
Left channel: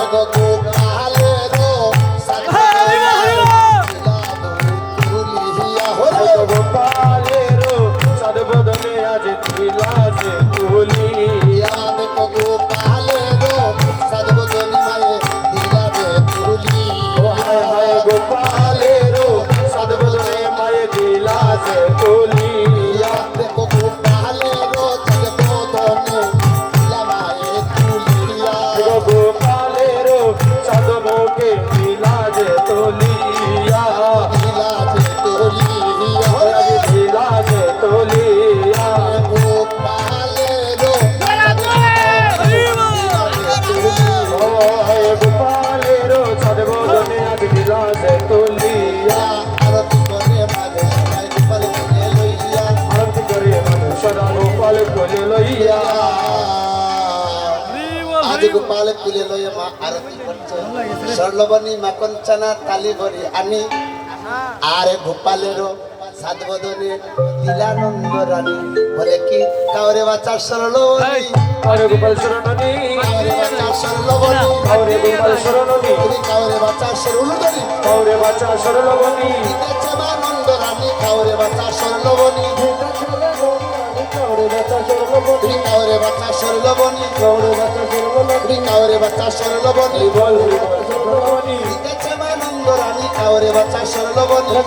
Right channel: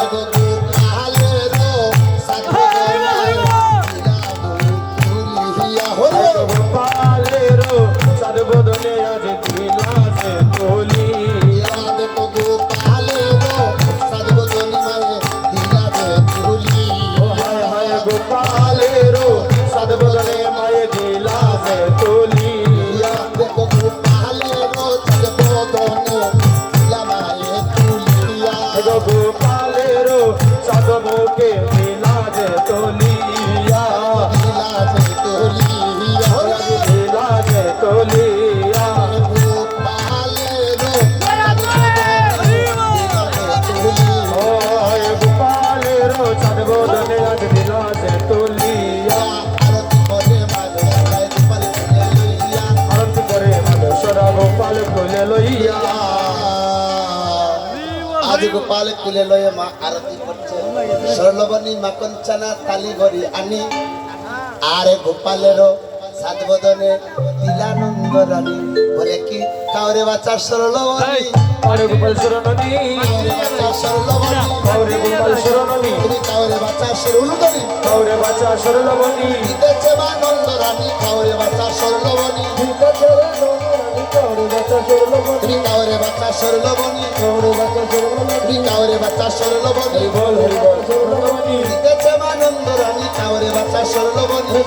গোপালেরও সাদ বদলে আজ দিলা সে তুলিয়া হায় হায় গোপালেরও সাদ বদলে মায়ে দিলা সে তুলিয়া গোপালেরও সাদ মুখে দিলা যে তুলিয়া দিলা যে তুলিয়া ও হায় গোপালেরও সাদ বদলে আজ দিলা যে তুলিয়া আরতি করে সদা গোপাল কোলে লইয়া আজ গোপাল কুলে লয়ে মা আরতি করছে স্বর্ণবনী মাকঞ্চনা তালি ভরি আনি আরে গোপালেরও সাত বদনে দিলানন্দ রানী বলে কি কাউরে বাচ্চার সরলবনী আরে গোপাল শরণী কাউরে বাচ্চার সরলবনী কাউরে গোপাল শরণী কাউরে বাচ্চার সরলবনী কাউরে বাচ্চা সরলবনী দিতেছে মানন্দ রানী কাউরে বাচ্চার সরলবনী কাউরে বাচ্চা সরলবনী তুমি কাউরে বাচ্চার সরলবনী তুমি কাউরে বাচ্চার সরলবনী বল হরি বল সরলবনী দিতেছে মানন্দ রানী কাউরে বাচ্চার সরলবনী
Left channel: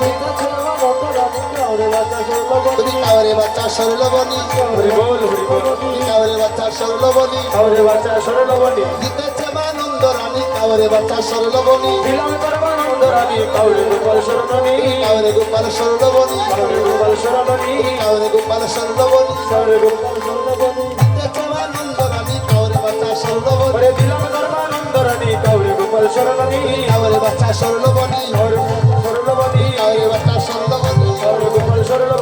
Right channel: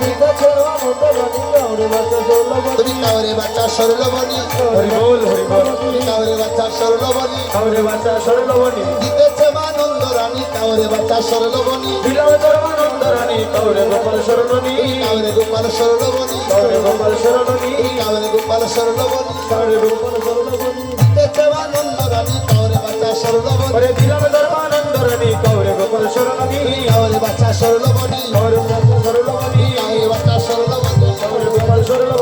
তুমি কাউরে বাচ্চার সরলবনী হরি বল হরি বল তুমি কাউরে বাচ্চার সরলবনী কাউরে বাচ্চা সরলবনী দিতেছে মানন্দ রানী কাউরে বাচ্চার সরলবনী দিলাম পরমানন্দ রানী কাউরে গোপাল শরণী কাউরে গোপাল সরলবনী কাউরে গোপাল শরণী কাউরে গোপাল সরলবনী কাউরে গোপাল শরণী দিতেছে মানন্দ রানী কাউরে বাচ্চার সরলবনী ওরে দিলাম ধর্মানন্দ রানী কাউরে গোপাল শরণী কাউরে বাচ্চার সরলবনী কাউরে গোপাল শরণী কাউরে বাচ্চার সরলবনী কাউরে গোপাল শরণী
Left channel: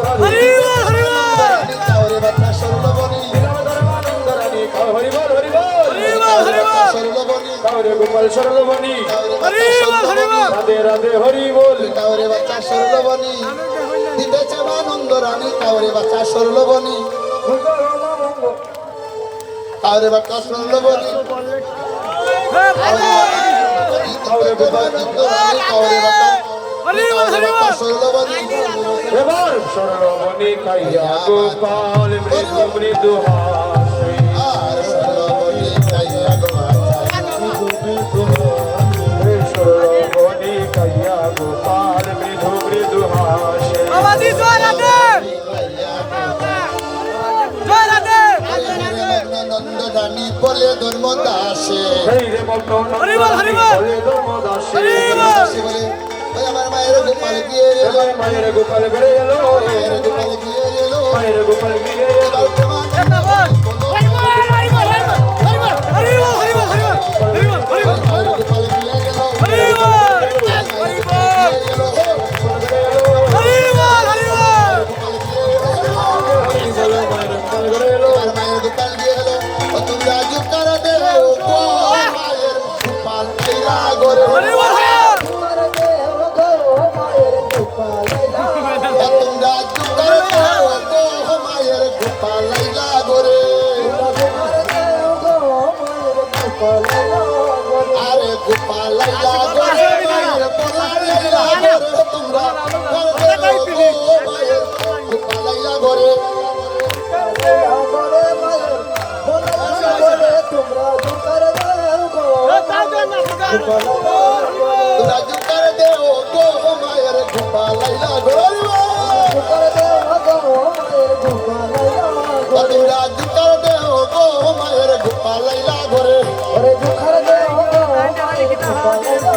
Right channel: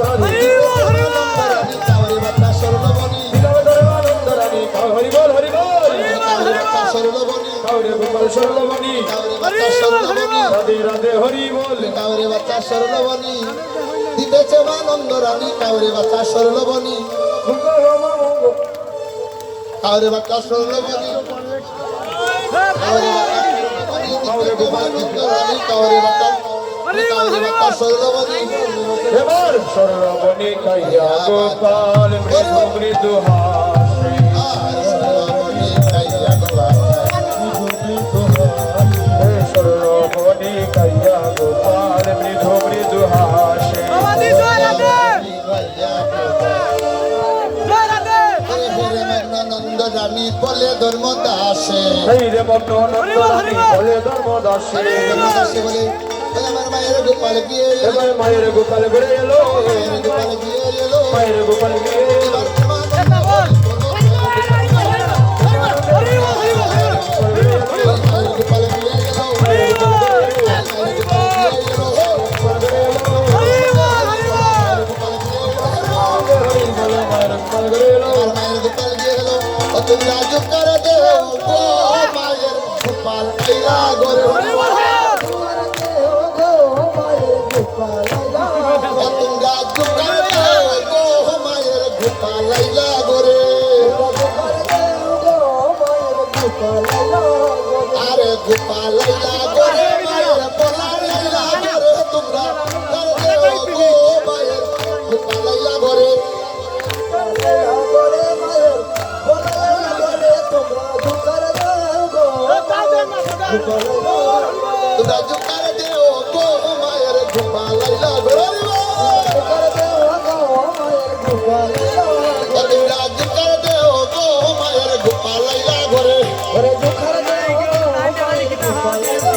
কাউরে বাচ্চার সরলবনী দিলাম ধর্মানন্দ রানী হরি বল হরি বল কাউরে বাচ্চার সরলবনী কাউরে গোপাল শরণী কাউরে বাচ্চার সরলবনী রাধে রাধে হরি বল কাউরে বাচ্চা সরলবনি দিতেছে মানন্দ রানী কাউরে বাচ্চা সরলবনি কাউরে বাচ্চা সরলবনি কাউরে গোপানন্দ রানী কাউরে বাচ্চা সরলবনি এবার সরলবনি কাইয়া গোপাল মৃদু মৃদু হাসে আর সরলবনি কাইয়া গোপাল সরলবনি কাইয়া গোপাল মৃদু মৃদু হাসে নন্দ জানি বলে ধর্ম দাসে সেই রে মত নন্দরানী বলে ধর্মদাসে বলে আমার মায়ের গোপাল গিয়ে এলো এবার মায়ের গোপাল বেড়ে এলো মায়ের গোপাল গিয়ে এলো মায়ের গোপাল গিয়ে এলো আরে গোপাল লাইলা গোরে মায়ের পোলা লাইলা গোরে তোমরা গোরে মায়ের গোপাল লাইলা গোরে তোমরা জুকার দেও গো মায়ের গোপাল লাইলা গোরে তোমরা জুকার দেও গো মায়ের গোপাল লাইলা গোরে আরে গোপাল লাইলা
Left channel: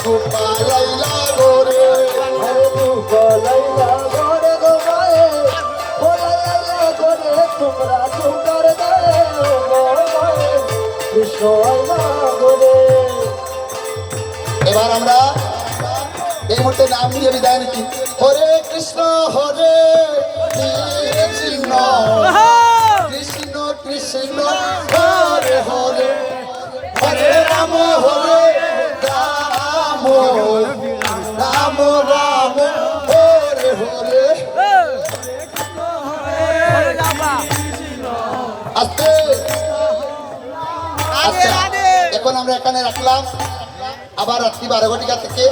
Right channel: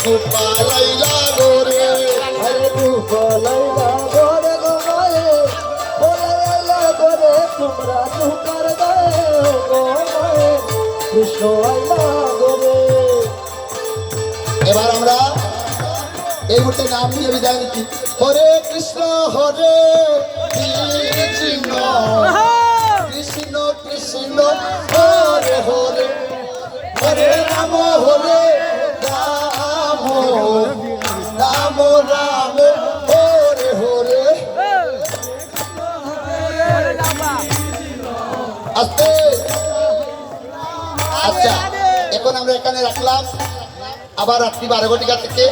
গোপাল লাইলা গোরে এবার আমরা এই মুহূর্তে নাম নিয়ে বিদায় নিচ্ছি হরে কৃষ্ণ কৃষ্ণ কৃষ্ণ কৃষ্ণ হরে হরে হরে রাম রাম রাম রাম হরে হরে আস্তে আচ্ছা এখন আমরা এখানে রাখলাম আবার রাত্রি 12 ঘটিকা থেকে